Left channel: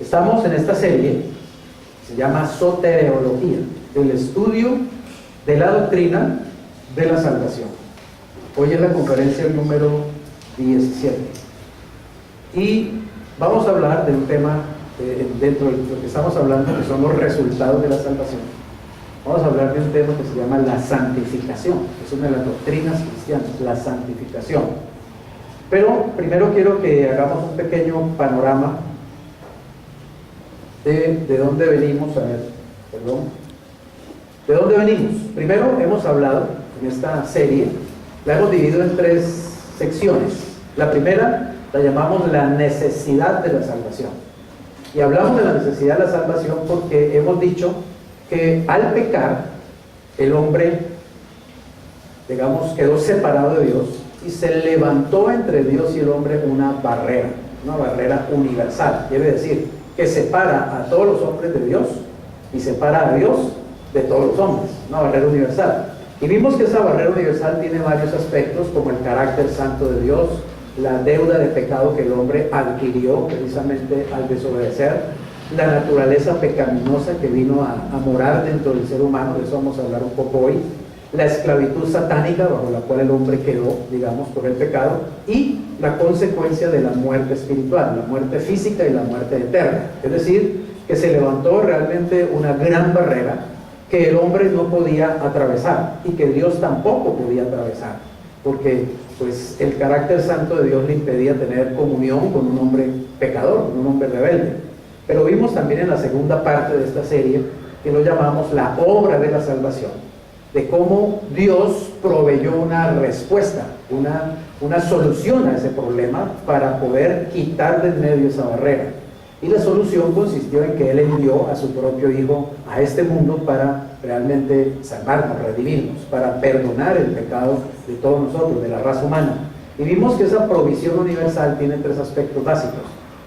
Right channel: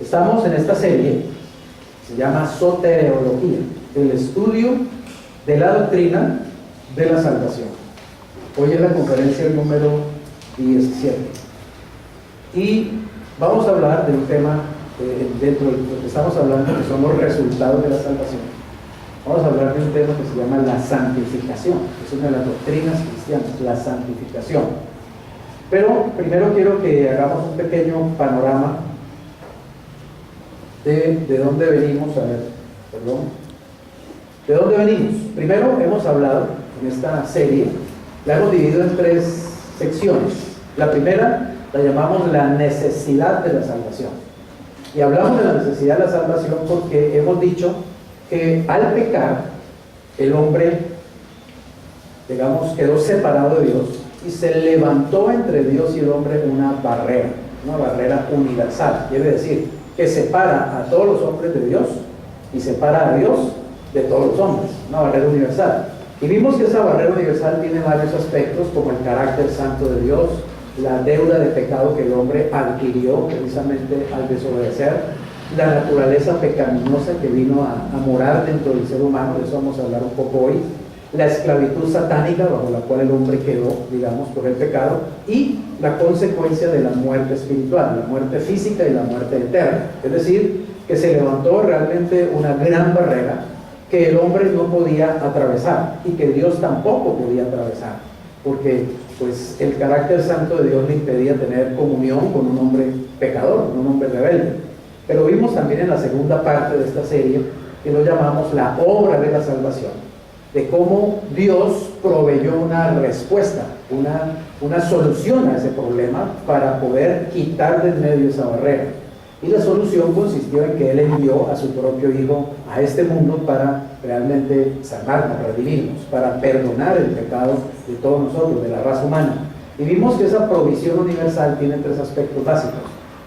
Estamos en esta serie, se llama Soteriología, el estudio de la doctrina de la salvación. Hoy es la conferencia número 17 y vamos a hablar de un tema dentro de lo que estamos hablando, que son los resultados de la salvación. Vamos a hablar de un tema que se llama la santificación, que es una de las doctrinas cristianas, la santificación. Pero primero quiero que hagamos un pequeño panorama de dónde venimos. ¿De dónde venimos? Primero hemos hablado en esta serie, la hemos dividido en 3 secciones. La primera la llamamos la necesidad de la salvación. Y hablamos de la necesidad de la salvación porque hemos dicho que al pecar, el hombre, digamos, quedó separado de Dios y se levantó entre Dios y el hombre una barrera universal. Quiere decir que separa a todos los hombres de Dios y separa a Dios de todos los hombres, una barrera universal. Y vimos que esa barrera universal tiene varios aspectos, como el carácter santo de Dios, la deuda de pecado que el hombre adquirió precisamente al desobedecer, la naturaleza pecaminosa que vino a morar dentro del ser humano, de eso vamos a hablar un poco hoy, la esclavitud satánica bajo la cual el hombre quedó, digamos, por el pecado, y la consecuencia de la muerte espiritual, la muerte física y la muerte eterna. Es decir, que se levantó realmente una gran barrera que el hombre no podía atravesar y que Dios tampoco podía atravesar, porque pues el carácter santo de Dios le impedía tener comunión con un hombre pecador, con un hombre rebelde. Pero vimos también en la segunda parte de esta serie, que lo llamamos la obra de la salvación, de cómo Dios proveyó una respuesta, una solución a ese problema para poder quitar de en medio esa barrera. Y la solución consistió en que Él envió a su propio Hijo a este mundo para realmente salvarnos, redimirnos, para perdonar el pecado de todos nosotros, de la raza humana. Y vimos que esa provisión universal tiene 3 aspectos básicos.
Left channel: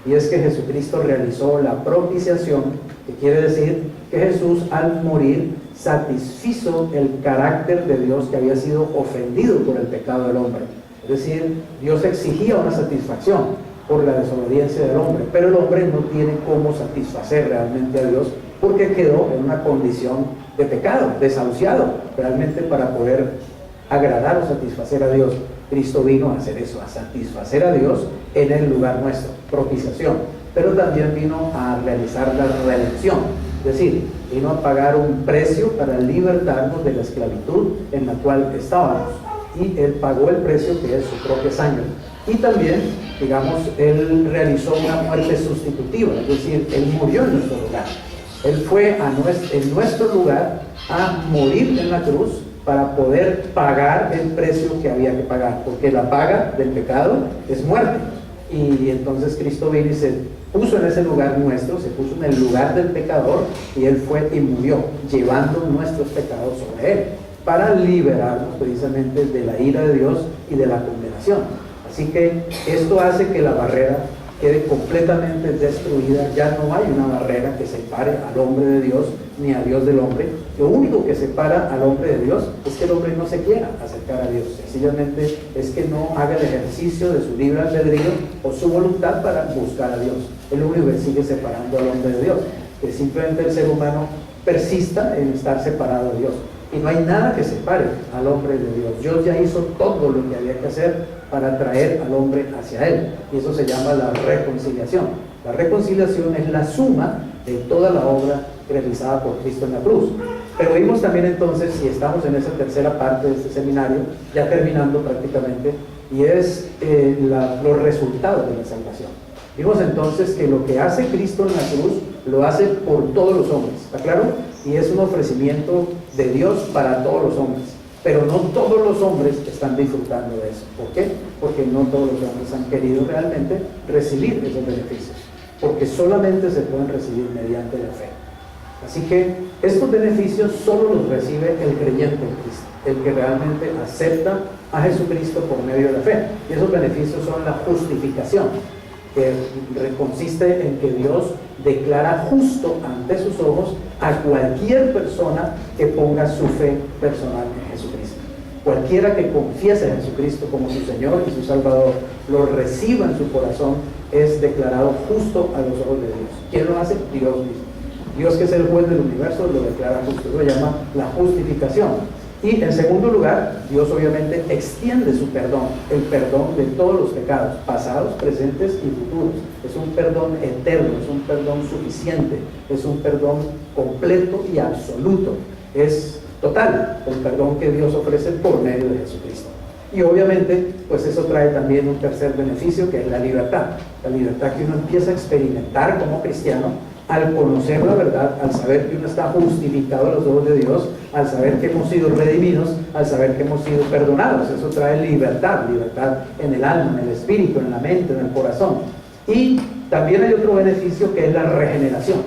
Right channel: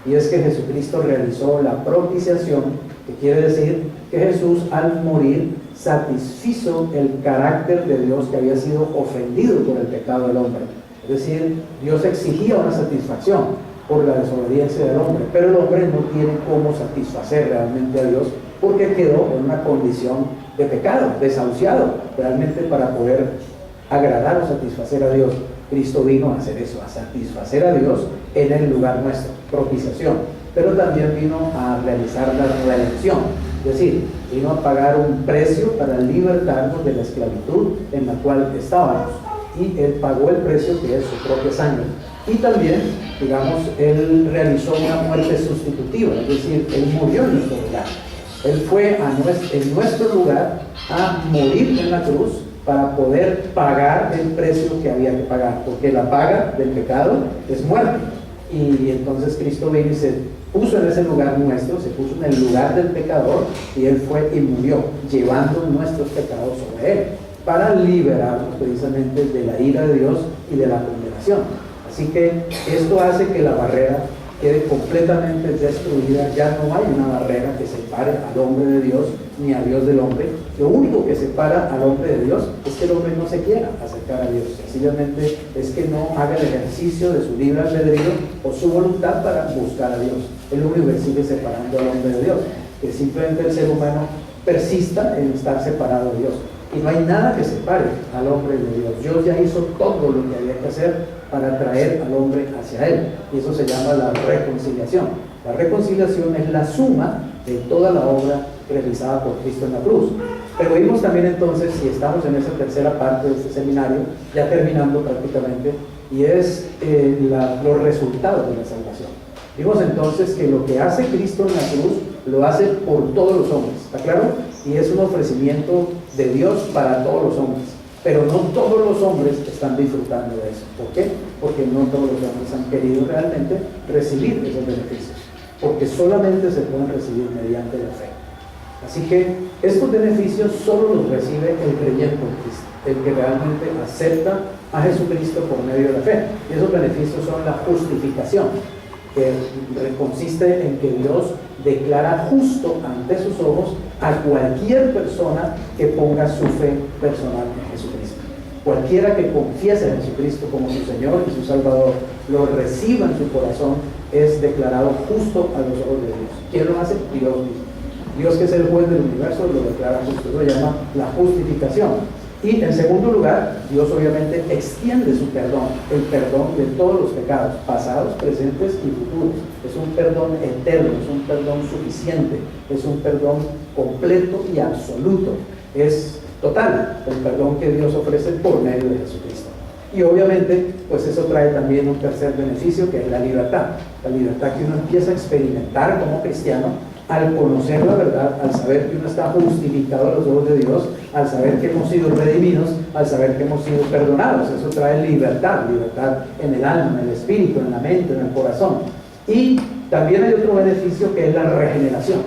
Y es que Jesucristo realizó la propiciación, que quiere decir que Jesús al morir satisfizo el carácter de Dios que había sido ofendido por el pecado del hombre. Es decir, Dios exigía una satisfacción por la desobediencia del hombre, pero el hombre no tiene cómo satisfacer realmente a Dios porque quedó en una condición de pecado, desahuciado realmente para poder agradar o satisfacer a Dios. Cristo vino a hacer eso, a satisfacer a Dios en el lugar nuestro, propiciación, pero también vino a realizar la redención, es decir, vino a pagar un precio para libertarnos de la esclavitud en la cual estábamos, y Él pagó el precio que es su propia sangre. Y también, digamos, Él realizó una muerte sustitutiva, es decir, Él murió en nuestro lugar. Él fue en nuestro lugar a morir en la cruz para poder pagar el precio que había que pagar, porque la paga del pecado es muerte. Y entonces Cristo vino y se puso en ese lugar nuestro, se puso en el lugar del pecador, y Él fue y murió, llevando nuestros pecados sobre Él, para liberarnos precisamente de la ira de Dios y de la condenación. Así que esto hace que la barrera quede completamente destruida. Ya no hay una barrera que separe al hombre de Dios ni a Dios del hombre. Lo único que separa al hombre de Dios es que el hombre no se quiera acercar a Dios, sencillamente es que no haga el ejercicio de su libre albedrío o su voluntad para buscar a Dios. Es lo único que sigue separando al hombre de Dios, que simplemente el ser humano persista en estar separado de Dios. Y no hay nada que separe al hombre de Dios. Dios ya hizo todo lo que había que hacer para traer al hombre hacia Él, y eso se llama la reconciliación. La reconciliación es la suma de toda la obra realizada por Cristo en la cruz. Pero vimos también entonces, y estamos en esa tercera parte de este seminario, ya terminando prácticamente, y es los resultados de la salvación. Vimos entonces que lo que hace Cristo en la cruz lo hace por todos los hombres, ¿está claro? Y es un ofrecimiento de Dios para todos los hombres, pero no todos los hombres están disfrutando de eso. ¿Por qué? Porque no todos los hombres han querido realmente recibir esos beneficios, porque solamente se pueden recibir mediante la fe. Así que estos beneficios solo los recibe el creyente en Cristo, el que realmente acepta a Jesucristo por medio de la fe. Y esos beneficios son la justificación, que consiste en que Dios declara justo ante sus ojos a cualquier persona que ponga su fe personal en Jesucristo. Cualquiera que confiese a Jesucristo como su Señor y su Salvador, lo reciba en su corazón es declarado justo a los ojos de Dios. ¿Quién lo hace? Dios mismo. Dios, que es el juez del universo, lo declara justo. Eso lo llama la justificación. Y en segundo lugar, Dios obviamente extiende su perdón, el perdón de todos los pecados, pasados, presentes y futuros. Es un perdón eterno, es un perdón suficiente, es un perdón completo y absoluto. Es total el perdón que Dios ofrece por medio de Jesucristo. Y obviamente, pues eso trae también un tercer beneficio, que es la libertad que uno empieza a experimentar como cristiano al conocer la verdad, al saber que uno está justificado a los ojos de Dios, al saber que hemos sido redimidos, al saber que hemos sido perdonados. Eso trae libertad en el alma, en el espíritu, en la mente, en el corazón. Y también hay otro beneficio, que es la regeneración,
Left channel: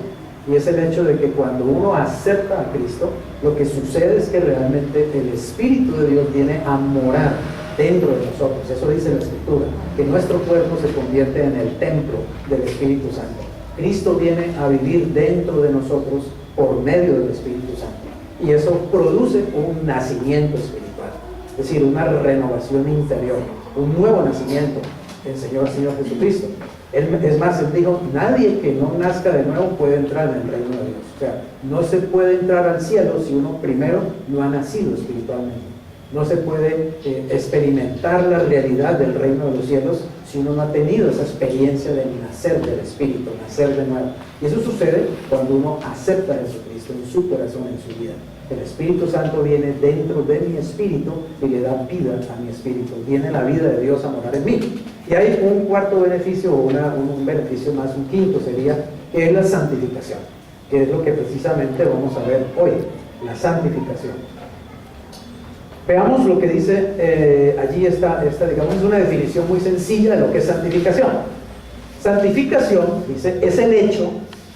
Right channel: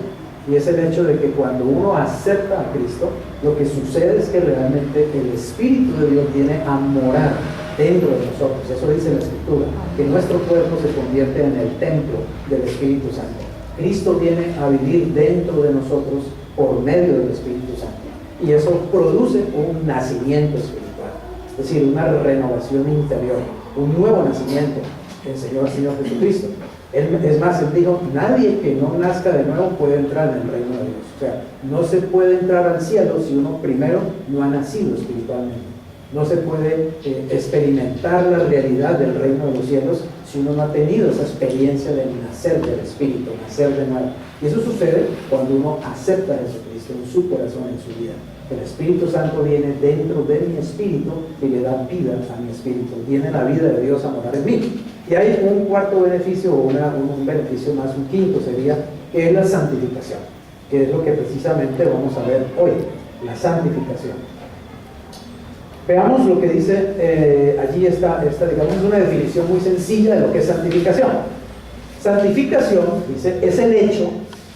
y es el hecho de que cuando uno acepta a Cristo, lo que sucede es que realmente el Espíritu de Dios viene a morar dentro de nosotros. Eso dice la Escritura, que nuestro cuerpo se convierte en el templo del Espíritu Santo. Cristo viene a vivir dentro de nosotros por medio del Espíritu Santo, y eso produce un nacimiento espiritual, es decir, una renovación interior, un nuevo nacimiento en Señor Jesucristo. Es más, Él dijo: nadie que no nazca de nuevo puede entrar en el reino de Dios. O sea, no se puede entrar al cielo si uno primero no ha nacido espiritualmente. No se puede experimentar la realidad del reino de los cielos si uno no ha tenido esa experiencia de nacer del Espíritu, nacer de nuevo. Y eso sucede cuando uno acepta a Jesucristo en su corazón, en su vida. El Espíritu Santo viene dentro de mi espíritu y le da vida a mi espíritu. Viene la vida de Dios a morar en mí. Y hay un cuarto beneficio, o un beneficio más, un quinto sería, que es la santificación, que es lo que precisamente vamos a ver hoy, la santificación. Veamos lo que dice allí esta, digamos, es una definición muy sencilla de lo que es santificación. Santificación, dice, es el hecho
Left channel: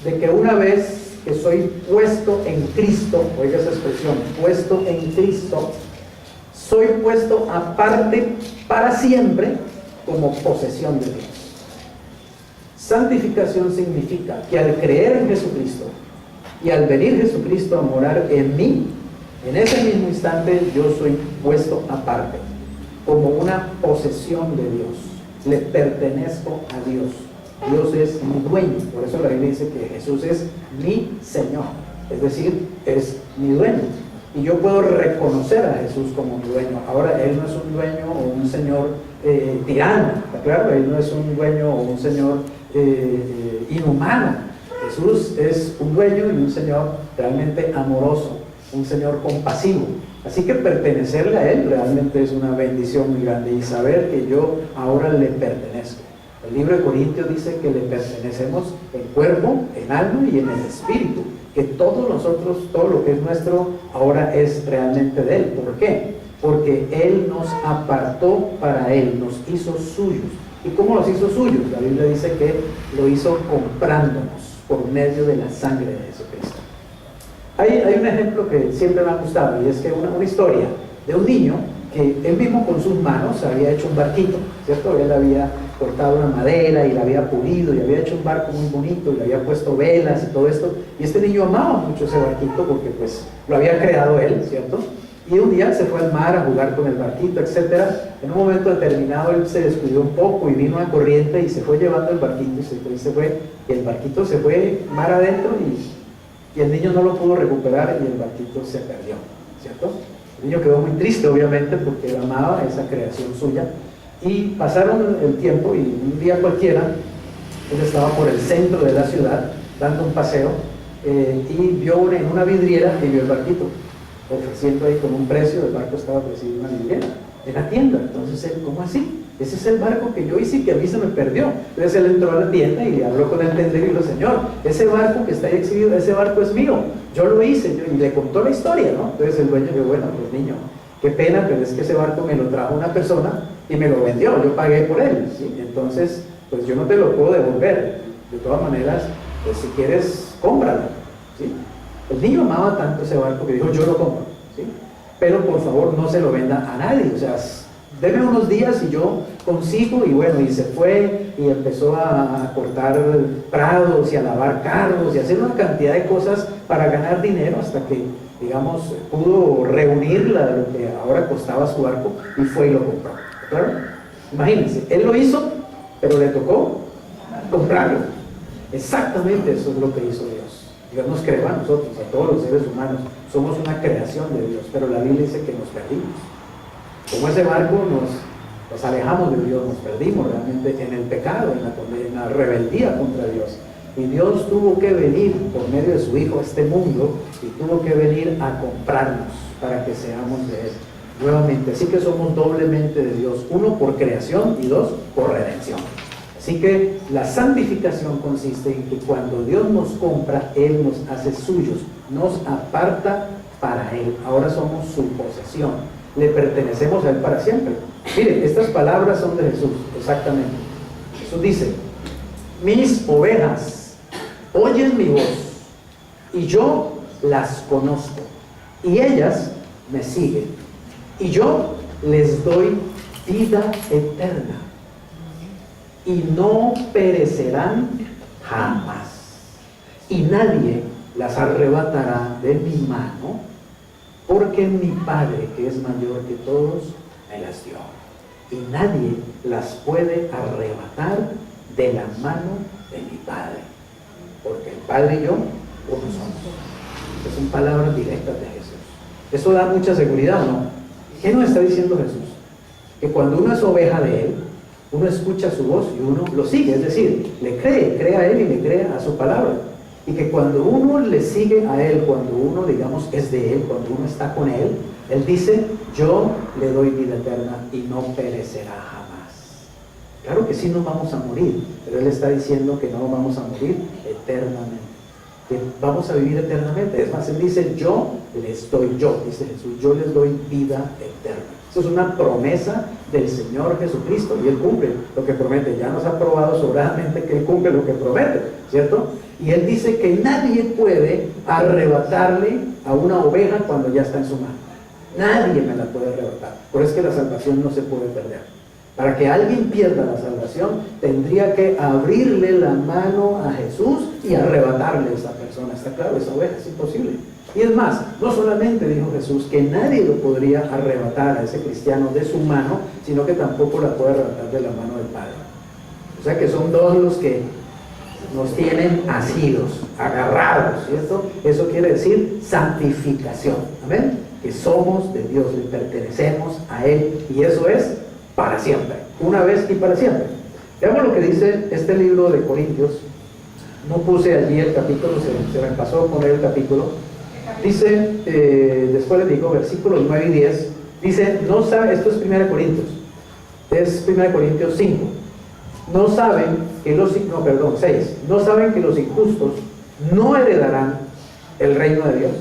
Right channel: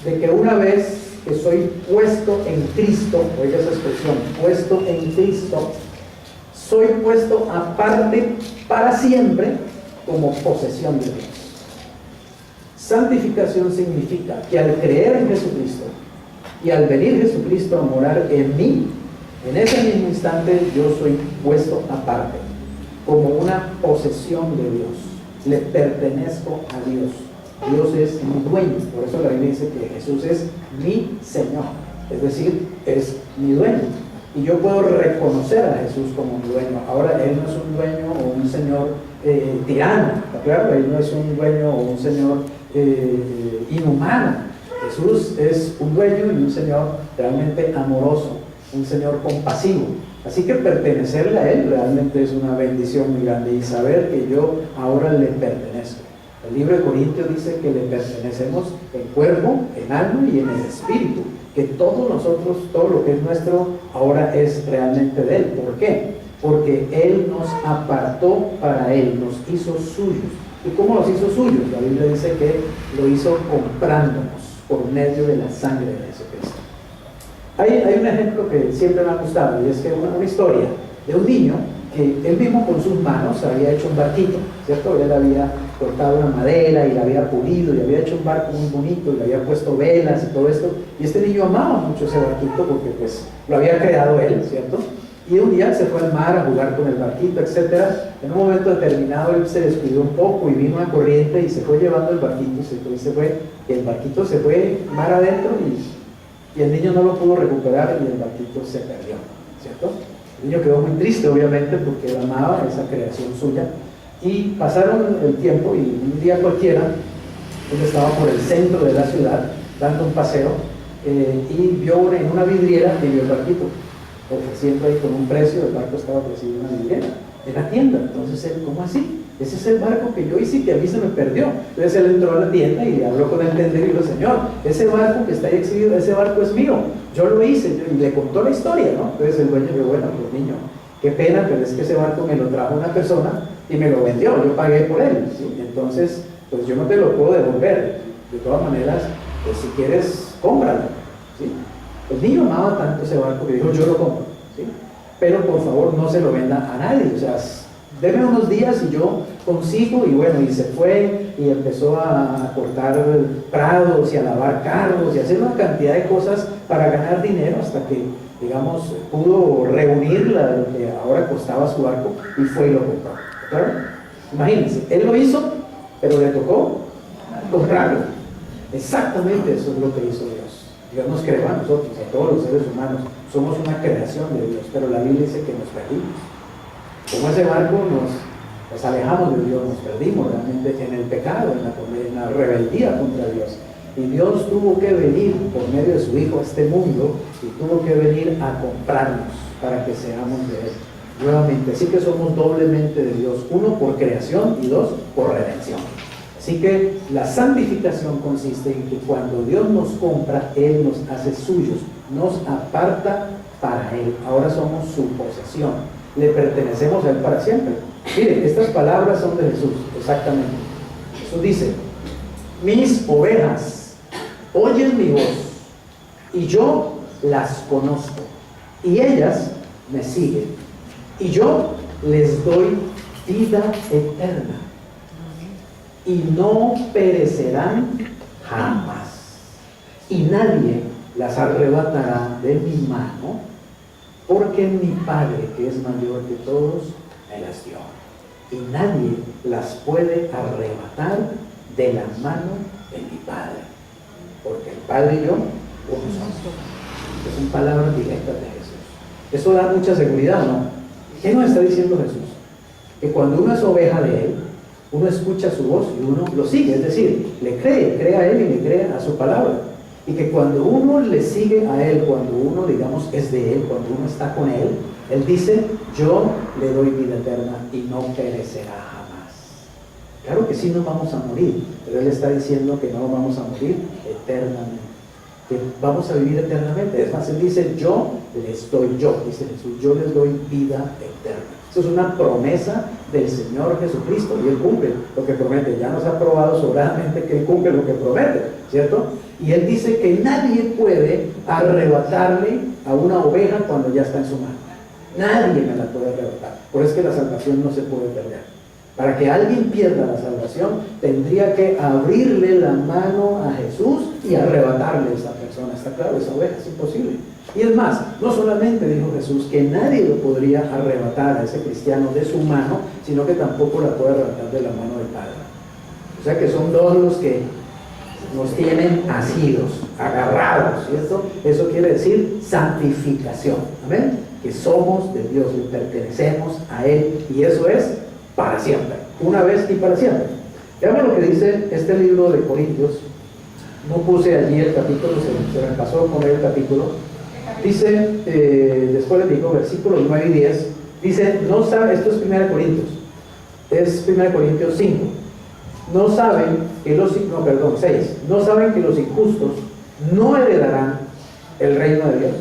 de que una vez que soy puesto en Cristo, oiga esa expresión, puesto en Cristo, soy puesto aparte para siempre como posesión de Dios. Santificación significa que al creer en Jesucristo y al venir Jesucristo a morar en mí, en ese mismo instante yo soy puesto aparte, como una posesión de Dios. Le pertenezco a Dios. Dios es mi dueño. Por eso la Biblia dice que Jesús es mi Señor. Es decir, es mi dueño. Y yo puedo reconocer a Jesús como mi dueño. Ahora, Él no es un dueño o un señor tirano, ¿está claro? Él no es un dueño o un señor inhumano. Jesús es un dueño y un Señor realmente amoroso, un Señor compasivo. Así que pertenecerle a Él realmente es una bendición muy grande, y saber que yo ahora le pertenezco. El libro de Corintios dice que le pertenecemos en cuerpo, en alma y en el espíritu, que todos nosotros, todo lo que es nuestro, ahora es realmente de Él. ¿Por qué? Porque Él nos apartó para Él, nos hizo suyos. ¿Y cómo los hizo suyos? La Biblia dice que lo hizo comprándonos por medio de la sangre de Jesucristo. Hay un ejemplo que siempre me ha gustado, y es que una historia de un niño que él mismo con sus manos había hecho un barquito, ¿cierto? Él había cortado una madera y la había pulido y había hecho un barco muy bonito y le había puesto velas y todo esto, y este niño amaba mucho ese barquito porque pues lo había creado él, ¿cierto? Y un día se fue al mar a jugar con el barquito, etcétera. En un momento determinado él se descuidó un poco y vino una corriente y se fue llevando el barquito y el barquito se fue mar adentro y el niño no lo pudo recuperar y el barquito se perdió, ¿cierto? El niño quedó muy triste, obviamente, porque él amaba esa creación suya. Y pasaron el tiempo y un día cualquiera, él estaba por el centro de la ciudad dando un paseo y vio en una vidriera y vio el barquito ofreciendo ahí con un precio. El barco estaba ofreciendo una vidriera en la tienda. Entonces él, ¿cómo así? Ese es el barco que yo hice y que a mí se me perdió. Entonces él entró a la tienda y habló con el tendero y dijo: Señor, ese barco que está ahí exhibido, ese barco es mío, yo lo hice. Y le contó la historia, ¿no? Entonces el dueño dijo: bueno, pues niño, qué pena, pero es que ese barco me lo trajo una persona y me lo vendió, yo pagué por él, ¿sí? Entonces, pues yo no te lo puedo devolver. De todas maneras, pues si quieres, cómpralo, ¿sí? El niño amaba tanto ese barco que dijo: yo lo compro, ¿sí? Pero por favor no se lo venda a nadie, o sea, deme unos días y yo consigo. Y bueno, y se fue y empezó a cortar prados y a lavar carros y a hacer una cantidad de cosas para ganar dinero, hasta que, digamos, pudo reunir lo que ahora costaba su barco y fue y lo compró. ¿Claro? Imagínense, él lo hizo, pero le tocó comprarlo. Exactamente eso es lo que hizo Dios. Dios nos creó a nosotros, a todos los seres humanos. Somos una creación de Dios, pero la Biblia dice que nos perdimos. Como ese barco nos alejamos de Dios, nos perdimos realmente en el pecado, en la rebeldía contra Dios. Y Dios tuvo que venir por medio de su Hijo a este mundo y tuvo que venir a comprarnos para que seamos de Él nuevamente. Así que somos doblemente de Dios, uno por creación y dos por redención. Así que la santificación consiste en que cuando Dios nos compra, Él nos hace suyos, nos aparta para Él. Ahora somos su posesión, le pertenecemos a Él para siempre. Miren, estas palabras son de Jesús, exactamente. Jesús dice: mis ovejas oyen mi voz y yo las conozco y ellas me siguen y yo les doy vida eterna y no perecerán jamás y nadie las arrebatará de mi mano, porque mi Padre, que es mayor que todos, me las dio y nadie las puede arrebatar de la mano de mi Padre, porque el Padre y yo uno somos. Son palabras directas de Jesús. Eso da mucha seguridad, ¿no? ¿Qué nos está diciendo Jesús? Que cuando uno es oveja de Él, uno escucha su voz y uno lo sigue, es decir, le cree a Él y le cree a su palabra. Y que cuando uno le sigue a Él, cuando uno, digamos, es de Él, cuando uno está con Él, Él dice: yo le doy vida eterna y no perecerá jamás. Claro que sí nos vamos a morir, pero Él está diciendo que no vamos a morir eternamente, que vamos a vivir eternamente. Es más, Él dice: yo les doy, dice Jesús, yo les doy vida eterna. Eso es una promesa del Señor Jesucristo y Él cumple lo que promete. Ya nos ha probado sobradamente que Él cumple lo que promete, ¿cierto? Y Él dice que nadie puede arrebatarle a una oveja cuando ya está en su mano. Nadie me la puede arrebatar. Por eso es que la salvación no se puede perder. Para que alguien pierda la salvación, tendría que abrirle la mano a Jesús y arrebatarle a esa persona. Está claro, esa oveja es imposible. Y es más, no solamente dijo Jesús que nadie lo podría arrebatar a ese cristiano de su mano, sino que tampoco la puede arrebatar de la mano del Padre. O sea que son dos los que nos tienen asidos, agarrados, ¿cierto? Eso quiere decir santificación. Amén. Que somos de Dios, le pertenecemos a Él, y eso es para siempre, una vez y para siempre. Veamos lo que dice este libro de Corintios. No puse allí el capítulo, se me pasó poner el capítulo. Dice, después les digo, versículos 9 y 10, dice, no sabe, esto es 1 Corintios, es 1 Corintios 5. No saben que los, 6, no saben que los injustos no heredarán el reino de Dios.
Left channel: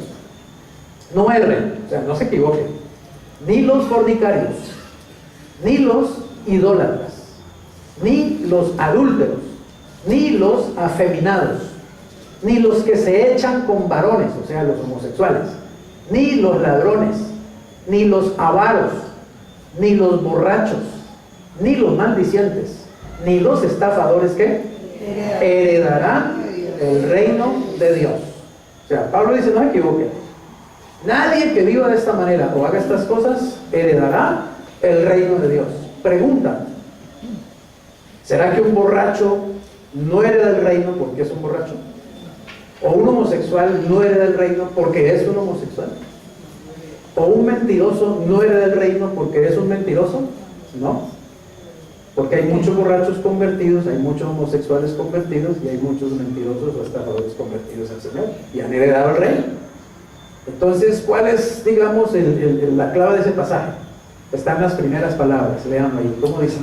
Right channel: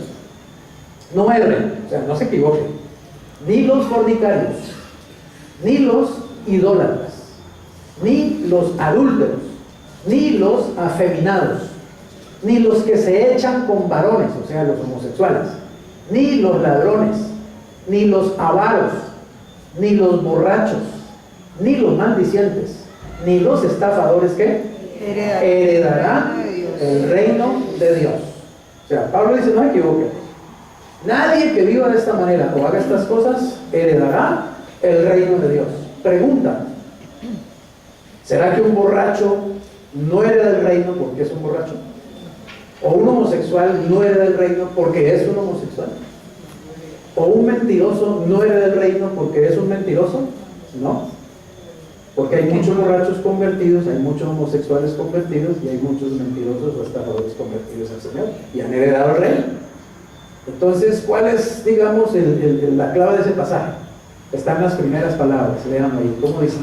No erren, o sea, no se equivoquen, ni los fornicarios, ni los idólatras, ni los adúlteros, ni los afeminados, ni los que se echan con varones, o sea, los homosexuales, ni los ladrones, ni los avaros, ni los borrachos, ni los maldicientes, ni los estafadores que heredarán el reino de Dios. O sea, Pablo dice, no se equivoquen, nadie que viva de esta manera o haga estas cosas heredará el reino de Dios. Pregunta: ¿será que un borracho no hereda el reino porque es un borracho? ¿O un homosexual no hereda el reino porque es un homosexual? ¿O un mentiroso no hereda el reino porque es un mentiroso? No, porque hay muchos borrachos convertidos, hay muchos homosexuales convertidos y hay muchos mentirosos o estafadores convertidos al Señor y han heredado el reino. Entonces, ¿cuál es, digamos, la clave de ese pasaje? Están las primeras palabras, leanlo ahí. ¿Cómo dice?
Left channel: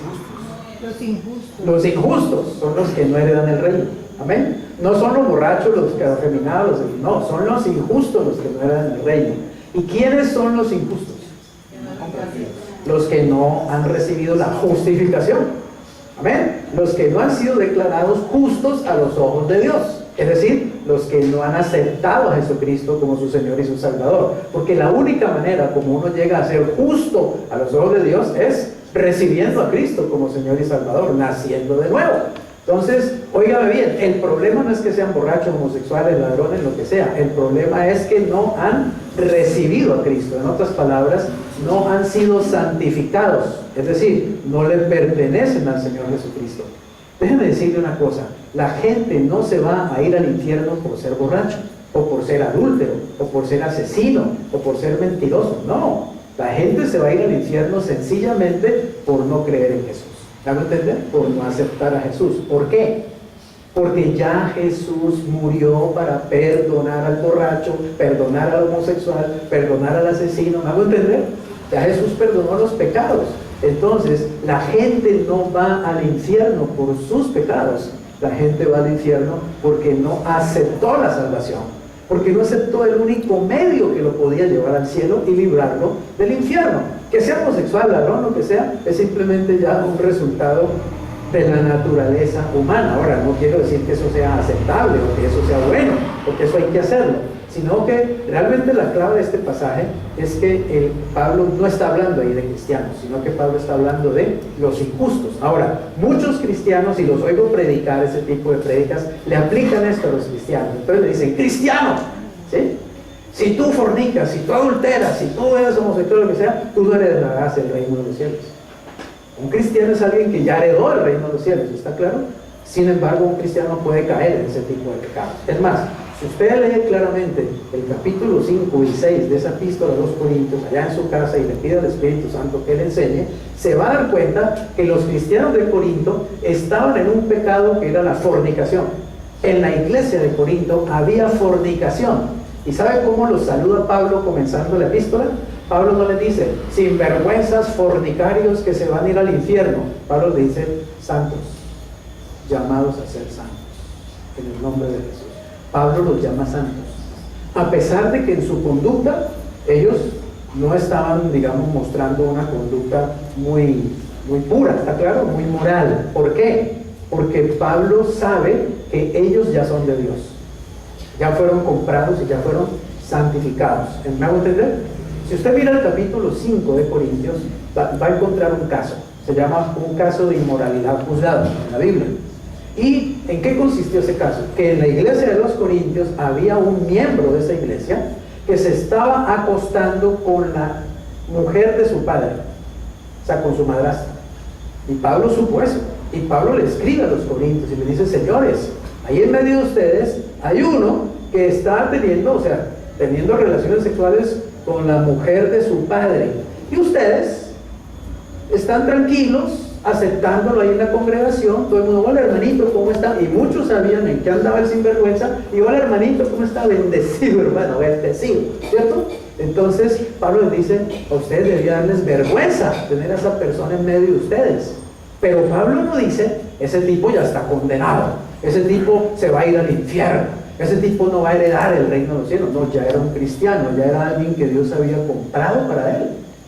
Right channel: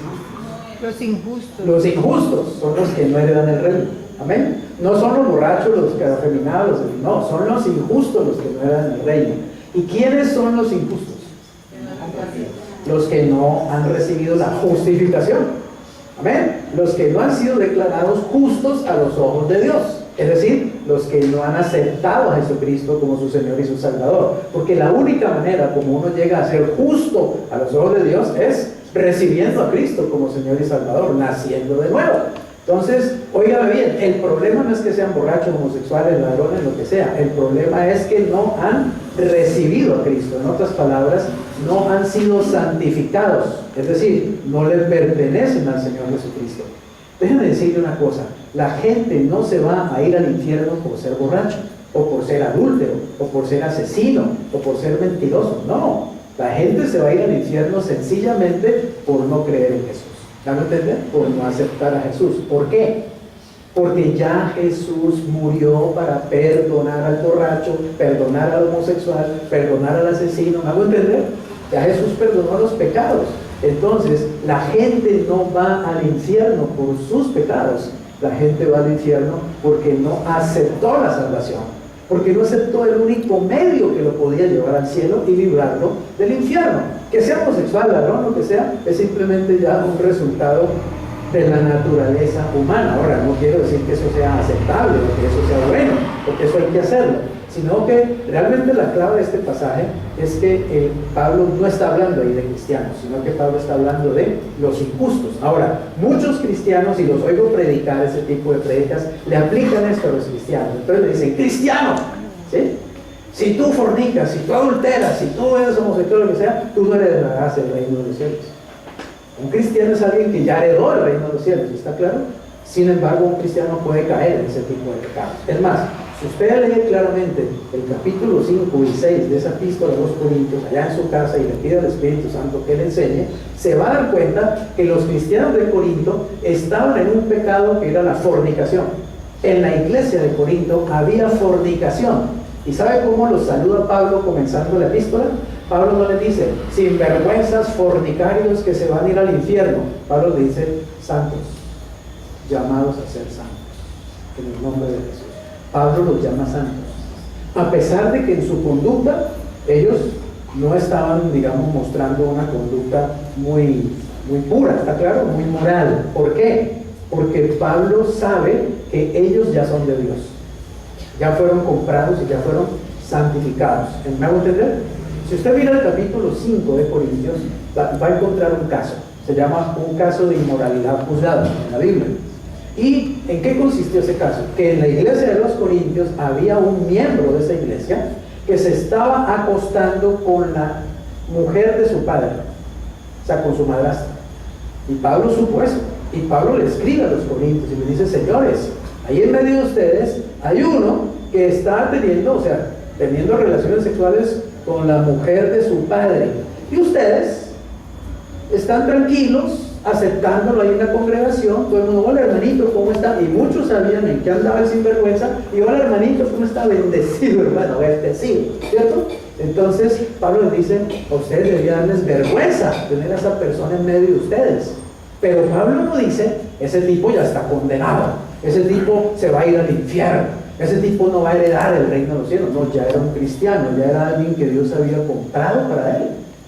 Los injustos. Los injustos son los que no heredan el reino. Amén. No son los borrachos, los afeminados, no, son los injustos los que no heredan el reino. ¿Y quiénes son los injustos? Los que no han recibido la justificación. Amén. Los que no han sido declarados justos a los ojos de Dios. Es decir, los que no han aceptado a Jesucristo como su Señor y su Salvador. Porque la única manera como uno llega a ser justo a los ojos de Dios es recibiendo a Cristo como Señor y Salvador, naciendo de nuevo. Entonces, óigame bien, el problema no es que sean borrachos, homosexuales, ladrones, lo que sea. El problema es que no han recibido a Cristo. En otras palabras, no han sido santificados. Es decir, no le pertenecen al Señor Jesucristo. Déjenme decirle una cosa, la gente no se va a ir al infierno por ser borracho, o por ser adúltero, o por ser asesino, o por ser mentiroso. No, la gente se va a ir al infierno sencillamente por no creer en Jesús. ¿Ya me entienden? Por no aceptar a Jesús. ¿Por qué? Porque ya Jesús murió para perdonar al borracho, perdonar al homosexual, perdonar al asesino. ¿Me hago entender? Ya Jesús perdonó los pecados. Entonces, la gente no va al infierno por sus pecados. La gente va al infierno porque no aceptó la salvación. Porque no aceptó el único medio que lo podía llevar al cielo y librarlo del infierno. Que sea homosexual, ladrón, lo que sea, es simplemente ya un resultado de la naturaleza humana. Ahora, no quiero decir que eso sea aceptable o que eso sea bueno o que eso hay que hacerlo, sino que realmente la clave de este pasaje es que Pablo no está hablando ahí de cristianos, sino que Pablo está hablando de los injustos. Ahora, muchos cristianos, y los oigo predicar ese tipo de prédicas, le aplican esto a los cristianos. Entonces le dicen, cristiano, ¿sí? Si tú fornicas, si tú adulteras, si tú eres homosexual, lo que sea, tú no heredarás el reino de los cielos. Un cristiano es alguien que ya heredó el reino de los cielos, ¿está claro? Sin embargo, un cristiano puede caer en ese tipo de pecados. Es más, si usted lee claramente el capítulo 5 y 6 de esa epístola a los Corintios, allá en su casa, y le pide al Espíritu Santo que le enseñe, se va a dar cuenta que los cristianos de Corinto estaban en un pecado que era la fornicación. En la iglesia de Corinto había fornicación. ¿Y sabe cómo los saluda Pablo comenzando la epístola? Pablo no les dice, sinvergüenzas fornicarios que se van a ir al infierno. Pablo le dice, santos, llamados a ser santos, en el nombre de Jesús. Pablo los llama santos, a pesar de que en su conducta ellos no estaban, digamos, mostrando una conducta muy pura, ¿está claro? Muy moral. ¿Por qué? Porque Pablo sabe que ellos ya son de Dios, ya fueron comprados y ya fueron santificados. ¿Me hago entender? Si usted mira el capítulo 5 de Corintios, va a encontrar un caso, se llama un caso de inmoralidad juzgado en la Biblia. ¿Y en qué consistió ese caso? Que en la iglesia de los Corintios había un miembro de esa iglesia que se estaba acostando con la mujer de su padre, o sea, con su madrastra. Y Pablo supo eso, y Pablo le escribe a los Corintios y le dice, señores, ahí en medio de ustedes hay uno que está teniendo relaciones sexuales con la mujer de su padre, y ustedes están tranquilos aceptándolo ahí en la congregación. Todo el mundo, hola hermanito, ¿cómo está? Y muchos sabían en qué andaba el sinvergüenza, y hola hermanito, ¿cómo está? Bendecido hermano, bendecido, ¿cierto? Entonces Pablo les dice, a ustedes debería darles vergüenza tener a esa persona en medio de ustedes. Pero Pablo no dice, ese tipo ya está condenado, ese tipo se va a ir al infierno, ese tipo no va a heredar el reino de los cielos. No, ya era un cristiano, ya era alguien que Dios había comprado para él,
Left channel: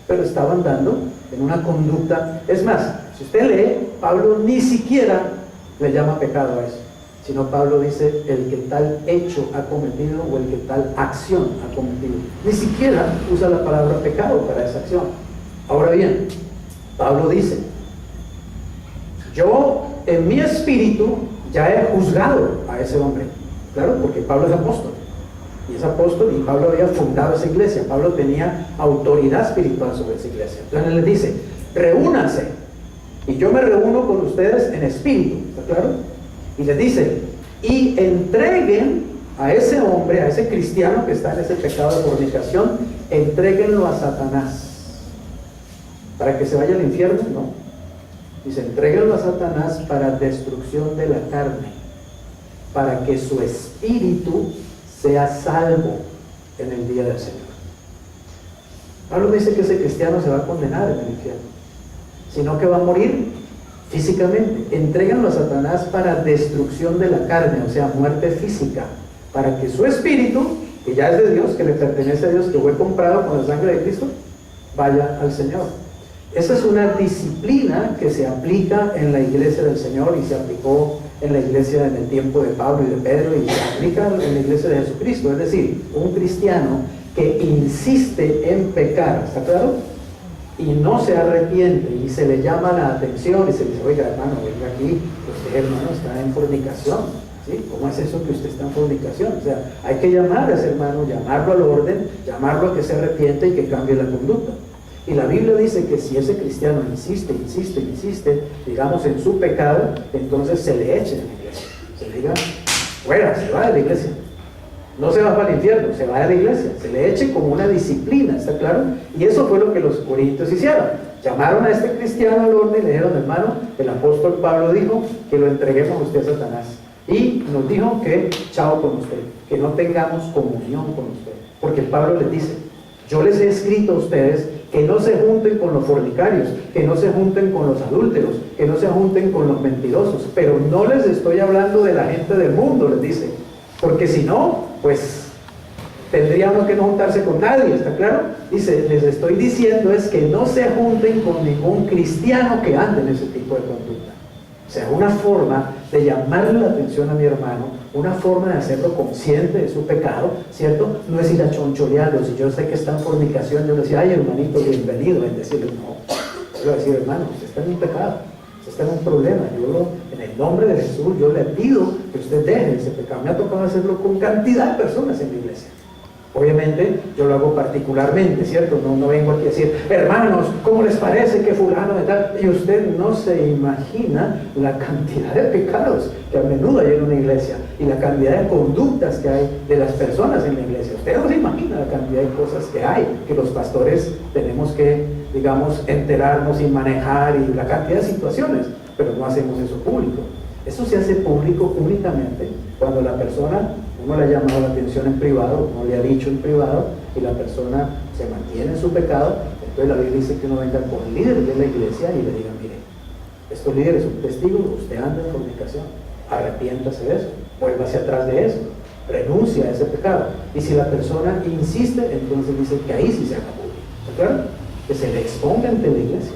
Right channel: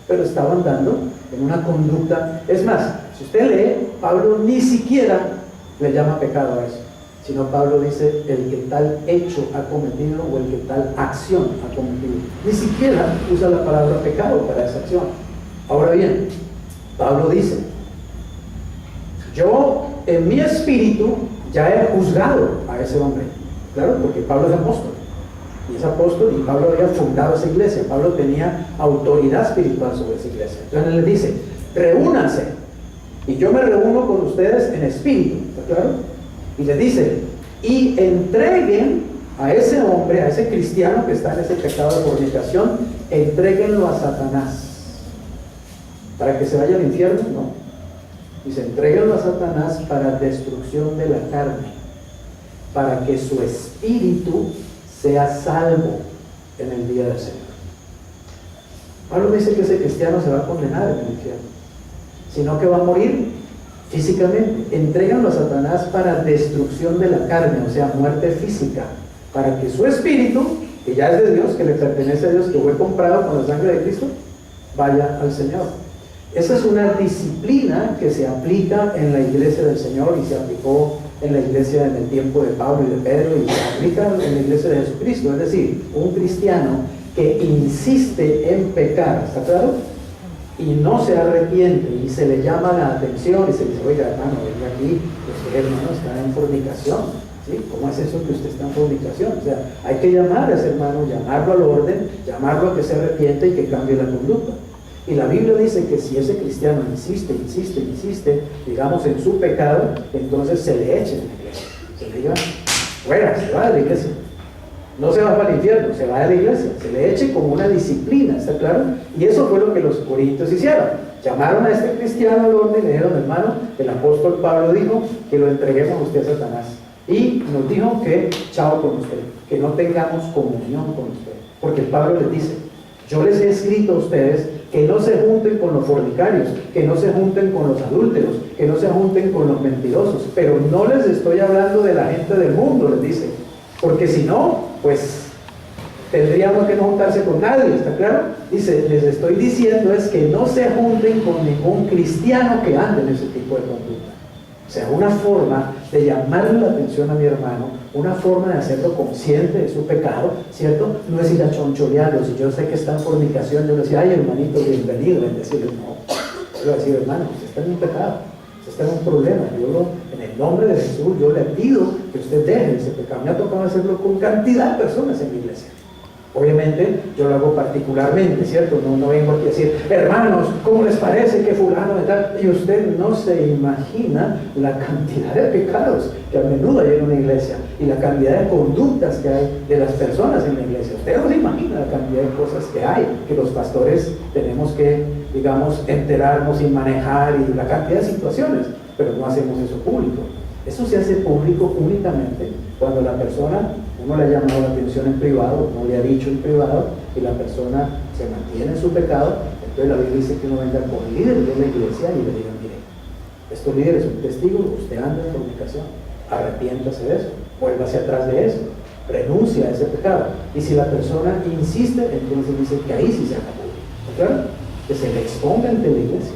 pero estaba andando en una conducta. Es más, si usted lee, Pablo ni siquiera le llama pecado a eso, sino Pablo dice el que tal hecho ha cometido o el que tal acción ha cometido. Ni siquiera usa la palabra pecado para esa acción. Ahora bien, Pablo dice, yo en mi espíritu ya he juzgado a ese hombre. Claro, porque Pablo es apóstol, y es apóstol, y Pablo había fundado esa iglesia. Pablo tenía autoridad espiritual sobre esa iglesia. Entonces él les dice, reúnanse, y yo me reúno con ustedes en espíritu, ¿está claro? Y les dice, y entreguen a ese hombre, a ese cristiano que está en ese pecado de fornicación, entréguenlo a Satanás, para que se vaya al infierno. No, dice, entréguenlo a Satanás para destrucción de la carne, para que su espíritu sea salvo en el día del Señor. Pablo dice que ese cristiano se va a condenar en el infierno, sino que va a morir físicamente. Entréganlo a Satanás para destrucción de la carne, o sea, muerte física, para que su espíritu, que ya es de Dios, que le pertenece a Dios, que fue comprado con la sangre de Cristo, vaya al Señor. Esa es una disciplina que se aplica en la iglesia del Señor, y se aplicó en la iglesia en el tiempo de Pablo y de Pedro, y se aplica en la iglesia de Jesucristo. Es decir, un cristiano que insiste en pecar, ¿está claro? Y no se arrepiente, y se le llama la atención y se le dice, oiga hermano, venga aquí, usted hermano está en fornicación, ¿sí? ¿Cómo es eso que usted está en fornicación? O sea, hay que llamar a ese hermano, llamarlo al orden, llamarlo a que se arrepiente y que cambie la conducta. Y la Biblia dice que si ese cristiano insiste, digamos, en su pecado, entonces se le eche de la iglesia. Se le diga, fuera, se va de la iglesia. No se va para el infierno, se va de la iglesia. Se le eche como una disciplina, ¿está claro? Y eso fue lo que los corintios hicieron. Llamaron a este cristiano al orden y le dijeron, hermano, el apóstol Pablo dijo que lo entreguemos a usted a Satanás. Y nos dijo que chao con usted, que no tengamos comunión con usted. Porque Pablo les dice, yo les he escrito a ustedes que no se junten con los fornicarios, que no se junten con los adúlteros, que no se junten con los mentirosos, pero no les estoy hablando de la gente del mundo, les dice, porque si no, pues tendríamos que no juntarse con nadie, ¿está claro? Dice, les estoy diciendo es que no se junten con ningún cristiano que ande en ese tipo de conducta. O sea, una forma de llamarle la atención a mi hermano, una forma de hacerlo consciente de su pecado, ¿cierto? No es ir a choncholearlo. Si yo sé que está en fornicación, yo le decía, ay hermanito, bienvenido, en decirle, no, yo le voy a decir, hermano, usted está en un pecado, usted está en un problema, en el nombre de Jesús, yo le pido que usted deje ese pecado. Me ha tocado hacerlo con cantidad de personas en mi iglesia. Obviamente yo lo hago particularmente, ¿cierto? No vengo aquí a decir, hermanos, ¿cómo les parece que fulano de tal? Y usted no se imagina la cantidad de pecados que a menudo hay en una iglesia y la cantidad de conductas que hay de las personas en la iglesia. Usted no se imagina la cantidad de cosas que hay, que los pastores tenemos que, digamos, enterarnos y manejar, y la cantidad de situaciones, pero no hacemos eso público. Eso se hace público únicamente cuando la persona, uno le ha llamado la atención en privado, uno le ha dicho en privado, y la persona se mantiene en su pecado. Entonces la Biblia dice que uno venga con líderes de la iglesia y le diga, mire, estos líderes son testigos, usted anda en fornicación, arrepiéntase de eso, vuélvase atrás de eso, renuncia a ese pecado. Y si la persona insiste, entonces dice que ahí sí se haga público, ¿está claro? Que se le exponga ante la iglesia,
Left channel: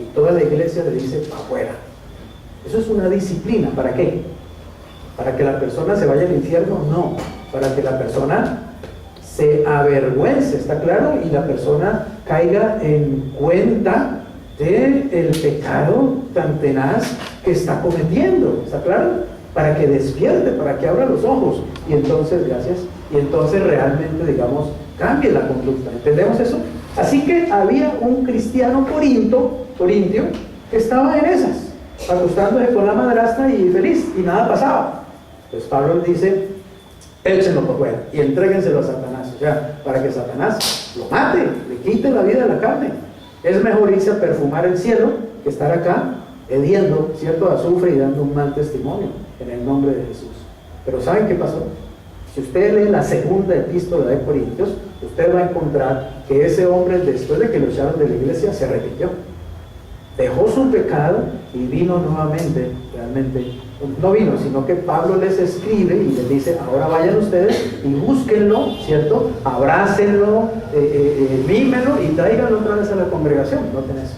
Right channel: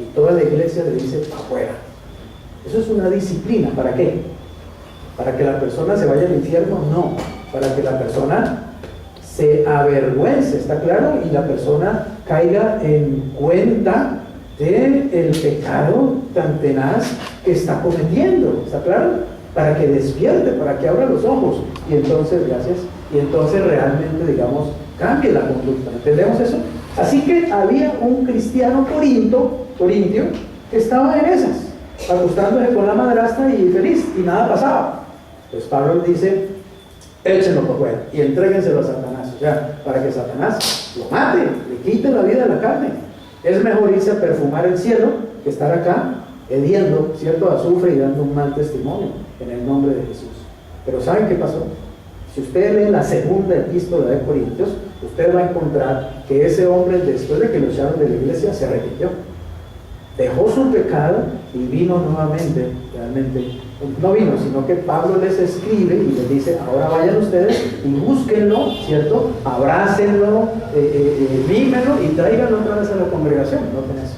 y toda la iglesia le dice, afuera. Eso es una disciplina. ¿Para qué? ¿Para que la persona se vaya al infierno? No. Para que la persona se avergüence, ¿está claro? Y la persona caiga en cuenta del pecado tan tenaz que está cometiendo, ¿está claro? Para que despierte, para que abra los ojos. Y entonces, gracias, y entonces realmente, digamos, cambie la conducta. ¿Entendemos eso? Así que había un cristiano corintio, que estaba en esas, acostándose con la madrastra y feliz, y nada pasaba. Pues Pablo dice, échenlo por fuera y entréguenselo a Satanás, o sea, para que Satanás lo mate, le quite la vida a la carne. Es mejor irse a perfumar el cielo que estar acá hediendo, ¿cierto?, azufre y dando un mal testimonio en el nombre de Jesús. Pero ¿saben qué pasó? Si usted lee la segunda epístola de Corintios, usted va a encontrar que ese hombre, después de que lo echaron de la iglesia, se arrepintió, dejó su pecado y vino nuevamente. Realmente no vino, sino que Pablo les escribe y les dice, ahora vayan ustedes y búsquenlo, ¿cierto? Abrácenlo, mímenlo y tráiganlo otra vez a la congregación. Noten eso.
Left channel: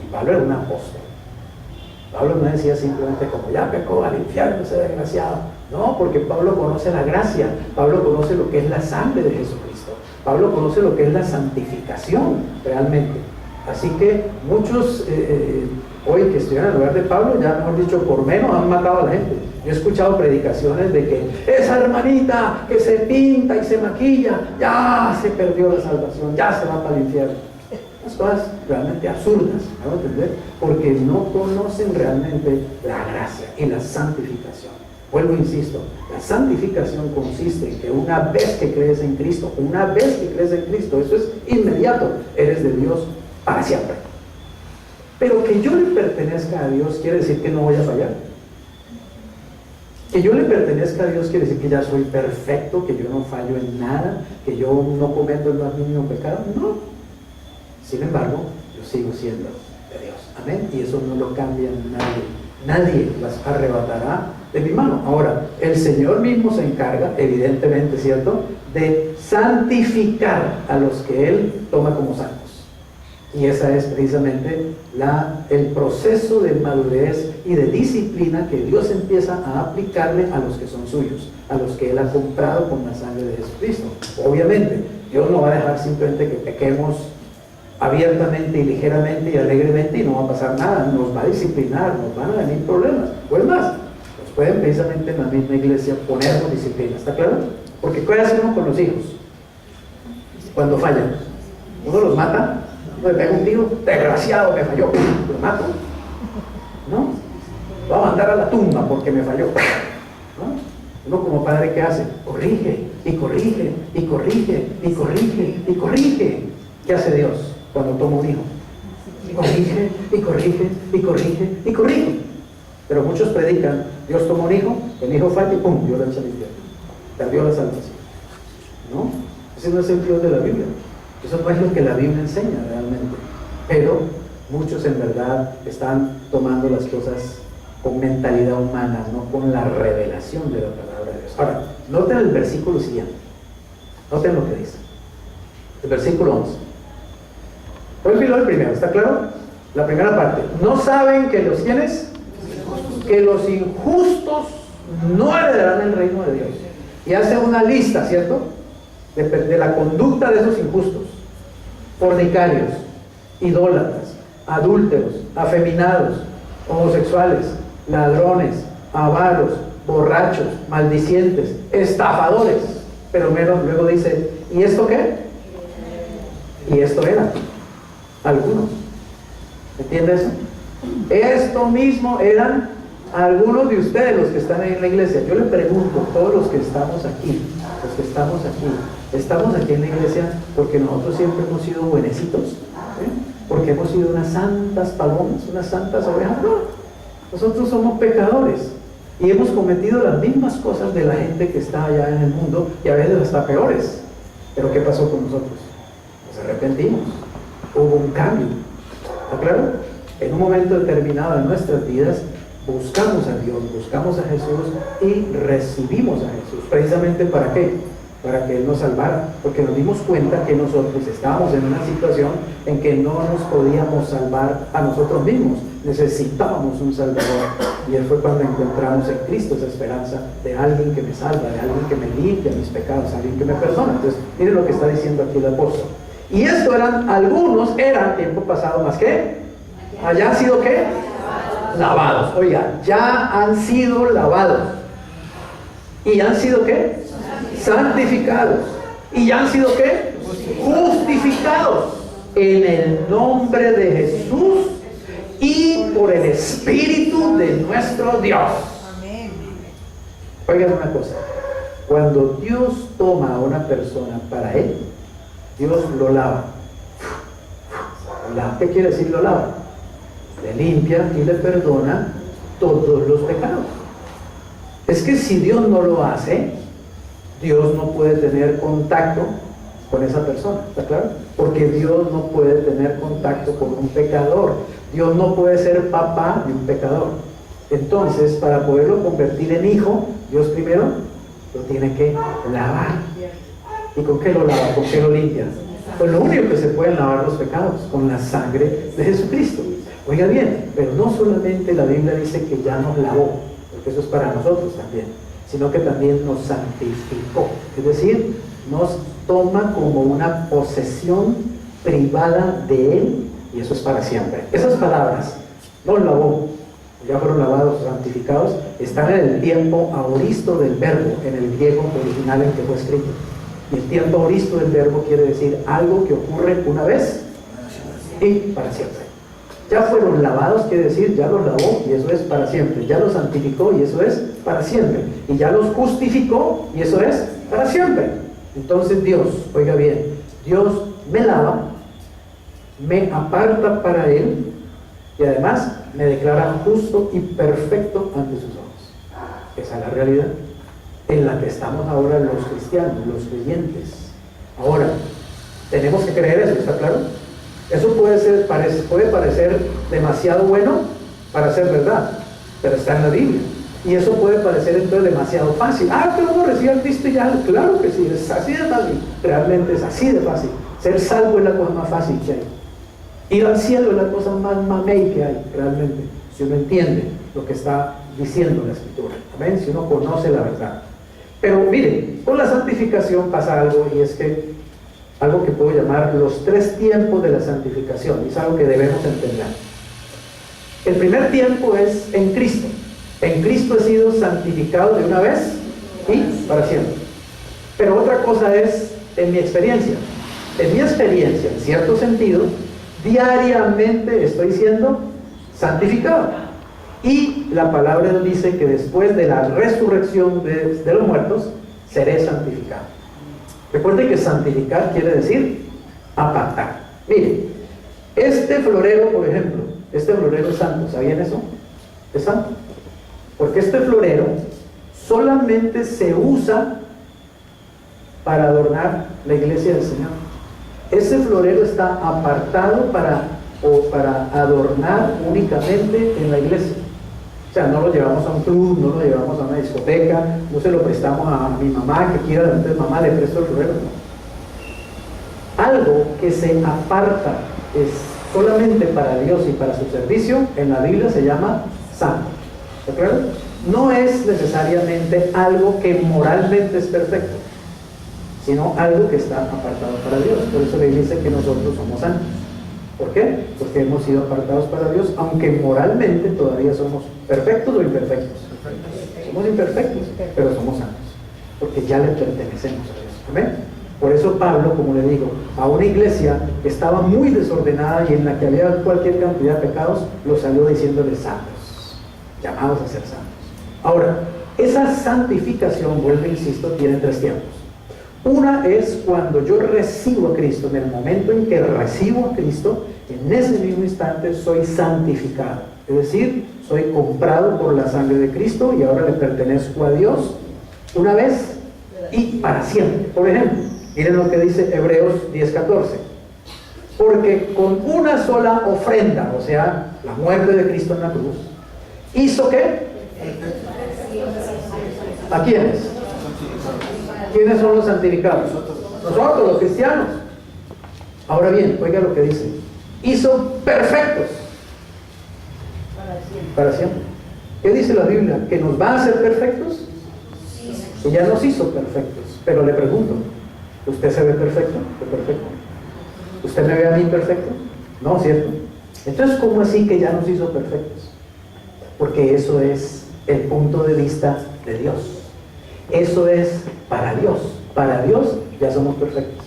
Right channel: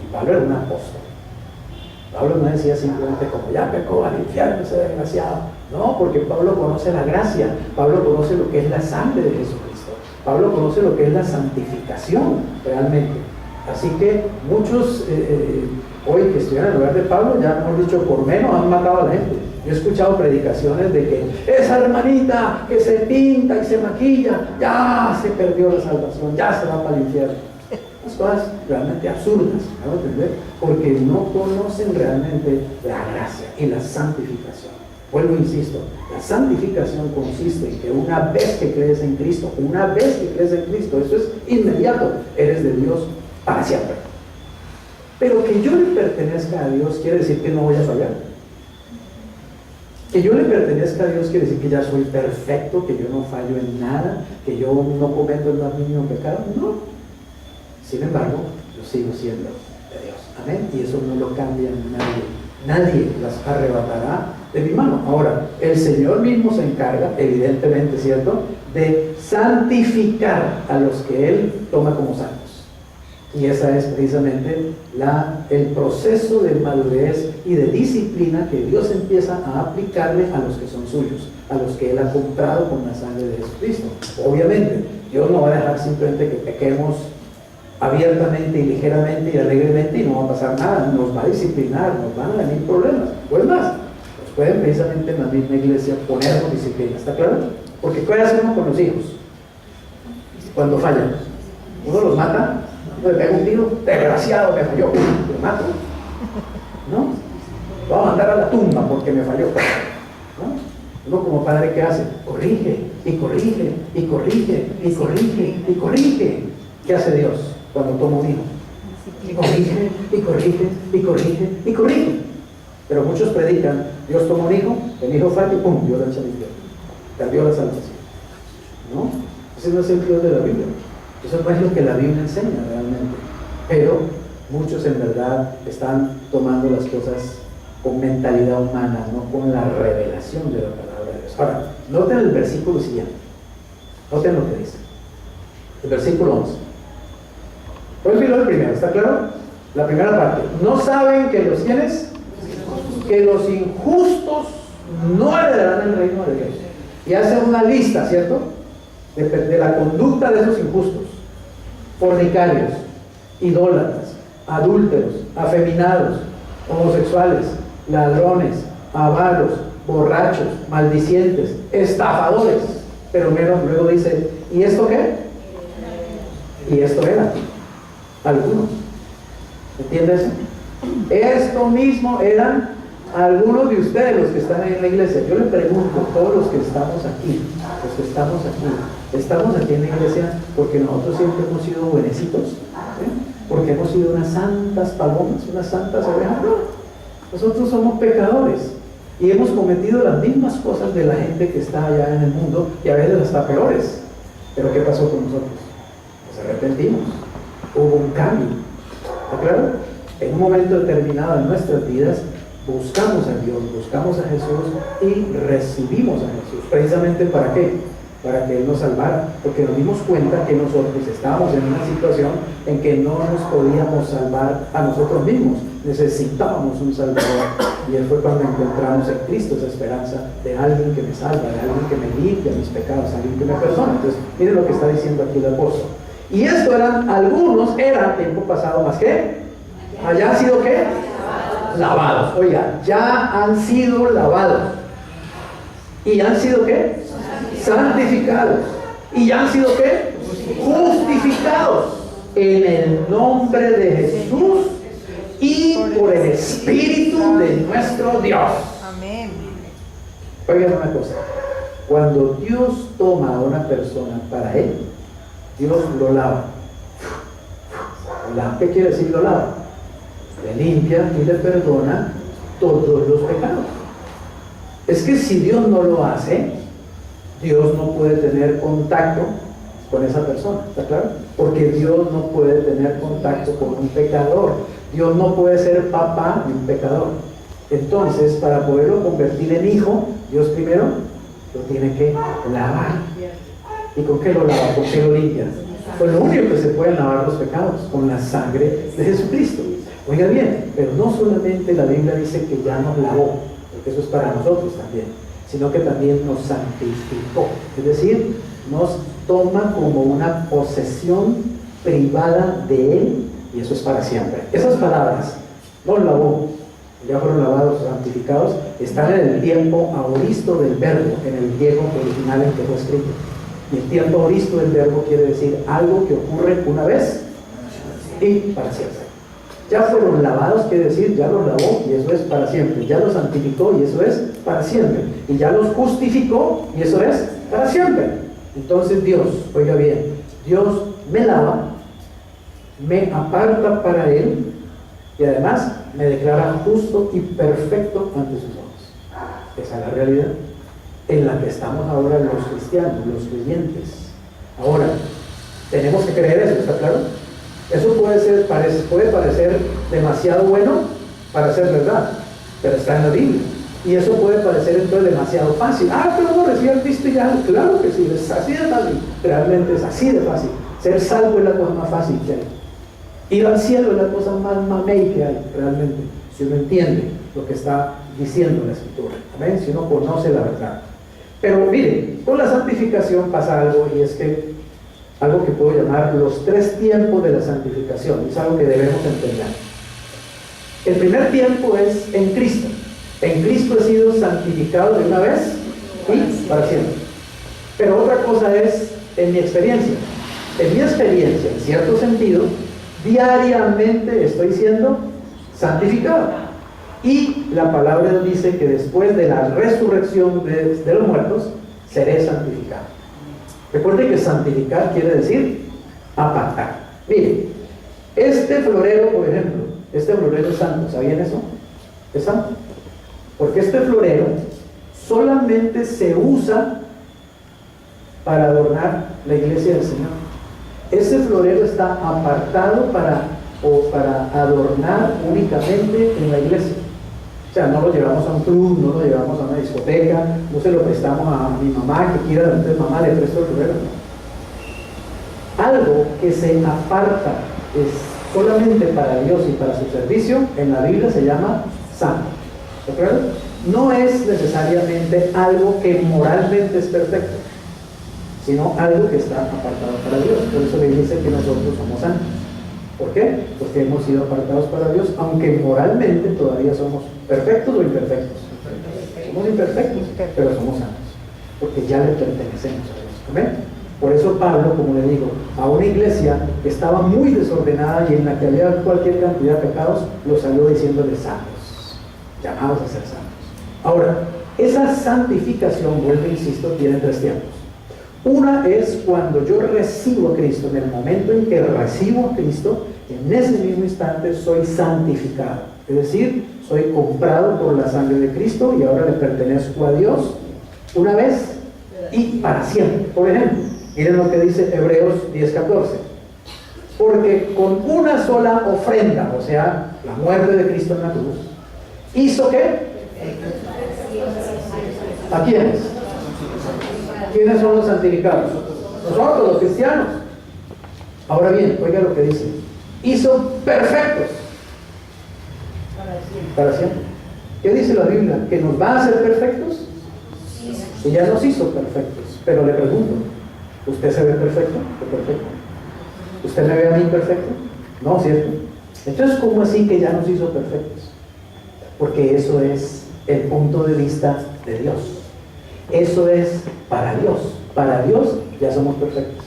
Y Pablo era un apóstol. Pablo no decía simplemente como, ya pecó, al infierno ese desgraciado. No, porque Pablo conoce la gracia, Pablo conoce lo que es la sangre de Jesucristo, Pablo conoce lo que es la santificación realmente. Así que muchos hoy que estudian en el lugar de Pablo, ya mejor dicho, por menos han matado a la gente. Yo he escuchado predicaciones de que esa hermanita que se pinta y se maquilla, ya se perdió la salvación, ya se va para el infierno. Unas cosas realmente absurdas, ¿me van a entender? Porque no conocen realmente la gracia y la santificación. Vuelvo, insisto, la santificación consiste en que una vez que crees en Cristo, eso es inmediato, eres de Dios para siempre. Pero que yo le pertenezca a Dios quiere decir que no voy a fallar. Que yo le pertenezca a Dios quiere decir que ya soy perfecto, que yo no fallo en nada, que yo no cometo el más mínimo pecado. No. Sin embargo, yo sigo siendo de Dios. Amén. Y eso no lo cambia nadie. Nadie las arrebatará de mi mano. Ahora, el Señor mismo se encarga, evidentemente, ¿cierto?, de santificar a los que Él toma como santos. Y esa es precisamente el proceso de madurez y de disciplina que Dios empieza a aplicarle a los que son suyos, a los que Él ha comprado con la sangre de Jesucristo. Obviamente, Dios no va a dejar simplemente que pequemos abiertamente y ligeramente y alegremente y no va a pasar nada, nos va a disciplinar, nos van a venir problemas. Pues más, nos pueden precisamente en la misma iglesia ponernos disciplina, ¿está claro? Porque ¿qué hace uno con los hijos cuando fallan? Uno los mata, le pego un tiro, desgraciado, me falló, lo mato, ¿no? Lo voy a mandar a la tumba porque me falló, ¿no? Uno como padre, ¿qué hace? Corrige, y corrige, y corrige, y corrige, y corrige. ¿Qué hace Dios cuando toma un hijo? Corrige, y corrige, y corrige, y corrige. Pero muchos predican, Dios toma un hijo, el hijo falla y ¡pum! Dios lo echa al infierno. Perdió la salvación. ¿No? Ese no es el Dios de la Biblia. Eso no es lo que la Biblia enseña realmente. Pero muchos en verdad están tomando las cosas con mentalidad humana, no con la revelación de la palabra de Dios. Ahora, noten el versículo siguiente. Noten lo que dice. El versículo 11. Olvídalo el primero, ¿está claro? La primera parte. ¿No saben que los quienes? Que los injustos no heredarán el reino de Dios. Y hace una lista, ¿cierto? De la conducta de esos injustos. Fornicarios, idólatras, adúlteros, afeminados, homosexuales, ladrones, avaros, borrachos, maldicientes, estafadores. Pero luego dice, ¿y esto qué? Y esto era algunos. ¿Entiendes? Esto mismo eran algunos de ustedes los que están en la iglesia. Yo le pregunto, todos los que estamos aquí, estamos aquí en la iglesia porque nosotros siempre hemos sido buenecitos, porque hemos sido unas santas palomas, unas santas ovejas. No, nosotros somos pecadores y hemos cometido las mismas cosas de la gente que está allá en el mundo y a veces hasta peores. Pero ¿qué pasó con nosotros? Nos arrepentimos, hubo un cambio. ¿Está claro? En un momento determinado en nuestras vidas buscamos a Dios, buscamos a Jesús y recibimos a Jesús. ¿Precisamente para qué? Para que Él nos salvara, porque nos dimos cuenta que nosotros estábamos en una situación en que no nos podíamos salvar a nosotros mismos, necesitábamos un Salvador, y Él fue cuando encontramos en Cristo esa esperanza de alguien que me salva, de alguien que me limpia mis pecados, alguien que me perdona. Entonces, miren lo que está diciendo aquí el apóstol. Y esto algunos eran tiempo pasado más que, allá han sido ¿qué? Lavados. Oiga, ya han sido lavados. ¿Y han sido qué? Santificados. ¿Y ya han sido qué? Justificados en el nombre de Jesús y por el Espíritu de nuestro Dios. Amén. Oigan una cosa, cuando Dios toma a una persona para Él, Dios lo lava. ¿Qué quiere decir lo lava? Le limpia y le perdona todos los pecados. Es que si Dios no lo hace, Dios no puede tener contacto con esa persona, ¿está claro? Porque Dios no puede tener contacto con un pecador. Dios no puede ser papá de un pecador. Entonces, para poderlo convertir en hijo, Dios primero lo tiene que lavar. ¿Y con qué lo lava? ¿Con qué lo limpia? Pues lo único que se pueden lavar los pecados, con la sangre de Jesucristo. Oiga bien, pero no solamente la Biblia dice que ya nos lavó, porque eso es para nosotros también, sino que también nos santificó. Es decir, nos toma como una posesión privada de Él, y eso es para siempre. Esas palabras, nos lavó, ya fueron lavados, santificados, están en el tiempo aoristo del verbo, en el griego original en que fue escrito. Y el tiempo aoristo del verbo quiere decir algo que ocurre una vez y para siempre. Ya fueron lavados, quiere decir, ya los lavó y eso es para siempre. Ya los santificó y eso es para siempre. Y ya los justificó y eso es para siempre. Entonces Dios, oiga bien, Dios me lava, me aparta para Él y además me declara justo y perfecto ante sus ojos. Esa es la realidad en la que estamos ahora los cristianos, los creyentes. Ahora, tenemos que creer eso, ¿está claro? Eso puede parecer demasiado bueno para ser verdad, pero está en la Biblia. Y eso puede parecer entonces demasiado fácil. Pero uno recibe a Cristo y ya, claro que sí, es así de fácil. Realmente es así de fácil. Ser salvo es la cosa más fácil que hay. Ir al cielo es la cosa más mamey que hay, realmente, si uno entiende lo que está diciendo la Escritura. ¿Ven? Si uno conoce la verdad. Pero mire, con la santificación pasa algo, y es que algo que puedo llamar los 3 tiempos de la santificación, y es algo que debemos entender. El primer tiempo es en Cristo. En Cristo he sido santificado de una vez y para siempre. Pero otra cosa es en mi experiencia. En mi experiencia, en cierto sentido, Diariamente estoy siendo santificado. Y la palabra nos dice que después de la resurrección de los muertos, seré santificado. Recuerde que santificar quiere decir apartar. Mire, este florero, por ejemplo, este florero es santo. ¿Sabían eso? Es santo. Porque este florero solamente se usa para adornar la iglesia del Señor. Ese florero está apartado para adornar únicamente en la iglesia. O sea, no lo llevamos a un club, no lo llevamos a una discoteca, no se lo prestamos a mi mamá que quiera, entonces mamá le presto el florero. Algo que se aparta es solamente para Dios y para su servicio, en la Biblia se llama santo. ¿De acuerdo? No es necesariamente algo que moralmente es perfecto, sino algo que está apartado para Dios. Por eso le dice que nosotros somos santos. ¿Por qué? Porque hemos sido apartados para Dios, aunque moralmente todavía somos perfectos o imperfectos. Somos imperfectos, pero somos santos, porque ya le pertenecemos a Dios. ¿Amén? Por eso Pablo, como le digo, a una iglesia que estaba muy desordenada y en la que había cualquier cantidad de pecados, los salió diciéndoles santos, llamados a ser santos. Ahora, esa santificación, vuelvo, insisto, tiene tres tiempos. Una es cuando yo recibo a Cristo. En el momento en que recibo a Cristo, en ese mismo instante soy santificado. Es decir, soy comprado por la sangre de Cristo y ahora le pertenezco a Dios una vez y para siempre. Por ejemplo, miren lo que dice Hebreos 10:14. Porque con una sola ofrenda, o sea, la muerte de Cristo en la cruz, ¿hizo qué? ¿A quiénes? ¿Quiénes son los santificados? Nosotros, los cristianos. Ahora bien, oiga lo que dice. Hizo perfectos. Para siempre. ¿Qué dice la Biblia? ¿Que nos va a hacer perfectos? Que ya nos hizo perfectos. Pero le pregunto, ¿usted se ve perfecto? ¿Qué perfecto? ¿Usted me ve a mí perfecto? No, ¿cierto? Entonces, ¿cómo así que ya nos hizo perfectos? Porque eso es el punto de vista de Dios. Eso es para Dios. Para Dios ya somos perfectos.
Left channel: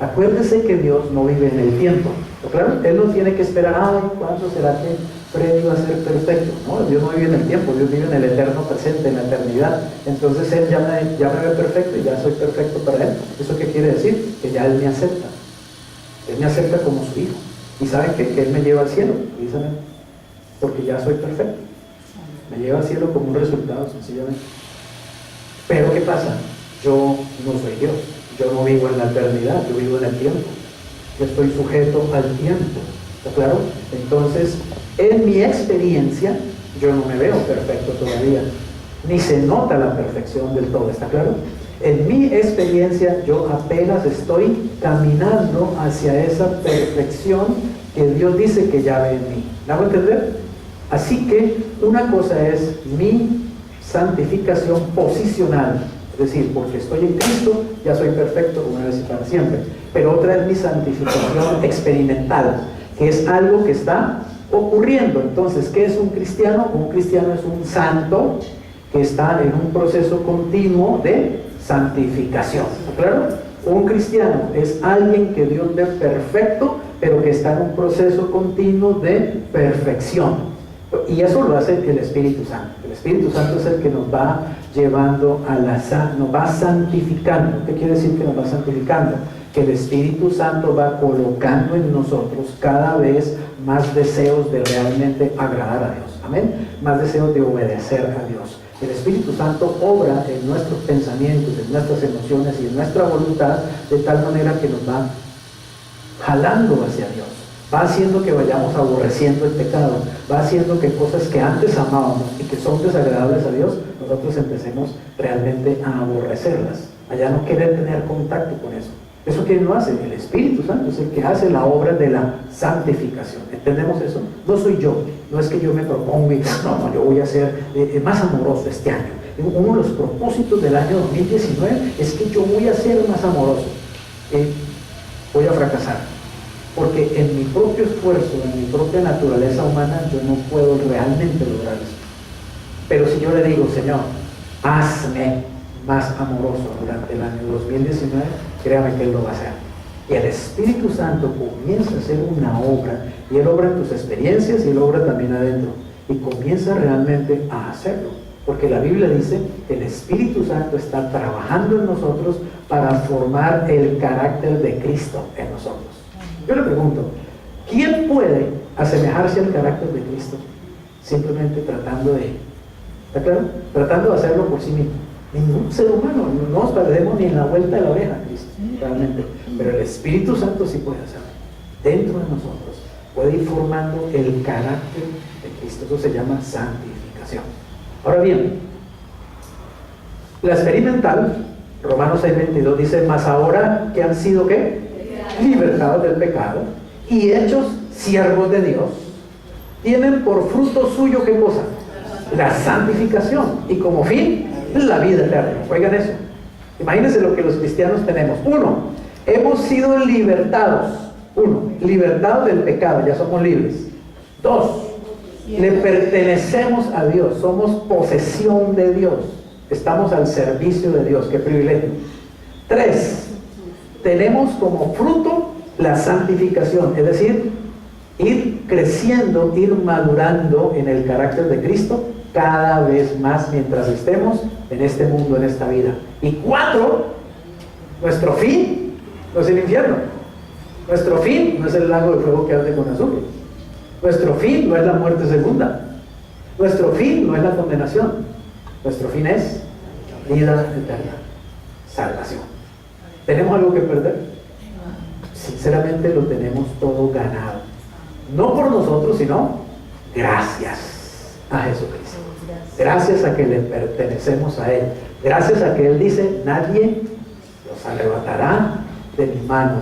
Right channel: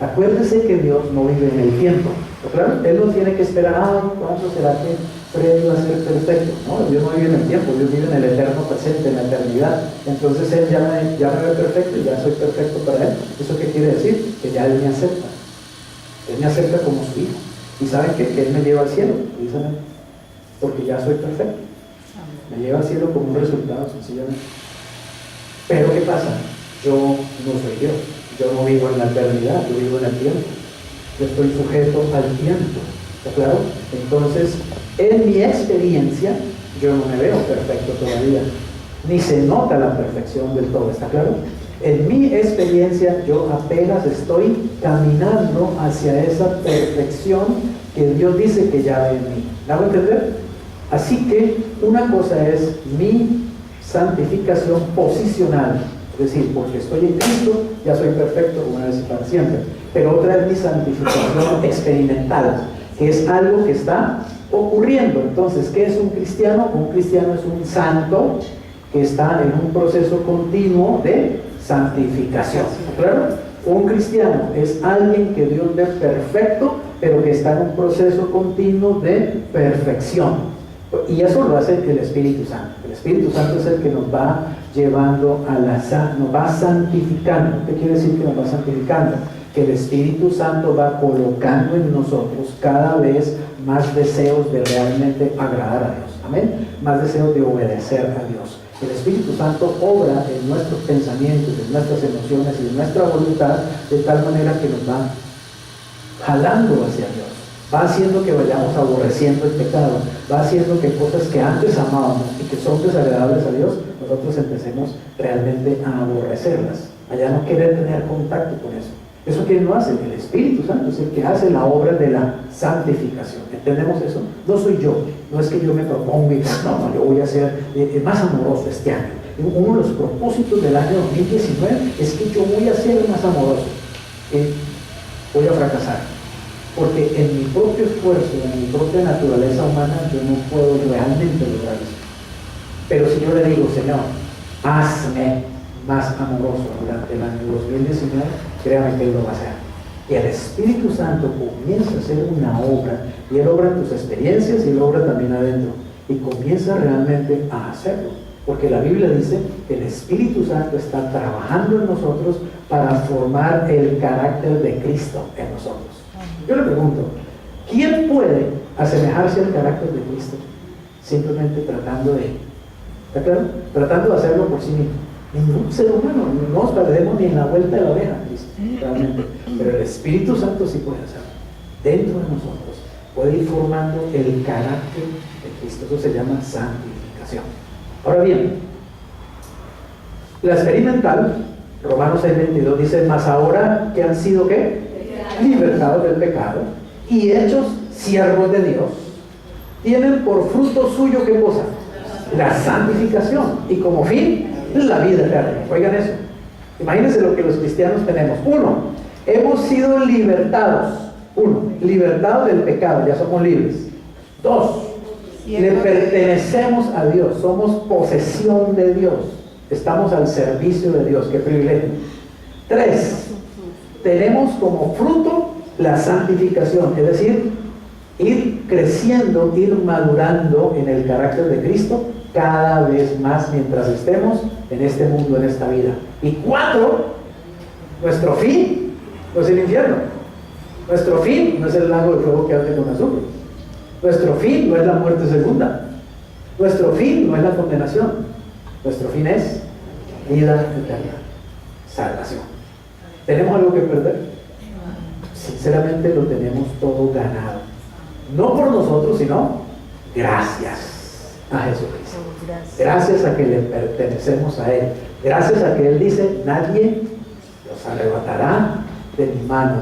Acuérdese que Dios no vive en el tiempo. ¿Claro? Él no tiene que esperar, ¿cuándo será que Freddy va a ser perfecto? No, Dios no vive en el tiempo, Dios vive en el eterno presente, en la eternidad. Entonces Él ya me ve perfecto y ya soy perfecto para Él. ¿Eso qué quiere decir? Que ya Él me acepta. Él me acepta como su hijo. ¿Y saben qué? Que Él me lleva al cielo, precisamente. Porque ya soy perfecto. Me lleva al cielo como un resultado, sencillamente. Pero ¿qué pasa? Yo no soy Dios. Yo no vivo en la eternidad, yo vivo en el tiempo. Yo estoy sujeto al tiempo. ¿Está claro? Entonces, en mi experiencia, yo no me veo perfecto todavía. Ni se nota la perfección del todo. ¿Está claro? En mi experiencia, yo apenas estoy caminando hacia esa perfección que Dios dice que ya ve en mí. ¿Me hago entender? Así que una cosa es mi santificación posicional, es decir, porque estoy en Cristo, ya soy perfecto una vez y para siempre. Pero otra es mi santificación experimental, que es algo que está ocurriendo. Entonces, ¿qué es un cristiano? Un cristiano es un santo que está en un proceso continuo de santificación. ¿Claro? Un cristiano es alguien que Dios ve perfecto, pero que está en un proceso continuo de perfección. Y eso lo hace el Espíritu Santo. El Espíritu Santo es el que nos va llevando nos va santificando. ¿Qué quiere decir que nos va santificando? Que el Espíritu Santo va colocando en nosotros cada vez más deseos de realmente agradar a Dios. Amén. Más deseos de obedecer a Dios. El Espíritu Santo obra en nuestros pensamientos, en nuestras emociones y en nuestra voluntad de tal manera que nos va jalando hacia Dios. Va haciendo que vayamos aborreciendo el pecado, va haciendo que cosas que antes amábamos y que son desagradables a Dios, nosotros empecemos realmente a aborrecerlas, a ya no querer tener contacto con eso. ¿Eso quién lo hace? El Espíritu Santo es el que hace la obra de la santificación. ¿Entendemos eso? No soy yo, no es que yo me proponga y no, yo voy a ser más amoroso este año. Uno de los propósitos del año 2019 es que yo voy a ser más amoroso. Voy a fracasar. Porque en mi propio esfuerzo, en mi propia naturaleza humana, yo no puedo realmente lograr eso. Pero si yo le digo, Señor, hazme más amoroso durante el año 2019, créame que Él lo va a hacer. Y el Espíritu Santo comienza a hacer una obra, y Él obra en tus experiencias y Él obra también adentro, y comienza realmente a hacerlo, porque la Biblia dice que el Espíritu Santo está trabajando en nosotros para formar el carácter de Cristo en nosotros. Yo le pregunto, ¿quién puede asemejarse al carácter de Cristo? Simplemente tratando de, ¿está claro? Tratando de hacerlo por sí mismo. Ningún ser humano, no nos perdemos ni en la vuelta de la oreja, Cristo, realmente. Pero el Espíritu Santo sí puede hacerlo. Dentro de nosotros puede ir formando el carácter de Cristo. Eso se llama santificación. Ahora bien, la experimental, Romanos 6:22 dice, mas ahora que han sido ¿qué? Libertados del pecado y hechos siervos de Dios, tienen por fruto suyo ¿qué cosa? La santificación, y como fin la vida eterna. Oigan eso, imagínense lo que los cristianos tenemos. Uno, hemos sido libertados. Uno, libertados del pecado, ya somos libres. Dos, le pertenecemos a Dios, somos posesión de Dios, estamos al servicio de Dios. Qué privilegio. Tres, tenemos como fruto la santificación, es decir, ir creciendo, ir madurando en el carácter de Cristo cada vez más mientras estemos en este mundo, en esta vida. Y cuatro, nuestro fin no es el infierno, nuestro fin no es el lago de fuego que arde con azufre, nuestro fin no es la muerte segunda, nuestro fin no es la condenación, nuestro fin es vida eterna, salvación. ¿Tenemos algo que perder? Sinceramente lo tenemos todo ganado, no por nosotros, sino gracias a Jesucristo. Gracias a que le pertenecemos a Él. Gracias a que Él dice, nadie los arrebatará de mi mano.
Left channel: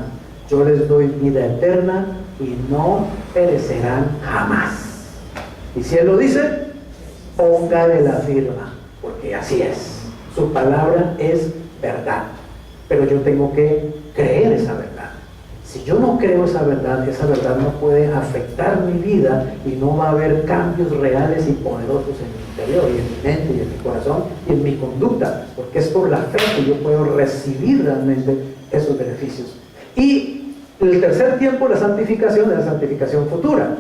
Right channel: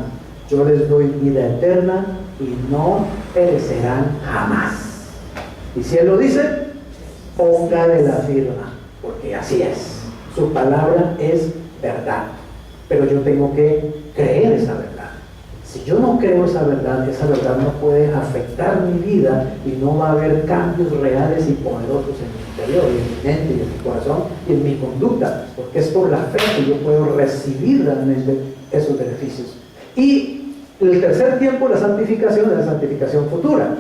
Yo les doy vida eterna y no perecerán jamás. Y si Él lo dice, póngale la firma, porque así es. Su palabra es verdad. Pero yo tengo que creer esa verdad. Si yo no creo esa verdad no puede afectar mi vida y no va a haber cambios reales y poderosos en mi interior y en mi mente y en mi corazón y en mi conducta, porque es por la fe que yo puedo recibir realmente esos beneficios. Y el tercer tiempo, la santificación, es la santificación futura.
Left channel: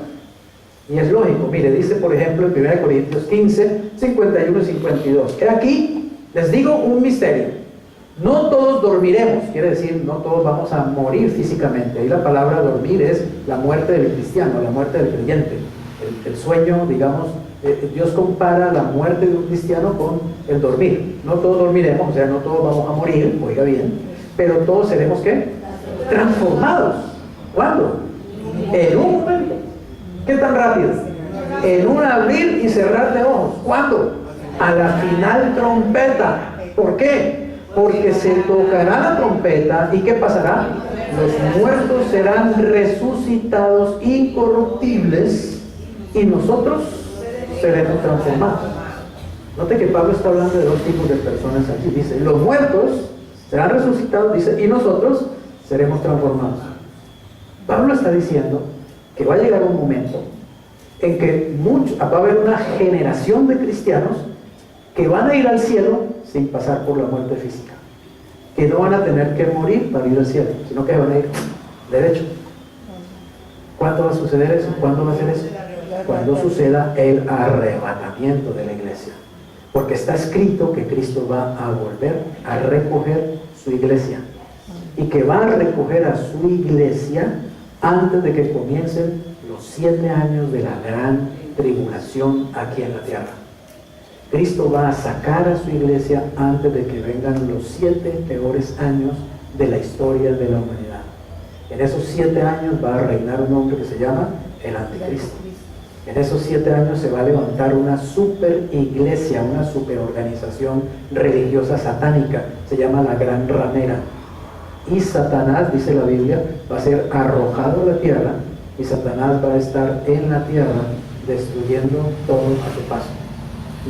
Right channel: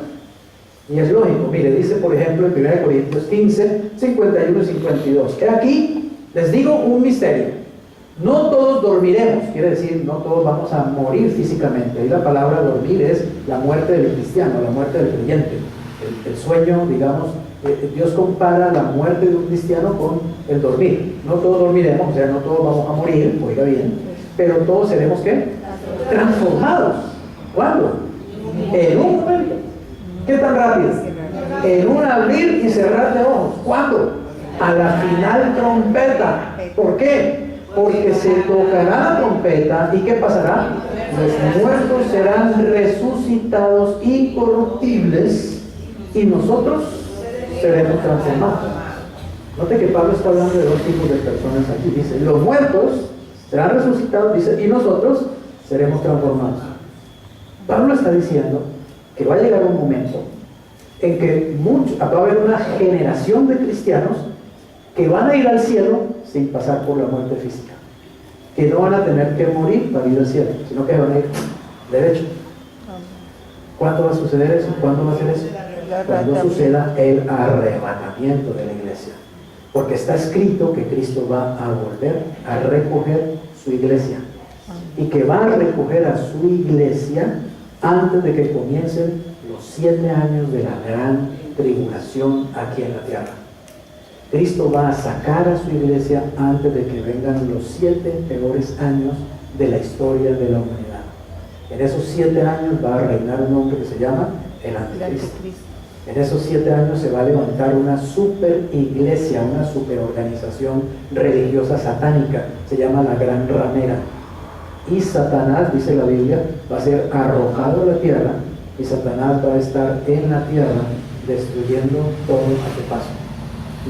Y es lógico, mire, dice por ejemplo en 1 Corintios 15, 51 y 52, que aquí les digo un misterio. No todos dormiremos, quiere decir, no todos vamos a morir físicamente. Ahí la palabra dormir es la muerte del cristiano, la muerte del creyente. El sueño, digamos, Dios compara la muerte de un cristiano con el dormir. No todos dormiremos, o sea, no todos vamos a morir, oiga bien, pero todos seremos ¿qué? Transformados. ¿Cuándo? En un momento. ¿Qué tan rápido? En un abrir y cerrar de ojos. ¿Cuándo? A la final trompeta. ¿Por qué? Porque se tocará la trompeta y ¿qué pasará? Los muertos serán resucitados incorruptibles y nosotros seremos transformados. Note que Pablo está hablando de dos tipos de personas aquí. Dice, los muertos serán resucitados, dice, y nosotros seremos transformados. Pablo está diciendo que va a llegar un momento en que va a haber una generación de cristianos que van a ir al cielo sin pasar por la muerte física, que no van a tener que morir para ir al cielo, sino que van a ir derecho. ¿Cuándo va a suceder eso? ¿Cuándo va a ser eso? Cuando suceda el arrebatamiento de la iglesia, porque está escrito que Cristo va a volver a recoger su iglesia y que va a recoger a su iglesia antes de que comiencen los 7 años de la gran tribulación aquí en la tierra. Cristo va a sacar a su iglesia antes de que vengan los 7 peores años de la historia de la humanidad. En esos 7 años va a reinar un hombre que se llama el Anticristo. En esos 7 años se va a levantar una super iglesia, una super organización religiosa satánica, se llama la Gran Ramera. Y Satanás, dice la Biblia, va a ser arrojado a la tierra y Satanás va a estar en la tierra destruyendo todo a su paso.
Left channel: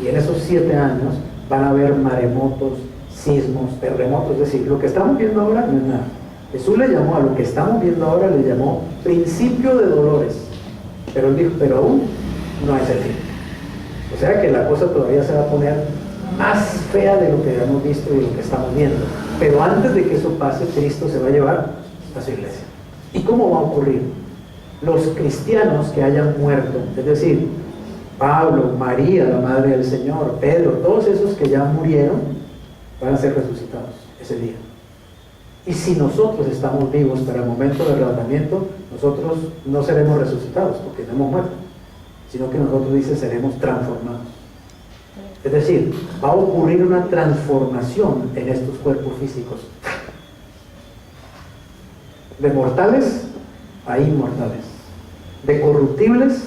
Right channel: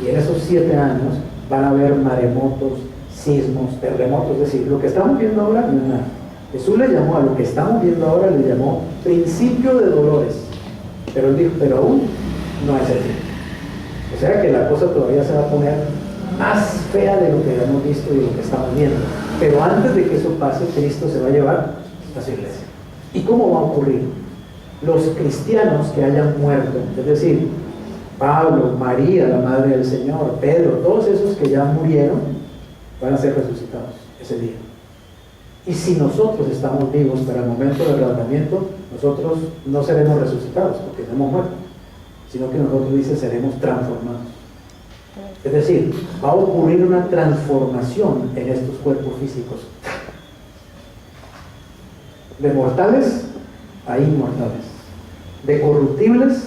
Y en esos 7 años van a haber maremotos, sismos, terremotos, es decir, lo que estamos viendo ahora no es nada. Jesús le llamó a lo que estamos viendo ahora, le llamó principio de dolores, pero él dijo, pero aún no es el fin. O sea que la cosa todavía se va a poner más fea de lo que hemos visto y lo que estamos viendo. Pero antes de que eso pase, Cristo se va a llevar a su iglesia. ¿Y cómo va a ocurrir? Los cristianos que hayan muerto, es decir, Pablo, María, la Madre del Señor, Pedro, todos esos que ya murieron, van a ser resucitados ese día. Y si nosotros estamos vivos para el momento del arrebatamiento, nosotros no seremos resucitados porque no hemos muerto, sino que nosotros, dice, seremos transformados. Es decir, va a ocurrir una transformación en estos cuerpos físicos. De mortales a inmortales. De corruptibles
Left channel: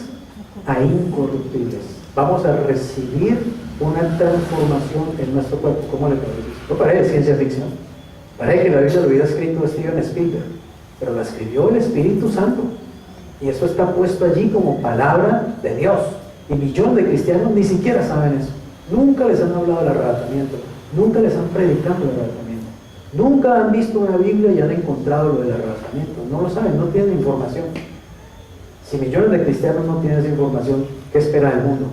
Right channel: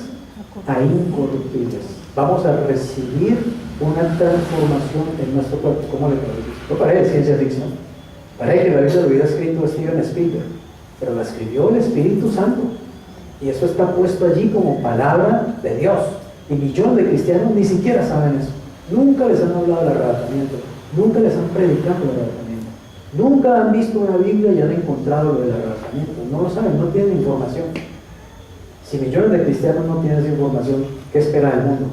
a incorruptibles. Vamos a recibir una transformación en nuestro cuerpo. ¿Cómo le parece? No parece ciencia ficción. Parece que la Biblia lo hubiera escrito Steven Spielberg, pero la escribió el Espíritu Santo. Y eso está puesto allí como palabra de Dios. Y millones de cristianos ni siquiera saben eso. Nunca les han hablado del arrebatamiento. Nunca les han predicado el arrebatamiento. Nunca han visto una Biblia y han encontrado lo del arrebatamiento. No lo saben, no tienen información. Si millones de cristianos no tienen esa información, ¿qué espera el mundo?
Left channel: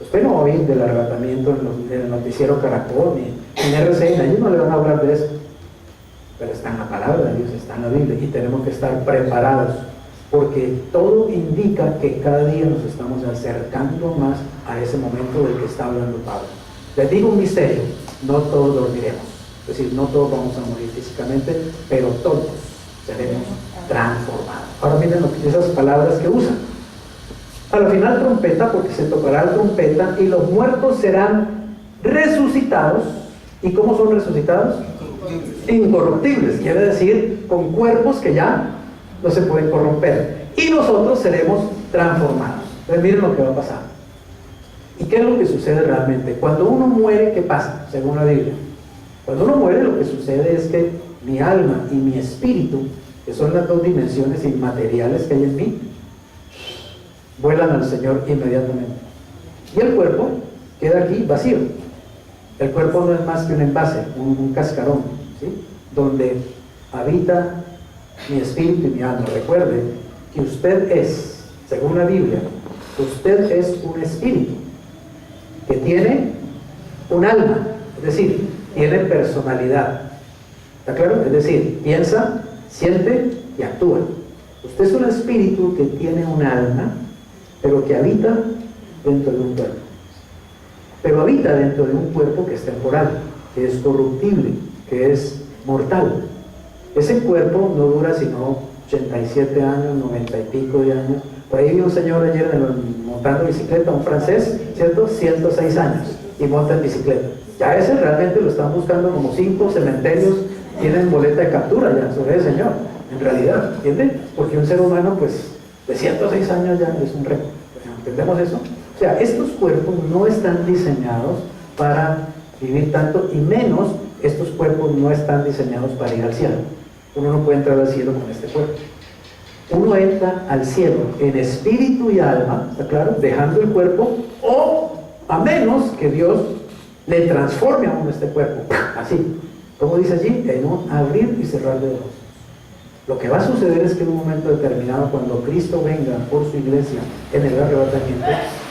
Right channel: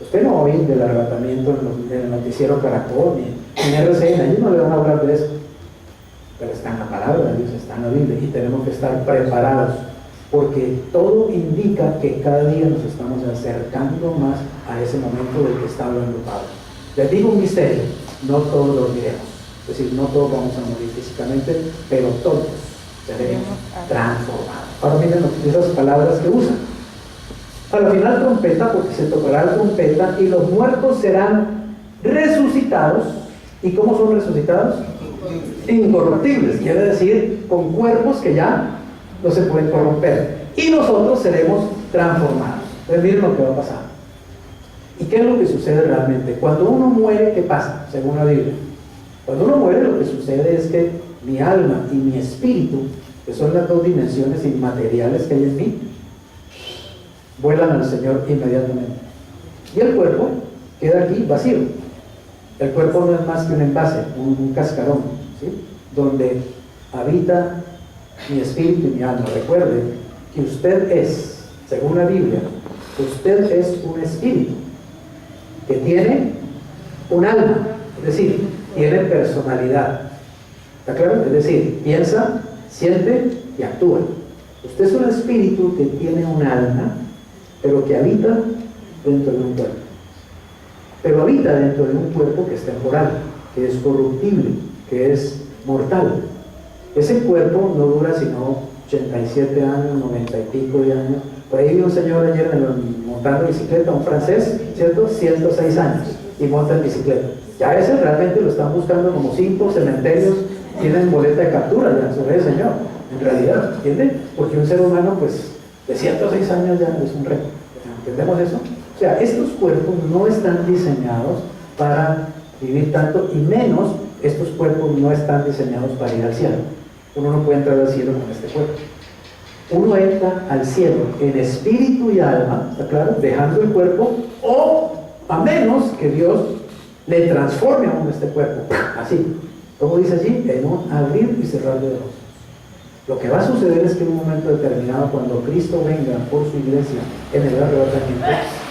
Usted no va a oír del arrebatamiento en el noticiero Caracol ni en RCN. Ellos no le van a hablar de eso. Pero está en la palabra de Dios, está en la Biblia, y tenemos que estar preparados, porque todo indica que cada día nos estamos acercando más a ese momento del que está hablando Pablo. Les digo un misterio: no todos dormiremos, es decir, no todos vamos a morir físicamente, pero todos seremos transformados. Ahora miren esas palabras que usan. A la final trompeta, porque se tocará la trompeta y los muertos serán resucitados. ¿Y cómo son resucitados? Incorruptibles, quiere decir con cuerpos que ya no se pueden corromper, y nosotros seremos transformados. Entonces miren lo que va a pasar. ¿Y qué es lo que sucede realmente? Cuando uno muere, ¿qué pasa? Según la Biblia, cuando uno muere, lo que sucede es que mi alma y mi espíritu, que son las dos dimensiones inmateriales que hay en mí, vuelan al Señor inmediatamente, y el cuerpo queda aquí vacío. El cuerpo no es más que un envase, un cascarón, ¿sí?, donde habita mi espíritu y mi alma. Recuerde que usted es, según la Biblia, usted es un espíritu que tiene un alma, es decir, tiene personalidad. ¿Está claro? Es decir, piensa, siente y actúa. Usted es un espíritu que tiene un alma, pero que habita dentro de un cuerpo. Pero habita dentro de un cuerpo que es temporal, que es corruptible, que es mortal. Ese cuerpo no dura sino 87 años, 90 y pico de años. Por ahí vi un señor ayer montando bicicleta, un francés, ¿cierto? 106 años y monta en bicicleta. Ya ese realmente lo están buscando como 5 cementerios, tienen boleta de captura ya sobre ese señor, en realidad, ¿entienden? Porque un ser humano, pues, de 106 años ya es un récord. ¿Entendemos eso? O sea, estos cuerpos no están diseñados para vivir tanto, y menos estos cuerpos no están diseñados para ir al cielo. Uno no puede entrar al cielo con este cuerpo. Uno entra al cielo en espíritu y alma, ¿está claro?, dejando el cuerpo, o a menos que Dios le transforme a uno este cuerpo, así, como dice allí, en un abrir y cerrar de ojos. Lo que va a suceder es que en un momento determinado, cuando Cristo venga por su iglesia en el arrebatamiento,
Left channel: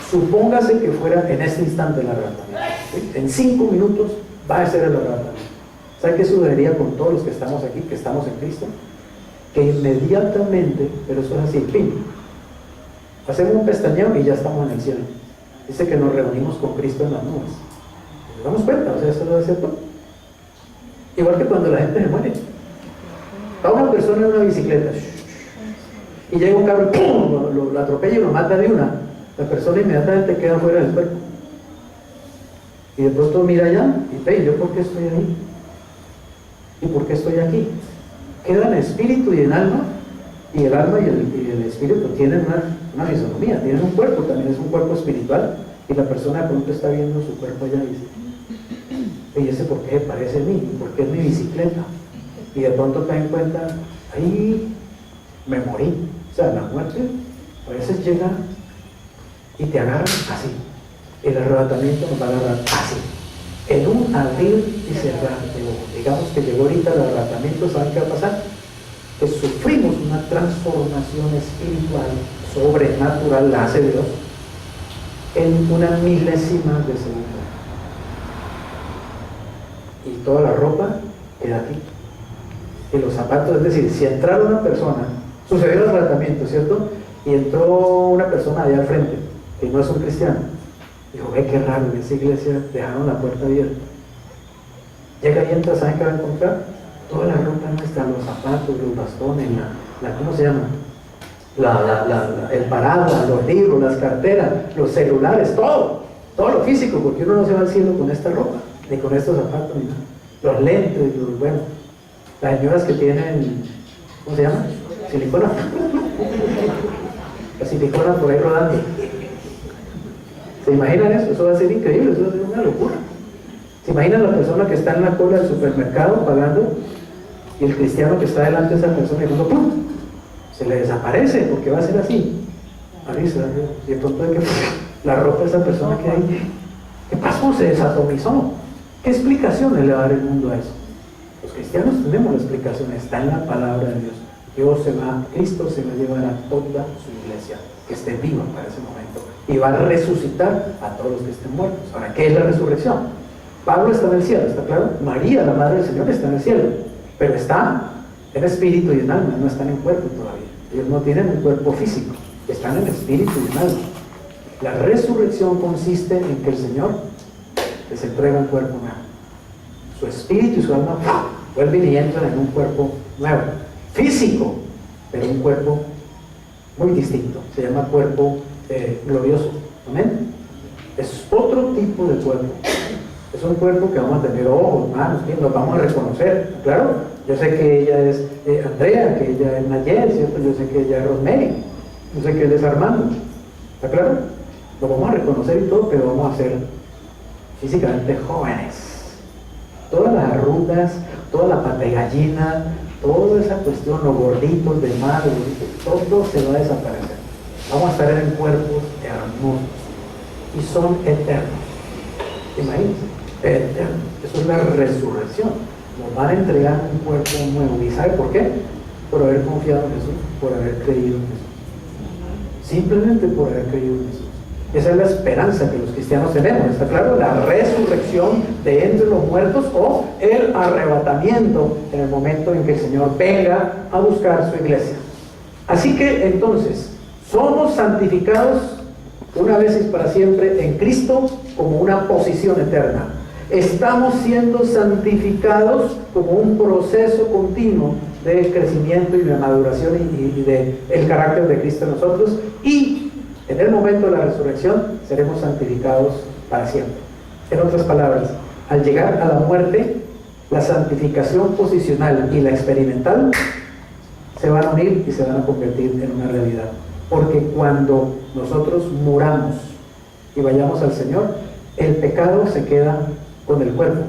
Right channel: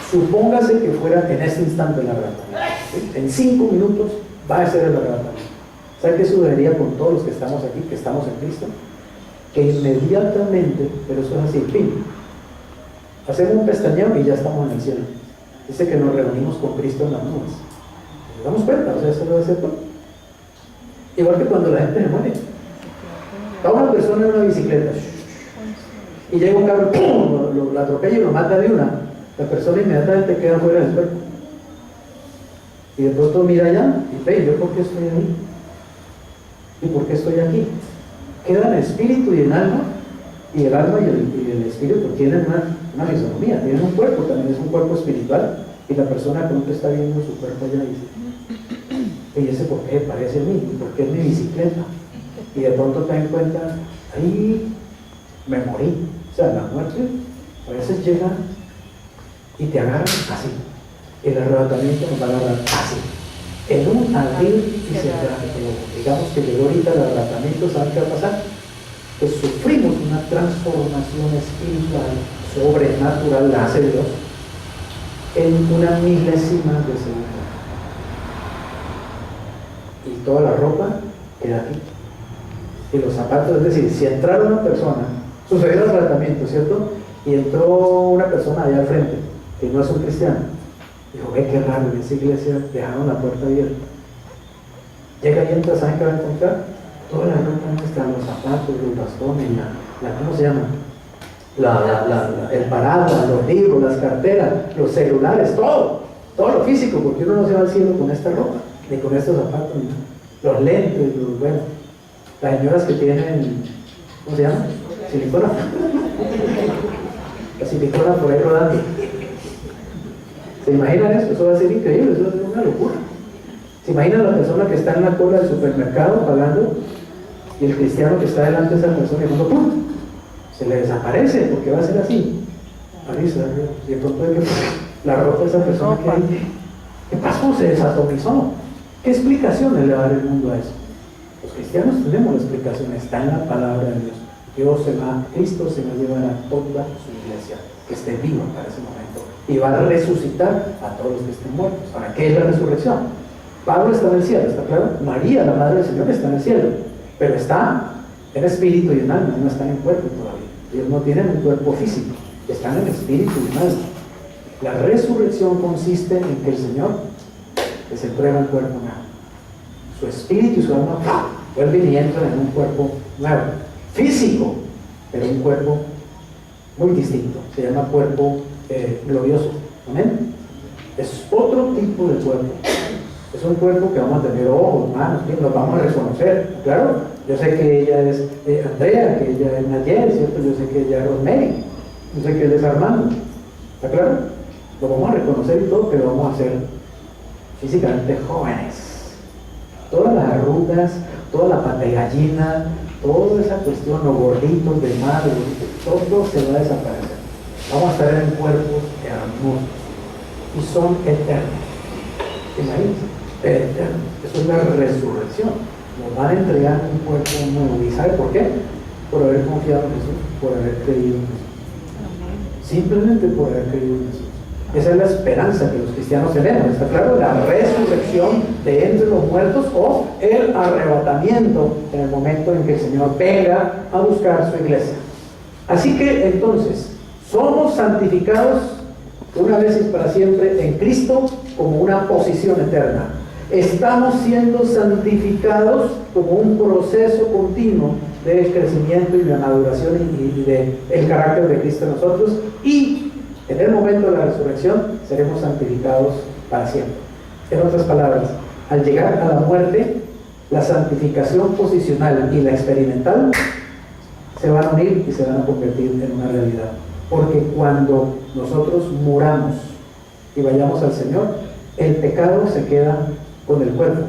supóngase que fuera en este instante el arrebatamiento, ¿sí?, en 5 minutos va a ser el arrebatamiento. ¿Sabe qué sucedería con todos los que estamos aquí, que estamos en Cristo? Que inmediatamente, pero eso es así, fin, hacemos un pestañeo y ya estamos en el cielo. Dice que nos reunimos con Cristo en las nubes. ¿Nos damos cuenta? O sea, eso debe ser todo. Igual que cuando la gente se muere. Va una persona en una bicicleta y llega un carro, ¡pum!, lo atropella y lo mata de una. La persona inmediatamente queda fuera del cuerpo. Y de pronto mira allá y ve, ¿yo por qué estoy ahí? ¿Y por qué estoy aquí? Queda en espíritu y en alma, y el alma y el espíritu tienen una fisonomía, tienen un cuerpo, también es un cuerpo espiritual, y la persona de pronto está viendo su cuerpo allá y dice, ¿y ese por qué parece a mí? ¿Por qué es mi bicicleta? Y de pronto te das cuenta, ahí me morí. O sea, la muerte a veces llega y te agarra así. El arrebatamiento nos va a agarrar así, en un abrir y cerrar de ojos. Digamos que llegó ahorita el arrebatamiento, ¿saben qué va a pasar? Pues sufrimos una transformación espiritual sobrenatural, la hace Dios, en una milésima de segundo. Y toda la ropa queda aquí. y los zapatos. Es decir, si entrara una persona, sucedió el tratamiento, ¿cierto? Y entró una persona allá al frente, que no es un cristiano. Dijo, ve qué raro, en esa iglesia dejaron la puerta abierta. Llega y entra, ¿saben qué va a encontrar? Toda la ropa nuestra, los zapatos, los bastones, ¿cómo se llama? El paraguas, los libros, las carteras, los celulares, todo lo físico, porque uno no se va al cielo con esta ropa, ni con estos zapatos, ni nada. Los lentes, bueno, las señoras que tienen, ¿cómo se llama? Silicona. La silicona por ahí rodando. ¿Se imaginan eso? Eso va a ser increíble, eso va a ser una locura. ¿Se imaginan la persona que está en la cola del supermercado pagando y el cristiano que está delante de esa persona y cuando ¡pum! Se le desaparece porque va a ser así? Avisa, y de pronto de que la ropa de esa persona que hay, ¿qué pasó? Se desatomizó. ¿Qué explicaciones le va a dar el mundo a eso? Los cristianos tenemos la explicación, está en la palabra de Dios. Cristo se va a llevar a toda su iglesia que esté viva para ese momento y va a resucitar a todos los que estén muertos. Ahora, ¿qué es la resurrección? Pablo está en el cielo, ¿está claro? María, la madre del Señor, está en el cielo, pero está en espíritu y en alma, no están en cuerpo todavía. Ellos no tienen un cuerpo físico, están en espíritu y en alma. La resurrección consiste en que el Señor les entrega un cuerpo nuevo. Su espíritu y su alma vuelven y entran en un cuerpo nuevo, físico, pero un cuerpo muy distinto. Se llama cuerpo glorioso. ¿Amén? Es otro tipo de cuerpo. Es un cuerpo que vamos a tener ojos, manos, pies, nos vamos a reconocer. Claro, yo sé que ella es Andrea, que ella es Nayel, ¿cierto? Yo sé que ella es Rosemary, yo sé que él es Armando. ¿Está claro? Lo vamos a reconocer y todo, pero vamos a ser físicamente jóvenes. Todas las arrugas, toda la pata de gallina, toda esa cuestión, los gorditos de madre, todo se va a desaparecer. Vamos a estar en cuerpos hermosos y son eternos. Imagínense, eternos. Eso es la resurrección. Nos van a entregar un cuerpo nuevo. ¿Y sabe por qué? Por haber confiado en Jesús, por haber creído en Jesús. Simplemente por haber creído en Jesús. Esa es la esperanza que los cristianos tenemos, ¿está claro? La resurrección de entre los muertos o el arrebatamiento en el momento en que el Señor venga a buscar su iglesia. Así que entonces, somos santificados una vez y para siempre en Cristo como una posición eterna. Estamos siendo santificados como un proceso continuo de crecimiento y de maduración y de el carácter de Cristo en nosotros, y en el momento de la resurrección seremos santificados para siempre. En otras palabras, al llegar a la muerte, la santificación posicional y la experimental se van a unir y se van a convertir en una realidad. Porque cuando nosotros muramos y vayamos al Señor, el pecado se queda con el cuerpo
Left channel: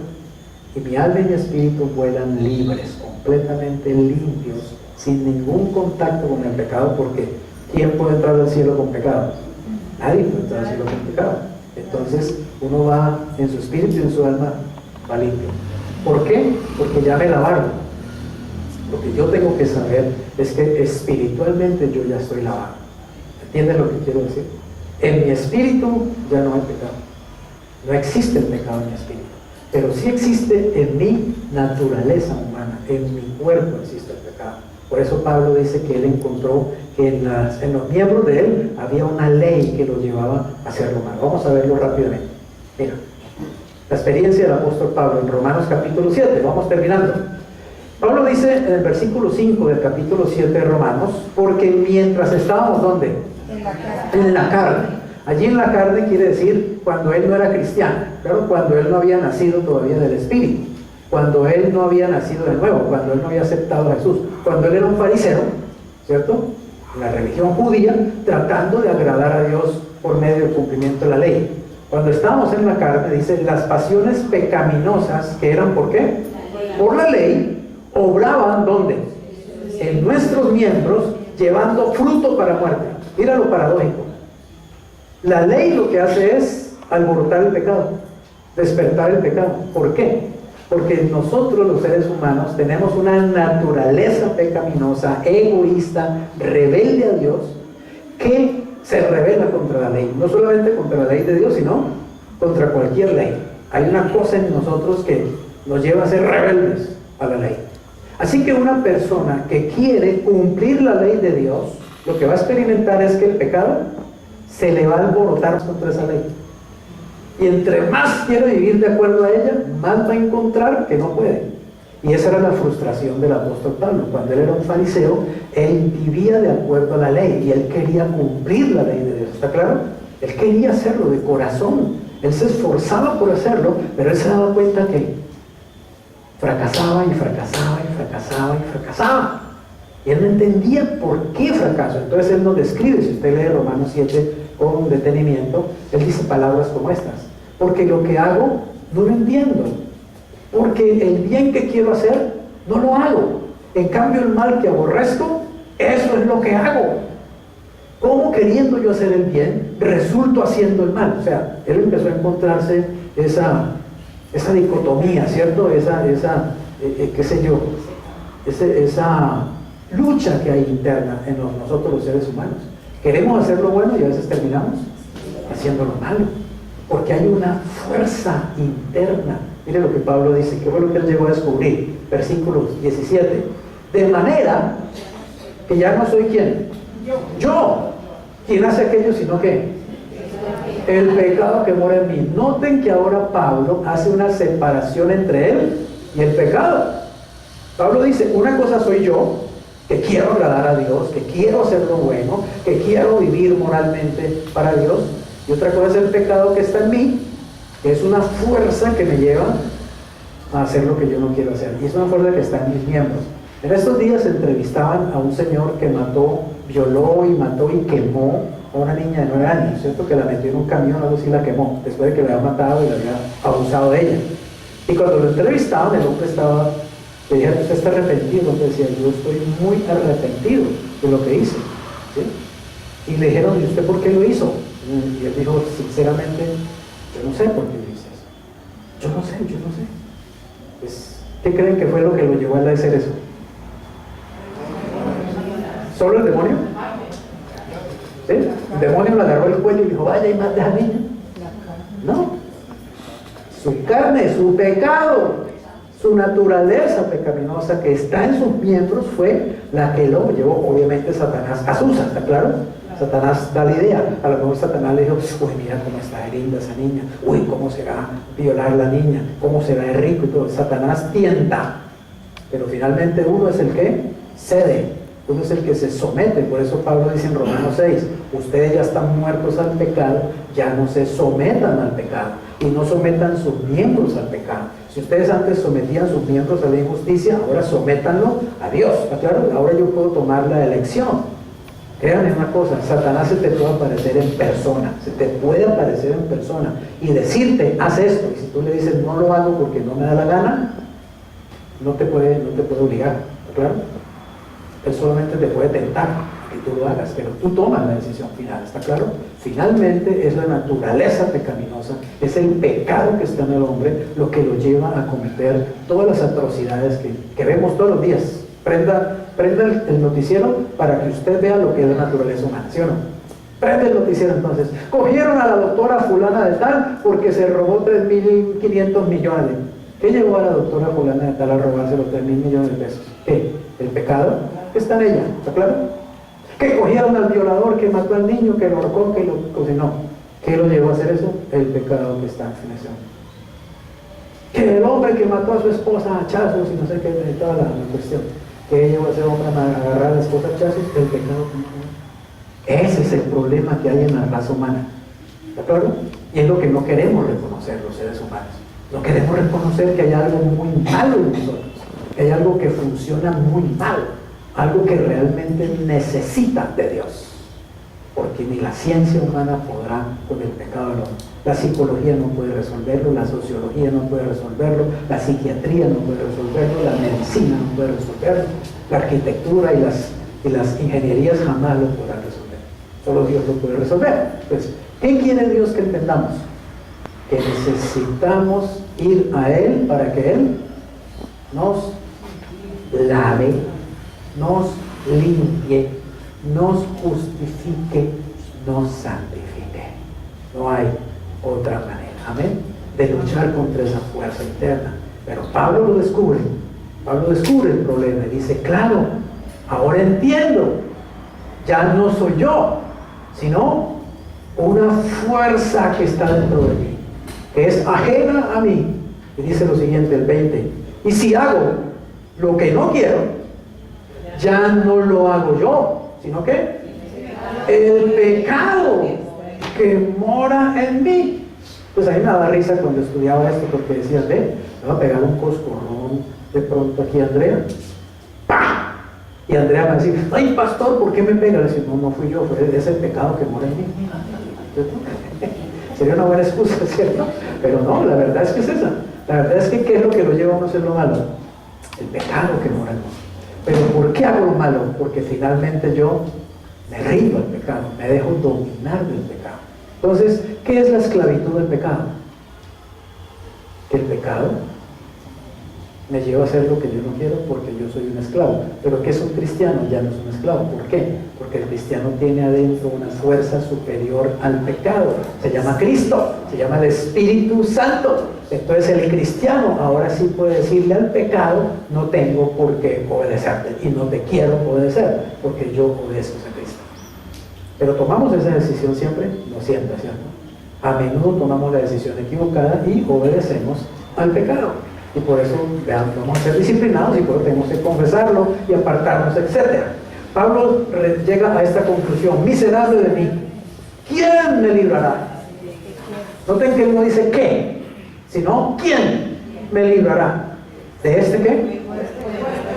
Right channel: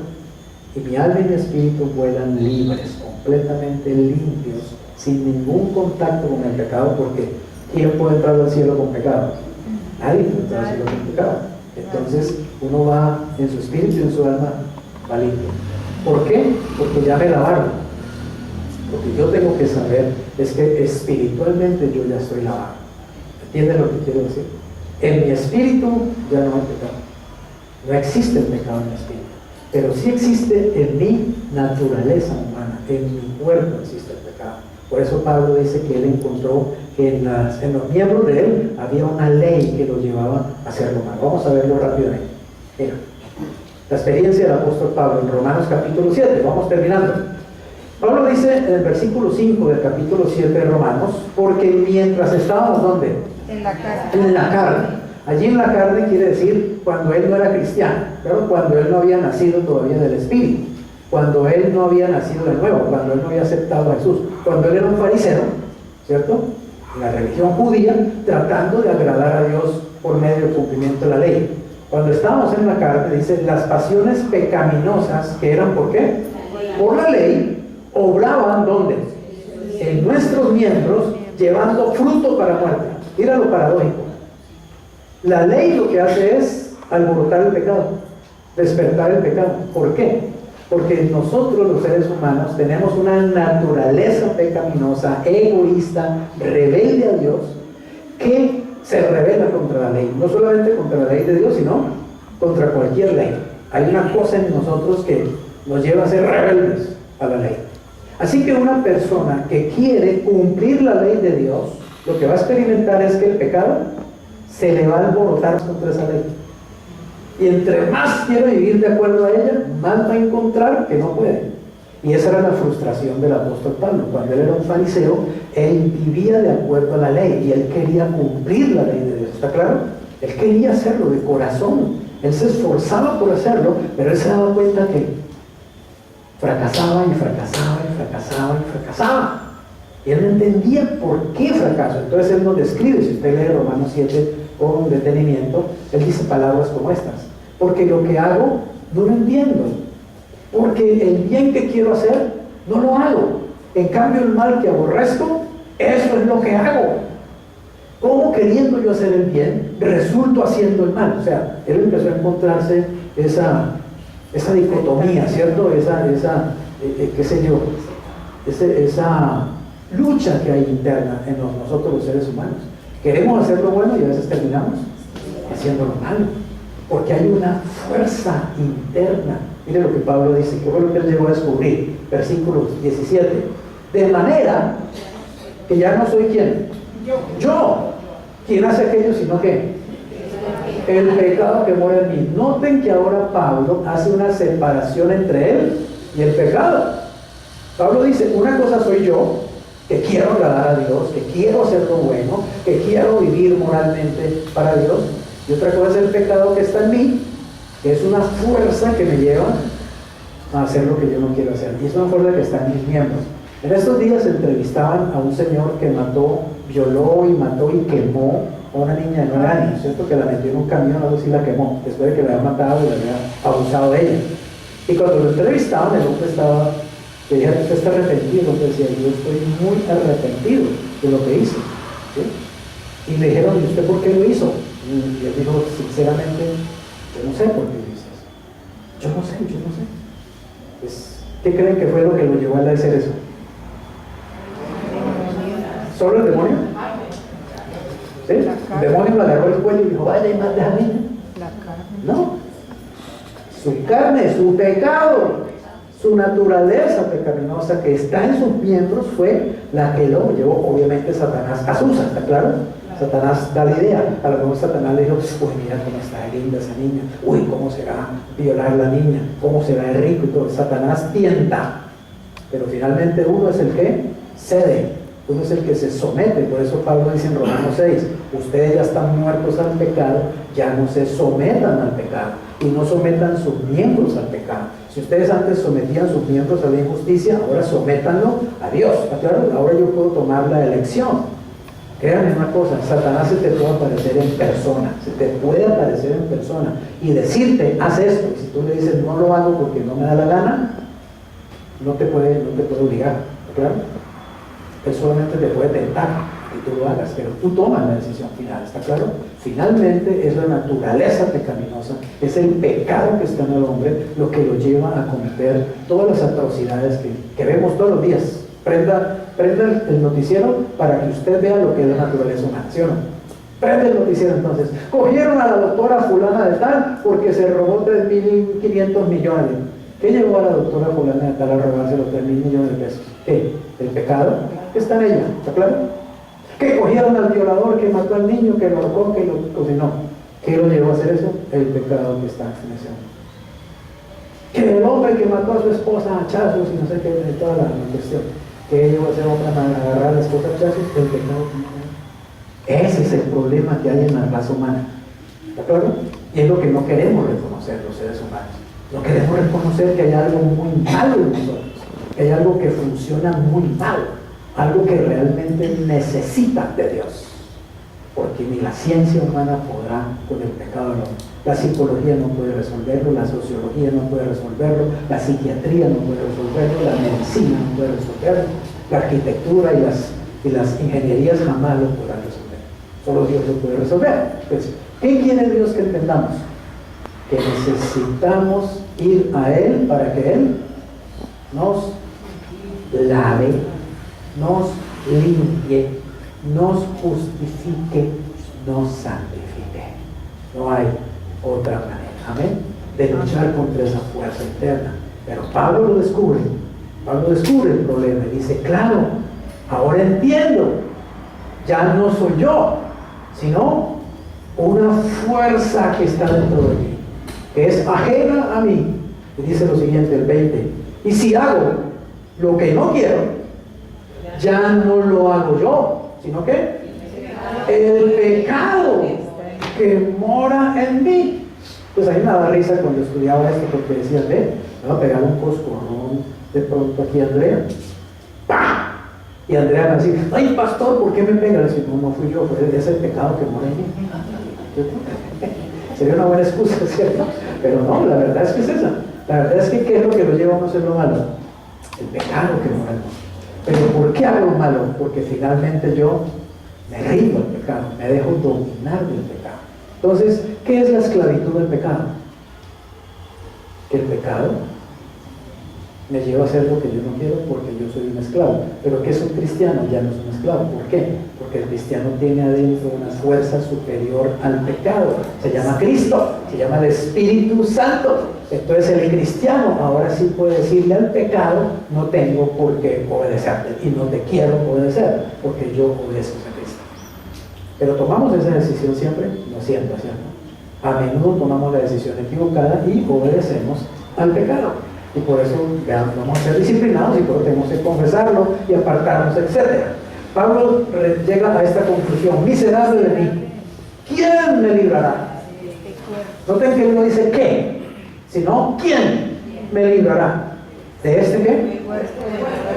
y mi alma y mi espíritu vuelan libres, completamente limpios, sin ningún contacto con el pecado. Porque ¿quién puede entrar al cielo con pecado? Nadie puede entrar al cielo con pecado. Entonces uno va en su espíritu y en su alma va limpio. ¿Por qué? Porque ya me lavaron. Lo que yo tengo que saber es que espiritualmente yo ya estoy lavado. ¿Entienden lo que quiero decir? En mi espíritu ya no hay pecado. No existe el pecado en mi espíritu. Pero sí existe en mi naturaleza humana, en mi cuerpo existe el pecado. Por eso Pablo dice que él encontró que en los miembros de él había una ley que lo llevaba a hacer lo malo. Vamos a verlo rápidamente. Mira, la experiencia del apóstol Pablo en Romanos capítulo 7, vamos terminando. Pablo dice en el versículo 5 del capítulo 7 de Romanos: porque mientras estábamos, ¿dónde? En la carne. En la carne. Allí en la carne quiere decir cuando él no era cristiano, claro, cuando él no había nacido todavía del Espíritu, cuando él no había nacido de nuevo, cuando él no había aceptado a Jesús, cuando él era un fariseo, ¿cierto? La religión judía, tratando de agradar a Dios por medio del cumplimiento de la ley. Cuando estábamos en la carne, dice, las pasiones pecaminosas, que eran ¿por qué? Por la ley, obraban ¿dónde? En nuestros miembros, llevando fruto para muerte. Mira lo paradójico. La ley lo que hace es alborotar el pecado, despertar el pecado. ¿Por qué? Porque nosotros los seres humanos tenemos una naturaleza pecaminosa, egoísta, rebelde a Dios, que se rebela contra la ley. No solamente contra la ley de Dios, sino contra cualquier ley. Hay una cosa en nosotros que nos lleva a ser rebeldes a la ley. Así que una persona que quiere cumplir la ley de Dios, lo que va a experimentar es que el pecado se le va a alborotar contra esa ley. Y entre más quiere vivir de acuerdo a ella, más va a encontrar que no puede. Y esa era la frustración del apóstol Pablo. Cuando él era un fariseo, él vivía de acuerdo a la ley y él quería cumplir la ley de Dios. ¿Está claro? Él quería hacerlo de corazón. Él se esforzaba por hacerlo, pero él se daba cuenta que fracasaba y fracasaba y fracasaba y fracasaba. Y él no entendía por qué fracaso. Entonces él nos describe, si usted lee Romanos 7 con detenimiento, él dice palabras como estas: porque lo que hago no lo entiendo, porque el bien que quiero hacer no lo hago, en cambio el mal que aborrezco, eso es lo que hago. ¿Cómo queriendo yo hacer el bien, resulto haciendo el mal? O sea, él empezó a encontrarse esa dicotomía, ¿cierto? Qué sé yo, esa lucha que hay interna en nosotros los seres humanos. Queremos hacer lo bueno y a veces terminamos haciendo lo malo, porque hay una fuerza interna. Mire lo que Pablo dice, que fue lo que él llegó a descubrir, versículo 17: de manera que ya no soy ¿quién? Yo. ¿Quién hace aquello sino qué? El pecado que mora en mí. Noten que ahora Pablo hace una separación entre él y el pecado. Pablo dice, una cosa soy yo, que quiero agradar a Dios, que quiero hacer lo bueno, que quiero vivir moralmente para Dios, y otra cosa es el pecado que está en mí, que es una fuerza que me lleva a hacer lo que yo no quiero hacer, y es una fuerza que está en mis miembros. En estos días entrevistaban a un señor que violó y mató y quemó a una niña de 9 años, ¿cierto? Que la metió en un camión, algo así, la quemó, después de que la había matado y la había abusado de ella. Y cuando lo entrevistaban, el hombre le dijeron, ¿usted está arrepentido? Entonces decía, yo estoy muy arrepentido de lo que hice, ¿sí? Y le dijeron, ¿y usted por qué lo hizo? Y él dijo, sinceramente, yo no sé por qué hice eso. Yo no sé. Pues, ¿qué creen que fue lo que lo llevó a él a hacer eso? ¿Solo el demonio? ¿Sí? El demonio le agarró el cuello y dijo, vaya y mate a la niña. No. Su carne, su pecado, su naturaleza pecaminosa que está en sus miembros fue la que lo llevó. Obviamente Satanás asusa, ¿está claro? Satanás da la idea. A lo mejor Satanás le dijo, uy, mira cómo está de linda esa niña, uy, cómo será violar a la niña, cómo será de rico y todo. Satanás tienta, pero finalmente uno es el que cede, uno es el que se somete. Por eso Pablo dice en Romanos 6, ustedes ya están muertos al pecado, ya no se sometan al pecado y no sometan sus miembros al pecado. Si ustedes antes sometían sus miembros a la injusticia, ahora sométanlo a Dios. ¿Está claro? Ahora yo puedo tomar la elección. Créanme una cosa, Satanás se te puede aparecer en persona, y decirte, haz esto, y si tú le dices, no lo hago porque no me da la gana, no te puede obligar, ¿está claro? Él solamente te puede tentar que tú lo hagas, pero tú tomas la decisión final, ¿está claro? Finalmente es la naturaleza pecaminosa, es el pecado que está en el hombre lo que lo lleva a cometer todas las atrocidades que vemos todos los días. Prenda el noticiero para que usted vea lo que es la naturaleza humana, ¿sí o no? Prende el noticiero entonces. Cogieron a la doctora fulana de tal porque se robó 3.500 millones. ¿Qué llevó a la doctora fulana de tal a robarse los 3.000 millones de pesos? ¿Qué? ¿El pecado? ¿Qué está en ella? ¿Está claro? ¿Que cogieron al violador que mató al niño, que lo ahorcó, que lo cocinó? ¿Qué lo llevó a hacer eso? El pecado que está en ese hombre. Que el hombre que mató a su esposa a hachazos y no sé qué, de toda la cuestión. Que llevó a ese hombre a agarrar a la esposa a hachazos, el pecado. Ese es el problema que hay en la raza humana. ¿De acuerdo? Y es lo que no queremos reconocer los seres humanos. No queremos reconocer que hay algo muy malo en nosotros, que hay algo que funciona muy mal, algo que realmente necesita de Dios. Porque ni la ciencia humana podrá con el pecado del hombre. La psicología no puede resolverlo, la sociología no puede resolverlo, la psiquiatría no puede resolverlo, la medicina no puede resolverlo, la arquitectura y las ingenierías jamás lo podrán resolver. Solo Dios lo puede resolver. Pues, ¿qué quiere Dios que entendamos? Que necesitamos ir a Él para que Él nos lave, nos limpie, nos justifique, nos santifique. No hay otra manera, amén, de luchar contra esa fuerza interna. Pero Pablo lo descubre Pablo descubre el problema y dice, claro, ahora entiendo, ya no soy yo, sino una fuerza que está dentro de mí, que es ajena a mí. Y dice lo siguiente, el 20, y si hago lo que no quiero, ya no lo hago yo, sino que el pecado que mora en mí. Pues a mí me daba risa cuando estudiaba esto, porque decían, me va a pegar un coscorrón de pronto aquí a Andrea. ¡Pah! Y Andrea me va a decir, ay pastor, ¿por qué me pega? Le decía, no fui yo, es el pecado que mora en mí. Sería una buena excusa, ¿cierto? Pero no, la verdad es que es esa. La verdad es que ¿qué es lo que lo lleva a uno a hacer lo malo? El pecado que mora en mí. Pero ¿por qué hago lo malo? Porque finalmente yo me rindo al pecado, me dejo dominar del pecado. Entonces, ¿qué es la esclavitud del pecado? Que el pecado me lleva a hacer lo que yo no quiero porque yo soy un esclavo. Pero ¿qué es un cristiano? Ya no es un esclavo. ¿Por qué? Porque el cristiano tiene adentro una fuerza superior al pecado. Se llama Cristo, se llama el Espíritu Santo. Entonces el cristiano ahora sí puede decirle al pecado, no tengo por qué obedecerte y no te quiero obedecer porque yo obedezco a Cristo. Pero tomamos esa decisión siempre, no siempre, ¿cierto? A menudo tomamos la decisión equivocada y obedecemos al pecado. Y por eso vamos a ser disciplinados y por eso tenemos que confesarlo y apartarnos, etc. Pablo llega a esta conclusión, miserable de mí, ¿quién me librará? Noten que él no dice qué, sino ¿quién me librará? ¿De este qué?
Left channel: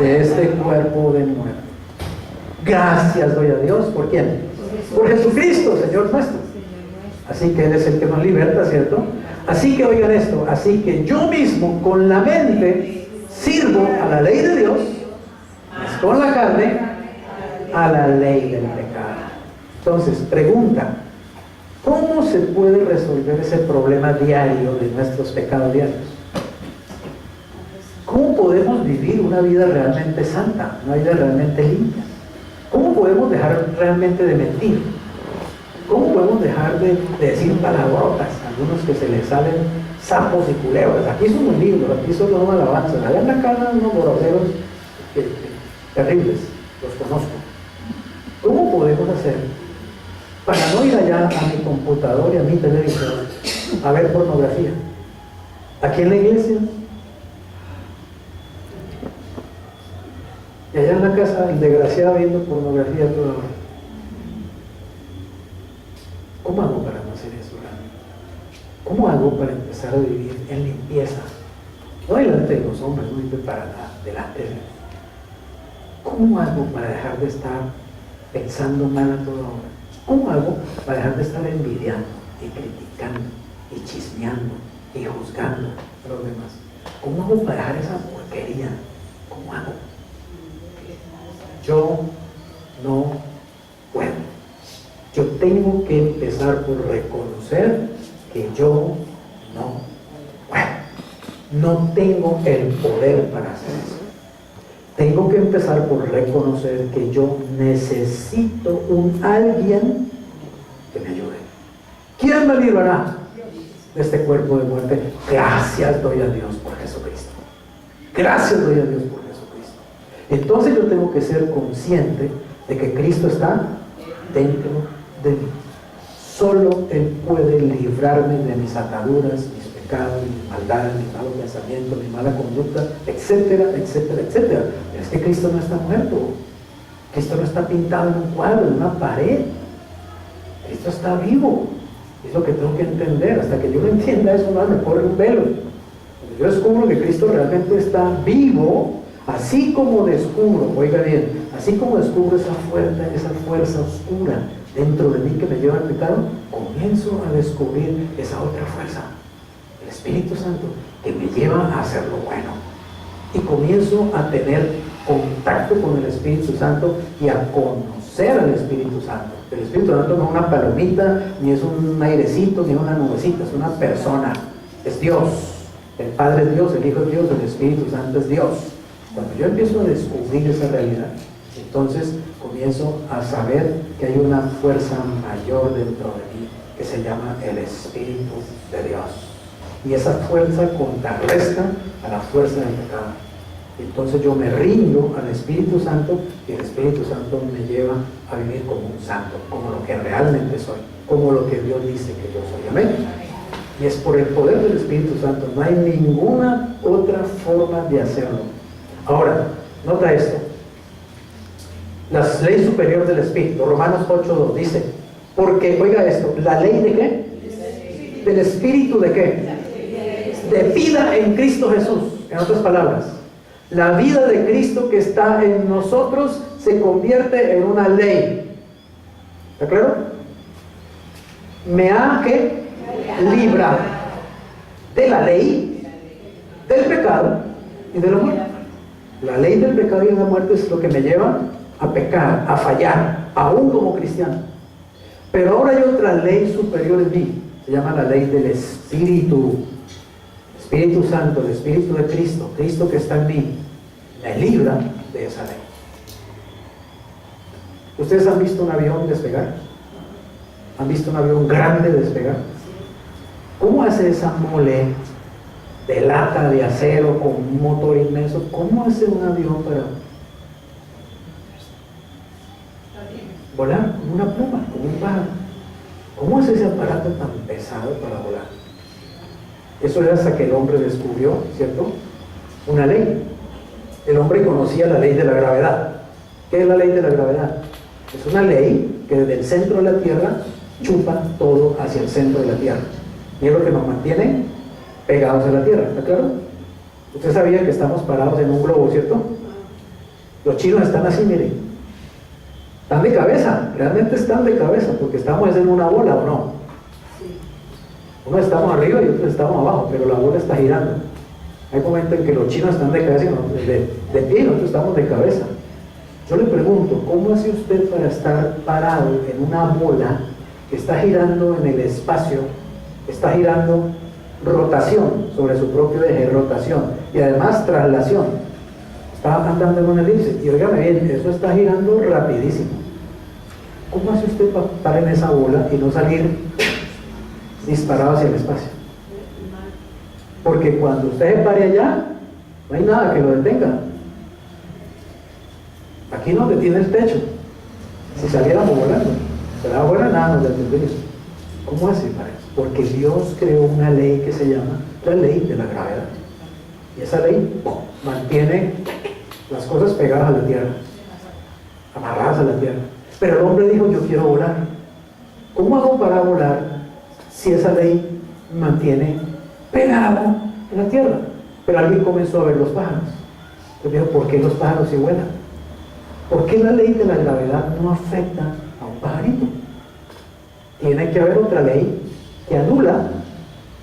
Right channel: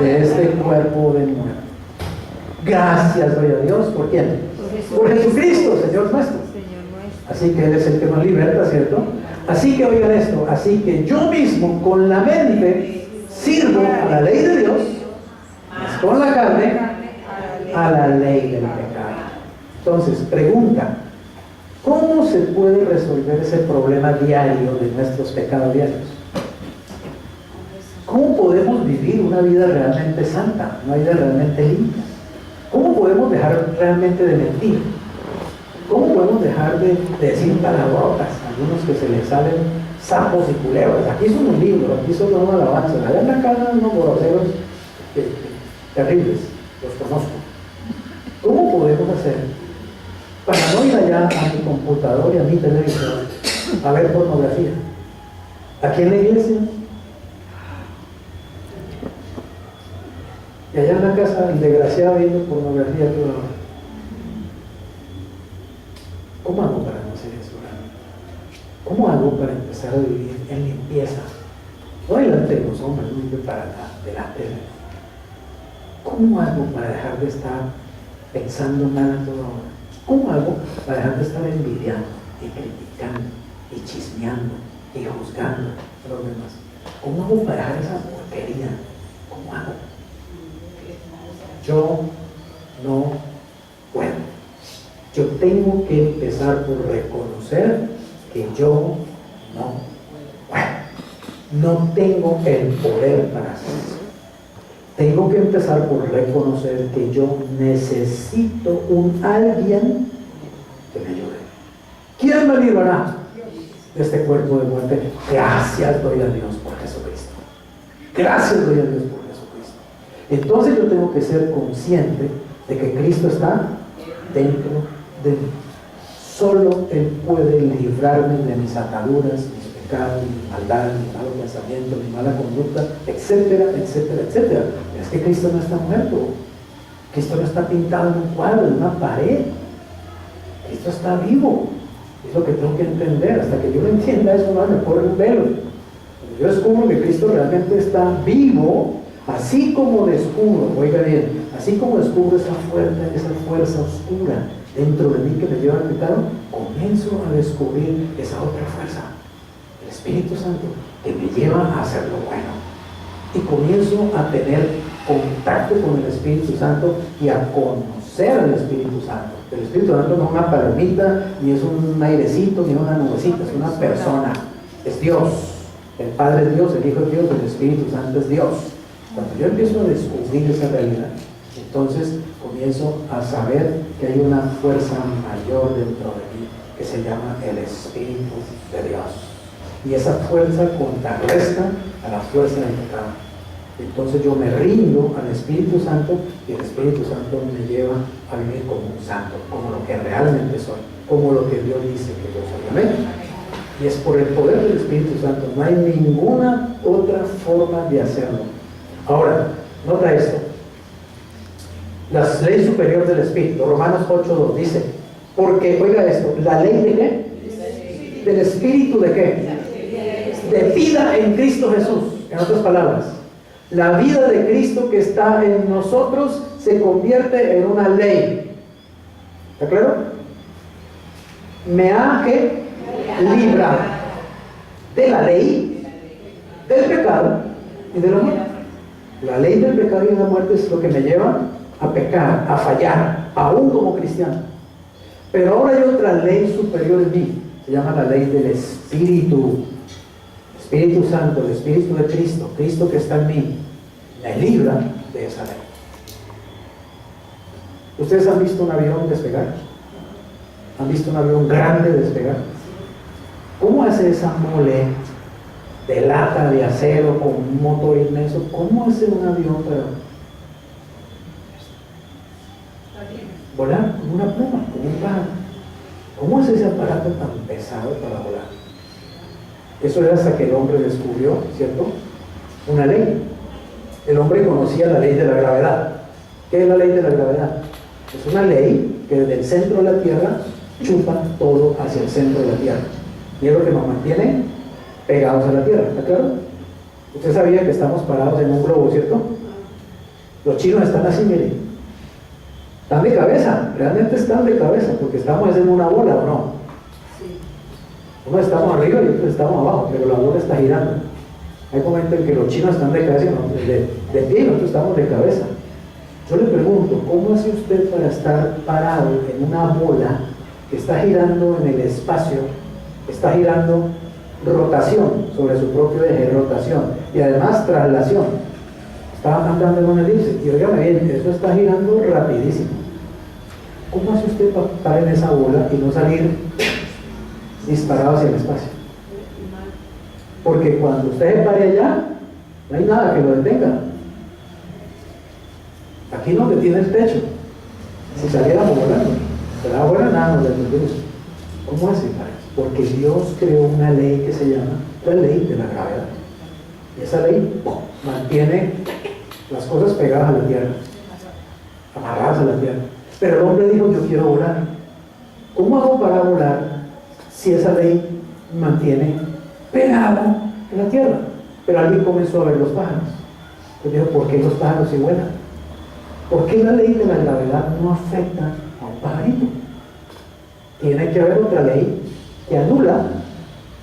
De este cuerpo de muerte. Gracias doy a Dios, ¿por quién? Por Jesucristo, Señor nuestro. Así que Él es el que nos liberta, ¿cierto? Así que oigan esto, así que yo mismo con la mente sirvo a la ley de Dios, mas con la carne a la ley del pecado. Entonces, pregunta, ¿cómo se puede resolver ese problema diario de nuestros pecados diarios? ¿Cómo podemos vivir una vida realmente santa, una vida realmente limpia? ¿Cómo podemos dejar realmente de mentir? ¿Cómo podemos dejar de decir palabrotas? Algunos que se les salen sapos y culebras. Aquí son un libro, aquí son unos alabanzas. Allá en la casa unos groseros terribles, los conozco. ¿Cómo podemos hacer para no ir allá a mi computador y a mi televisor a ver pornografía? Aquí en la iglesia. Y allá en la casa el desgraciado viendo pornografía toda hora. ¿Cómo hago para no hacer eso? ¿Cómo hago para empezar a vivir en limpieza? No delante de los hombres, no vive para nada, delante de Dios. ¿Cómo hago para dejar de estar pensando mal a toda hora? ¿Cómo hago para dejar de estar envidiando y criticando y chismeando y juzgando a los demás? ¿Cómo hago para dejar esa porquería? ¿Cómo hago? Yo no puedo. Yo tengo que empezar por reconocer que yo no puedo. No tengo el poder para hacer eso. Tengo que empezar por reconocer que yo necesito un alguien que me ayude. ¿Quién me librará de este cuerpo de muerte? Gracias doy a Dios por Jesucristo. Gracias doy a Dios por Jesucristo. Entonces yo tengo que ser consciente de que Cristo está dentro de mí. Solo Él puede librarme de mis ataduras, mis pecados, mi maldad, mi malo pensamiento, mi mala conducta, etcétera, etcétera, etcétera. Pero es que Cristo no está muerto. Cristo no está pintado en un cuadro, en una pared. Cristo está vivo. Es lo que tengo que entender. Hasta que yo lo entienda, eso no me pone un velo. Cuando yo descubro que Cristo realmente está vivo, así como descubro, oiga bien, así como descubro esa fuerza oscura dentro de mí que me lleva al pecado, comienzo a descubrir esa otra fuerza, el Espíritu Santo, que me lleva a hacer lo bueno. Y comienzo a tener contacto con el Espíritu Santo y a conocer al Espíritu Santo. El Espíritu Santo no es una palomita, ni es un airecito, ni una nubecita, es una persona, es Dios. El Padre es Dios, el Hijo es Dios, el Espíritu Santo es Dios. Cuando yo empiezo a descubrir esa realidad, entonces comienzo a saber que hay una fuerza mayor dentro de mí que se llama el Espíritu de Dios. Y esa fuerza contrarresta a la fuerza del pecado. Entonces yo me rindo al Espíritu Santo y el Espíritu Santo me lleva a vivir como un santo, como lo que realmente soy, como lo que Dios dice que yo soy. Amén. Y es por el poder del Espíritu Santo, no hay ninguna otra forma de hacerlo. Ahora, nota esto. La ley superior del Espíritu, Romanos 8:2 dice, porque, oiga esto, ¿la ley de qué? Del Espíritu de qué? De vida en Cristo Jesús. En otras palabras, la vida de Cristo que está en nosotros se convierte en una ley. ¿Está claro? Me ha que librado de la ley, del pecado y de la muerte. La ley del pecado y de la muerte es lo que me lleva a pecar, a fallar, aún como cristiano. Pero ahora hay otra ley superior en mí, se llama la ley del Espíritu. Espíritu Santo, el Espíritu de Cristo, Cristo que está en mí, me libra de esa ley. ¿Ustedes han visto un avión despegar? ¿Han visto un avión grande despegar? ¿Cómo hace esa mole de lata de acero con un motor inmenso? ¿Cómo hace un avión para volar como una pluma, como un pájaro? ¿Cómo hace ese aparato tan pesado para volar? Eso era hasta que el hombre descubrió, ¿cierto?, una ley. El hombre conocía la ley de la gravedad. ¿Qué es la ley de la gravedad? Es una ley que desde el centro de la Tierra chupa todo hacia el centro de la Tierra. Y es lo que nos mantiene pegados a la Tierra, ¿está claro? Usted sabía que estamos parados en un globo, ¿cierto? Los chinos están así, miren. Están de cabeza, realmente están de cabeza, porque estamos en una bola, ¿o no? Uno estamos arriba y otro estamos abajo, pero la bola está girando. Hay momentos en que los chinos están de cabeza, de pie, y nosotros estamos de cabeza. Yo le pregunto, ¿cómo hace usted para estar parado en una bola que está girando en el espacio, está girando rotación sobre su propio eje, rotación, y además traslación? Está andando en una elipse, y óigame bien, eso está girando rapidísimo. ¿Cómo hace usted para estar en esa bola y no salir disparado hacia el espacio? Porque cuando usted se pare allá, no hay nada que lo detenga. Aquí no detiene el techo. Si saliéramos volando, pero ahora nada nos detiene. ¿Cómo hace para eso? Porque Dios creó una ley que se llama la ley de la gravedad. Y esa ley mantiene las cosas pegadas a la tierra, amarradas a la tierra. Pero el hombre dijo, yo quiero volar. ¿Cómo hago para volar si esa ley mantiene pegado en la tierra? Pero alguien comenzó a ver los pájaros. Entonces dijo, ¿por qué los pájaros sí vuelan? ¿Por qué la ley de la gravedad no afecta a un pajarito? Tiene que haber otra ley que anula,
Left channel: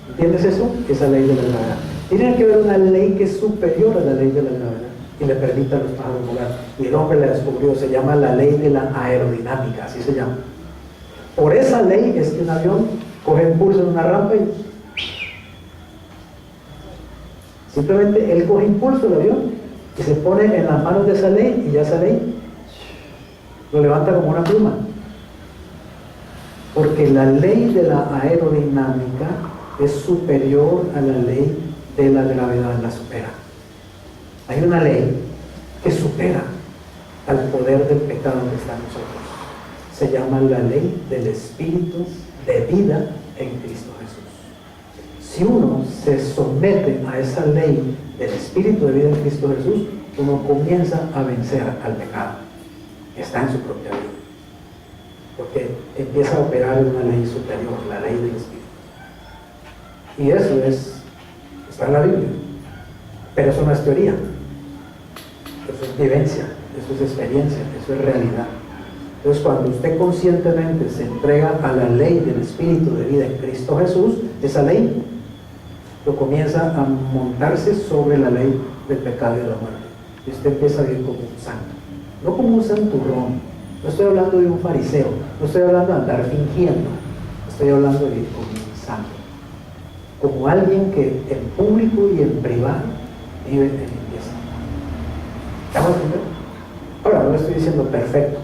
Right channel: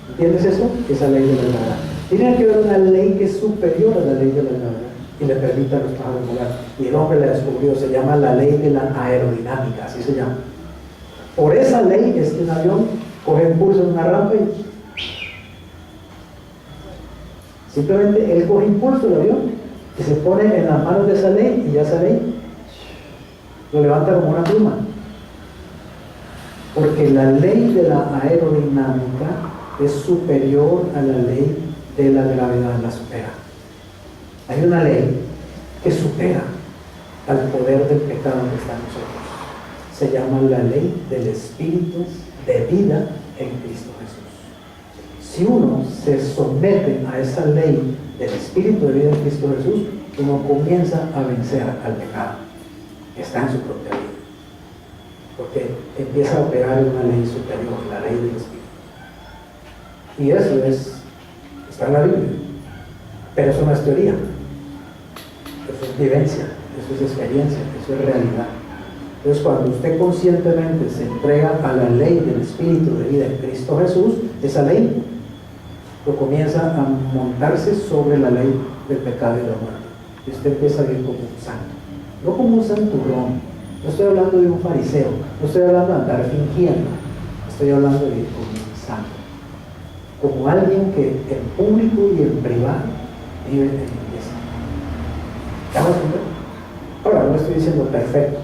¿entiendes eso? Esa ley de la gravedad. Tiene que haber una ley que es superior a la ley de la gravedad y le permita a los pájaros volar. Y el hombre la descubrió, se llama la ley de la aerodinámica, así se llama. Por esa ley es que un avión coge impulso en una rampa y simplemente él coge impulso del avión y se pone en las manos de esa ley, y ya esa ley lo levanta como una pluma. Porque la ley de la aerodinámica es superior a la ley de la gravedad, la supera. Hay una ley que supera al poder del pecado que está en nosotros. Se llama la ley del Espíritu de vida en Cristo Jesús. Si uno se somete a esa ley del Espíritu de vida en Cristo Jesús, uno comienza a vencer al pecado que está en su propia vida, porque empieza a operar en una ley superior, la ley del Espíritu. Y eso está en la Biblia, pero eso no es teoría, eso es vivencia, eso es experiencia, eso es realidad. Entonces, cuando usted conscientemente se entrega a la ley del Espíritu de vida en Cristo Jesús, esa ley lo comienza a montarse sobre la ley del pecado y de la muerte. Y usted empieza a vivir como un santo, no como un santurrón. No estoy hablando de un fariseo, no estoy hablando de andar fingiendo, estoy hablando de vivir como un santo, como alguien que en público y en privado vive en limpieza. ¿Estamos entendiendo? Ahora, no estoy diciendo perfecto.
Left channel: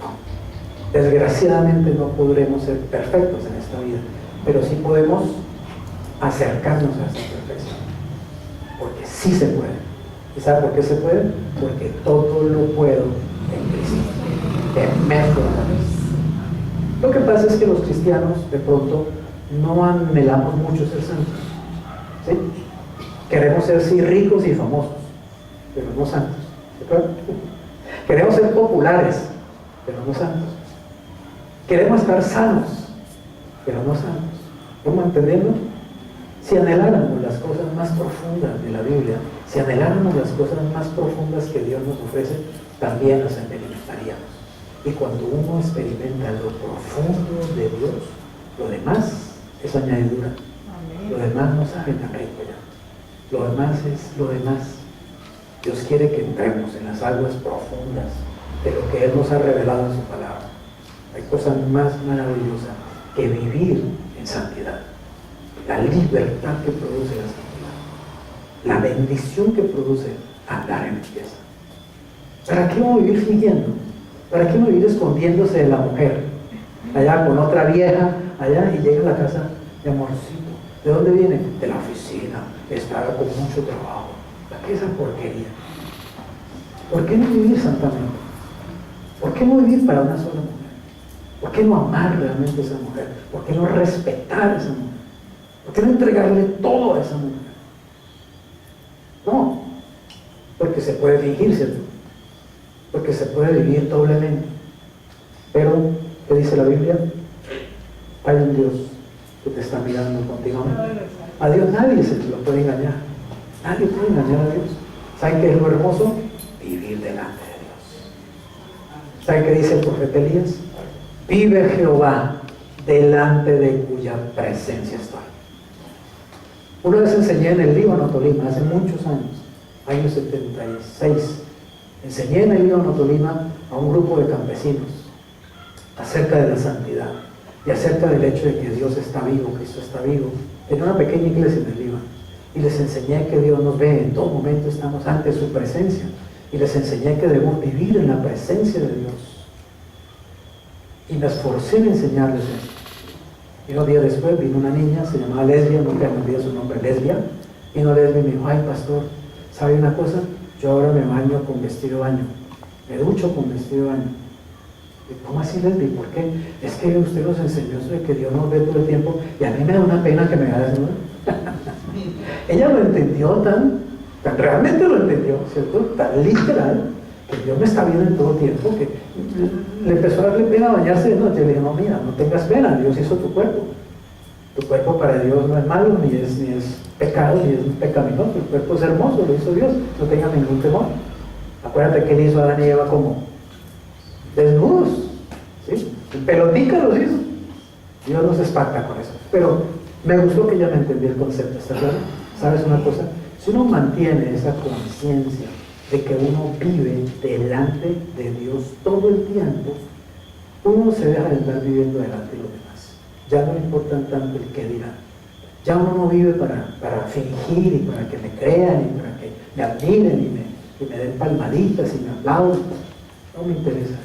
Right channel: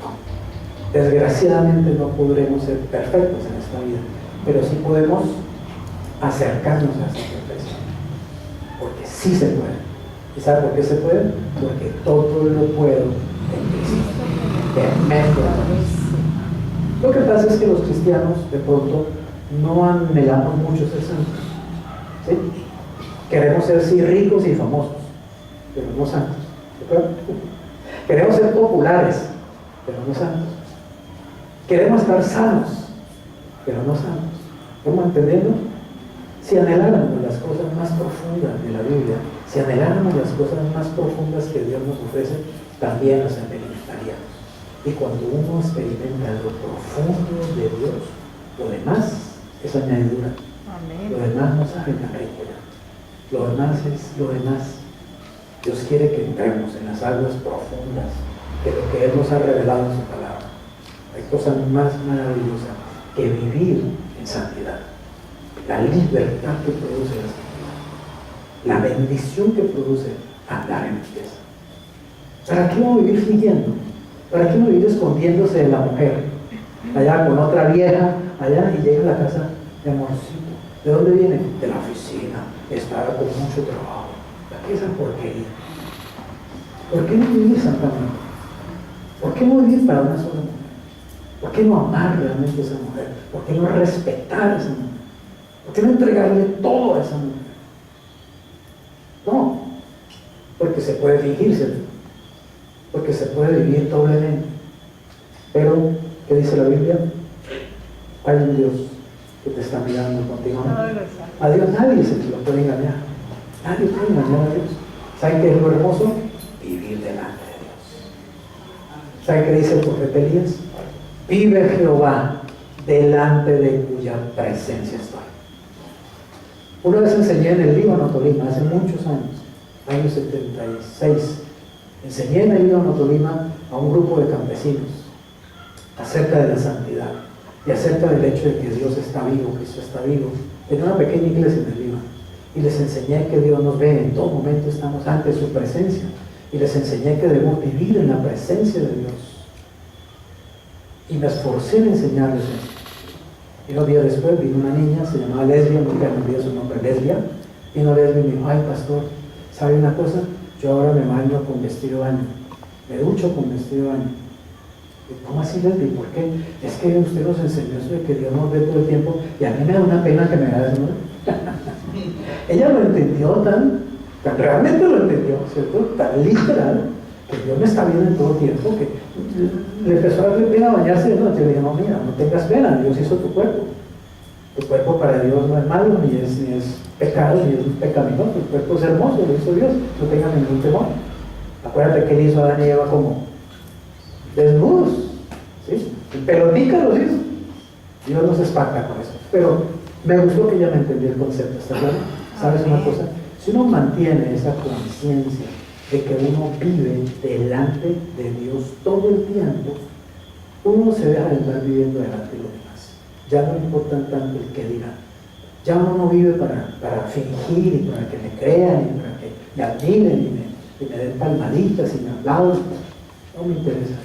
No. Desgraciadamente no podremos ser perfectos en esta vida, pero sí podemos acercarnos a esa perfección, porque sí se puede. ¿Y sabe por qué se puede? Porque todo lo puedo en Cristo, que me fortalece. Lo que pasa es que los cristianos de pronto no anhelamos mucho ser santos, ¿sí? Queremos ser sí ricos y famosos, pero no santos, ¿de acuerdo? Queremos ser populares, pero no santos. Queremos estar sanos, pero no santos. ¿Cómo entendiendo? Si anheláramos las cosas más profundas de la Biblia, si anheláramos las cosas más profundas que Dios nos ofrece, también las experimentaríamos. Y cuando uno experimenta lo profundo de Dios, lo demás es añadidura. Amén. Lo demás no sabe tan rico ya. Lo demás es lo demás. Dios quiere que entremos en las aguas profundas de lo que Él nos ha revelado en su palabra. Hay cosas más maravillosas que vivir en santidad. La libertad que produce la santidad. La bendición que produce andar en limpieza. ¿Para qué uno vivir fingiendo? ¿Para qué uno vivir escondiéndose de la mujer? Allá con otra vieja, allá, y llega a la casa de amorcito. ¿De dónde viene? De la oficina. Estaba con mucho trabajo. ¿Para qué esa porquería? ¿Por qué no vivir santamente? ¿Por qué no vivir para una sola mujer? ¿Por qué no amar realmente a esa mujer? ¿Por qué no respetar a esa mujer? ¿Por qué no entregarle todo a esa mujer? No, porque se puede fingirse, porque se puede vivir doblemente. Pero, ¿qué dice la Biblia? Hay un Dios que te está mirando continuamente. A Dios nadie se lo puede engañar. Nadie puede engañar a Dios. ¿Saben qué es lo hermoso? Vivir delante de Dios. ¿Saben qué dice el profeta Elías? Vive Jehová delante de cuya presencia estoy. Una vez enseñé en el Líbano, Tolima, hace muchos años, año 76. Enseñé en el Líbano, Tolima, a un grupo de campesinos acerca de la santidad y acerca del hecho de que Dios está vivo, Cristo está vivo, en una pequeña iglesia en el Líbano. Y les enseñé que Dios nos ve, en todo momento estamos ante su presencia. Y les enseñé que debemos vivir en la presencia de Dios. Y me esforcé en enseñarles esto. Y unos días después vino una niña, se llamaba Lesbia, nunca me olvidé su nombre, Lesbia. Vino Lesbia y me dijo: ay, pastor, ¿sabe una cosa? Yo ahora me baño con vestido de baño, me ducho con vestido de baño. Y, ¿cómo así, Lesbia? ¿Por qué? Es que usted nos enseñó sobre que Dios nos ve todo el tiempo y a mí me da una pena que me vea desnuda. Ella lo entendió tan realmente lo entendió, ¿cierto? Tan literal, que Dios me está viendo en todo tiempo, que le empezó a darle pena bañarse de noche. Le dije: no, mira, no tengas pena, Dios hizo tu cuerpo. Tu cuerpo para Dios no es malo, ni es pecado, ni es pecaminoso. Tu cuerpo es hermoso, lo hizo Dios, no tengas ningún temor. Acuérdate que Él hizo a Adán y Eva como desnudos, ¿sí? En pelotica los hizo. Dios nos espanta con eso. Pero me gustó que ella me entendiera el concepto, ¿está claro? ¿Sabes una cosa? Si uno mantiene esa conciencia de que uno vive delante de Dios todo el tiempo, uno se deja de estar viviendo delante de los demás. Ya no le importan tanto el qué dirán. Ya uno no vive para fingir y para que me crean y para que me admiren y me den palmaditas y me aplauden. No me interesa.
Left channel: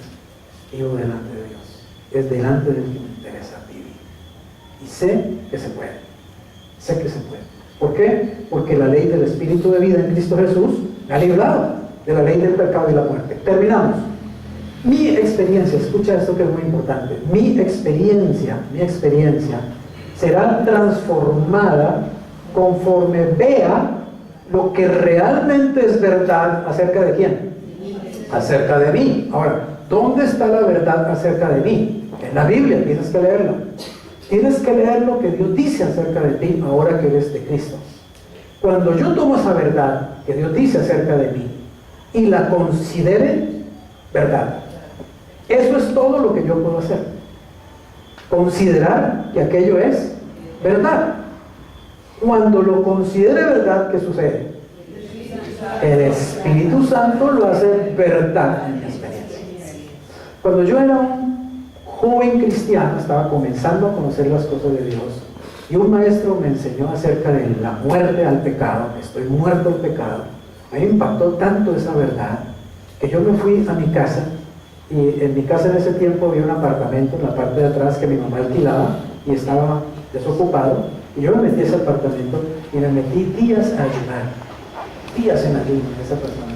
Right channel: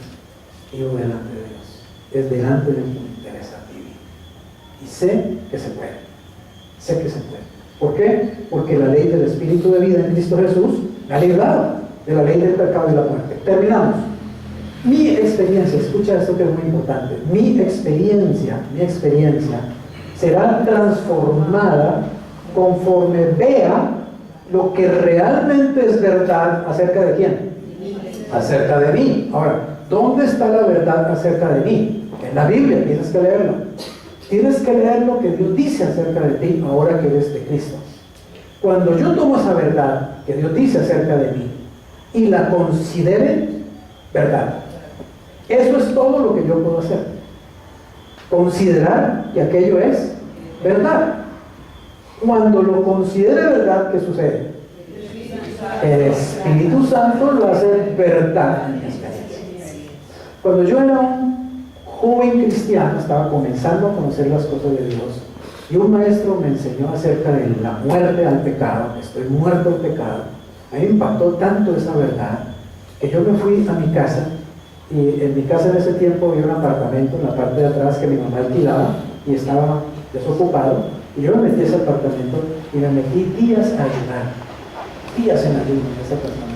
Vivo delante de Dios. Es delante de Dios que me interesa vivir. Y sé que se puede. Sé que se puede. ¿Por qué? Porque la ley del Espíritu de vida en Cristo Jesús me ha librado de la ley del pecado y la muerte. Terminamos. Mi experiencia, escucha esto que es muy importante, mi experiencia será transformada conforme vea lo que realmente es verdad acerca de quién. Acerca de mí. Ahora, ¿dónde está la verdad acerca de mí? En la Biblia, tienes que leerla. Tienes que leer lo que Dios dice acerca de ti ahora que eres de Cristo. Cuando yo tomo esa verdad que Dios dice acerca de mí y la considere verdad, eso es todo lo que yo puedo hacer. Considerar que aquello es verdad. Cuando lo considere verdad, ¿qué sucede? El Espíritu Santo lo hace verdad en mi experiencia. Cuando yo era un joven cristiano, estaba comenzando a conocer las cosas de Dios, y un maestro me enseñó acerca de la muerte al pecado, que estoy muerto al pecado. A mí me impactó tanto esa verdad que yo me fui a mi casa, y en mi casa en ese tiempo había un apartamento en la parte de atrás que mi mamá alquilaba y estaba desocupado, y yo me metí a ese apartamento y me metí días a ayunar. días en ayuno en esa persona,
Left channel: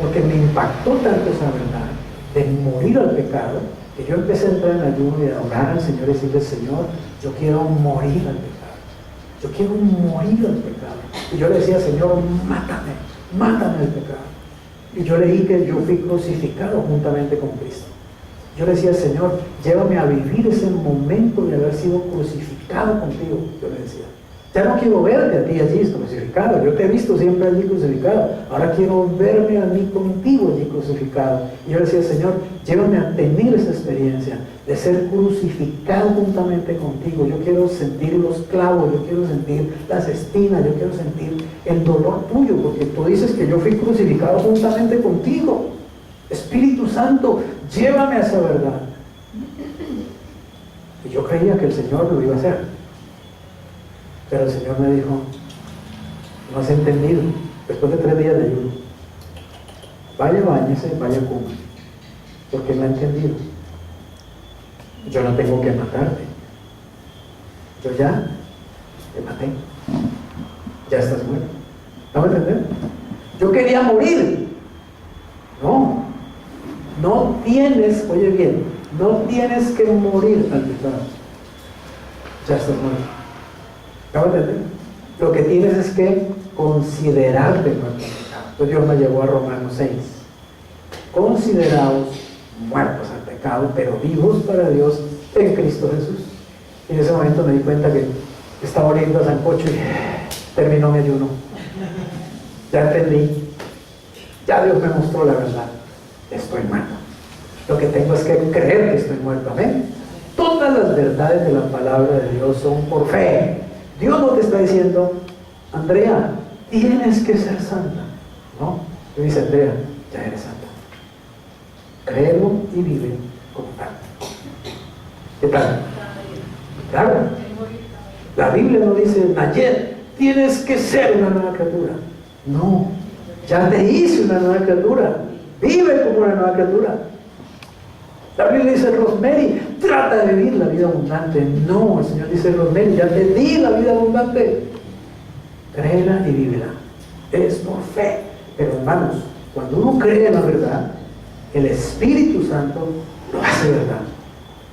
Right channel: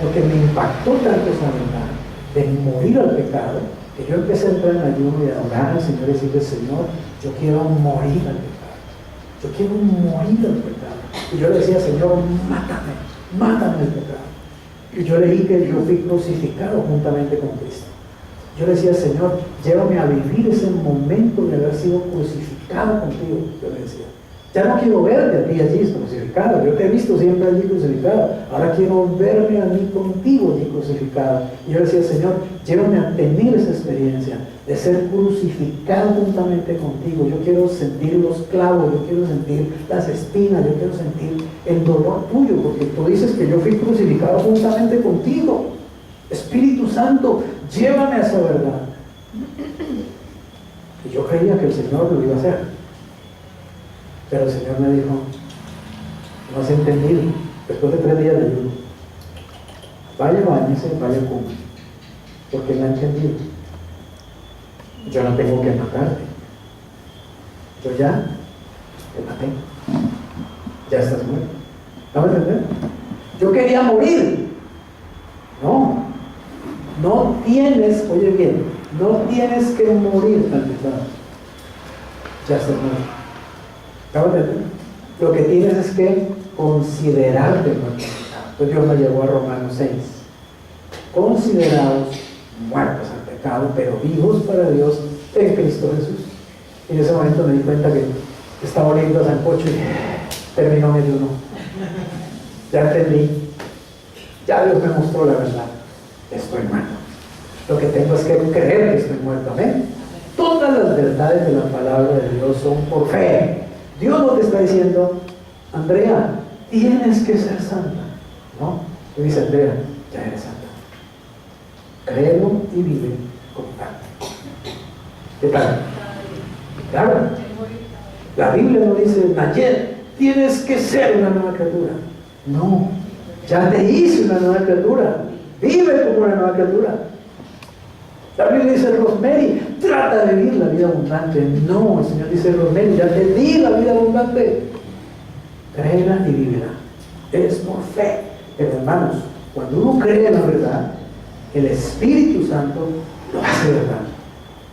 porque me impactó tanto esa verdad de morir al pecado, que yo empecé a entrar en ayuno y a orar al Señor y decirle: Señor, yo quiero morir al pecado, yo quiero morir al pecado. Y yo le decía: Señor, mátame al pecado. Y yo leí que yo fui crucificado juntamente con Cristo. Yo le decía: Señor, llévame a vivir ese momento de haber sido crucificado contigo. Yo le decía: ya no quiero verte a ti allí crucificado, yo te he visto siempre allí crucificado, ahora quiero verme a mí contigo allí crucificado. Y yo le decía: Señor, llévame a tener esa experiencia de ser crucificado juntamente contigo. Yo quiero sentir los clavos, yo quiero sentir las espinas, yo quiero sentir el dolor tuyo, porque tú dices que yo fui crucificado juntamente contigo. Espíritu Santo, llévame a esa verdad. Y yo creía que el Señor lo iba a hacer, pero el Señor me dijo: no has entendido. Después de 3 días de ayuno, vaya, báñese, vaya, coma, porque no ha entendido. Yo no tengo que matarte, yo ya te maté, ya estás muerto. ¿No me entiendes? Yo quería morir. No tienes, oye bien, no tienes que morir al pecado, ya estás muerto. ¿No me entiendes? Lo que tienes es que considerarte muerto al pecado. Entonces Dios me llevó a Romanos 6. Consideraos muertos al pecado, pero vivos para Dios en Cristo Jesús. Y en ese momento me di cuenta que estaba oliendo a sancocho y terminó mi ayuno. Ya entendí. Ya Dios me mostró la verdad. Estoy muerto. Lo que tengo es que creer que estoy muerto. Amén. Todas las verdades de la palabra de Dios son por fe. Dios no te está diciendo: Andrea, tienes que ser santa. No. Y dice: Andrea, ya eres santa. Créelo y vive como tal. ¿Qué tal? Claro. La Biblia no dice: Nayet, tienes que ser una nueva criatura. No. Ya te hice una nueva criatura. Vive como una nueva criatura. La Biblia dice: Rosemary, trata de vivir la vida abundante. No, el Señor dice: Rosemary, ya te di la vida abundante. Créela y vívela. Es por fe. Pero hermanos, cuando uno cree en la verdad, el Espíritu Santo lo hace verdad,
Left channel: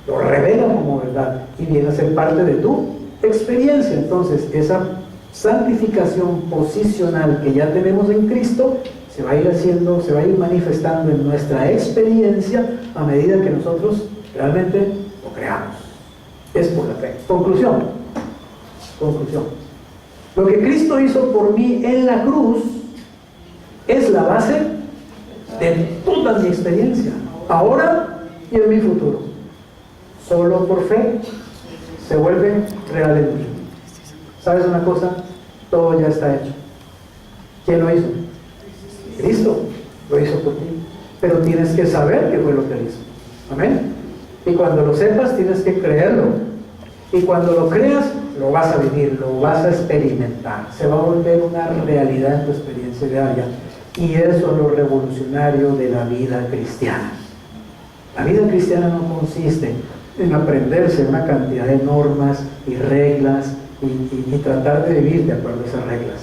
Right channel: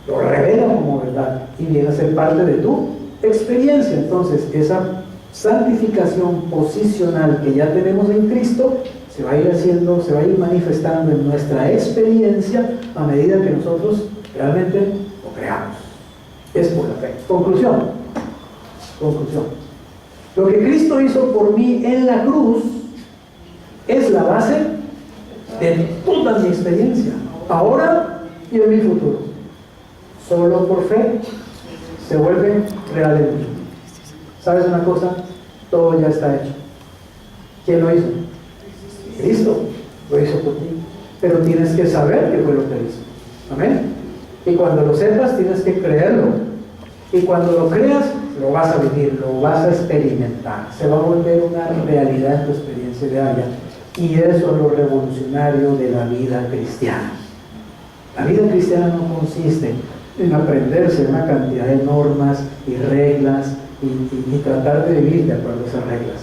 lo revela como verdad y viene a ser parte de tu experiencia. Entonces, esa santificación posicional que ya tenemos en Cristo se va a ir haciendo, se va a ir manifestando en nuestra experiencia a medida que nosotros realmente lo creamos. Es por la fe. Conclusión. Lo que Cristo hizo por mí en la cruz es la base de toda mi experiencia, ahora y en mi futuro. Solo por fe se vuelve real en mí. ¿Sabes una cosa? Todo ya está hecho. ¿Quién lo hizo? Cristo lo hizo por ti. Pero tienes que saber qué fue lo que hizo. Amén. Y cuando lo sepas, tienes que creerlo. Y cuando lo creas, lo vas a vivir, lo vas a experimentar. Se va a volver una realidad en tu experiencia diaria. Y eso es lo revolucionario de la vida cristiana. La vida cristiana no consiste en aprenderse una cantidad de normas y reglas y tratar de vivir de acuerdo a esas reglas.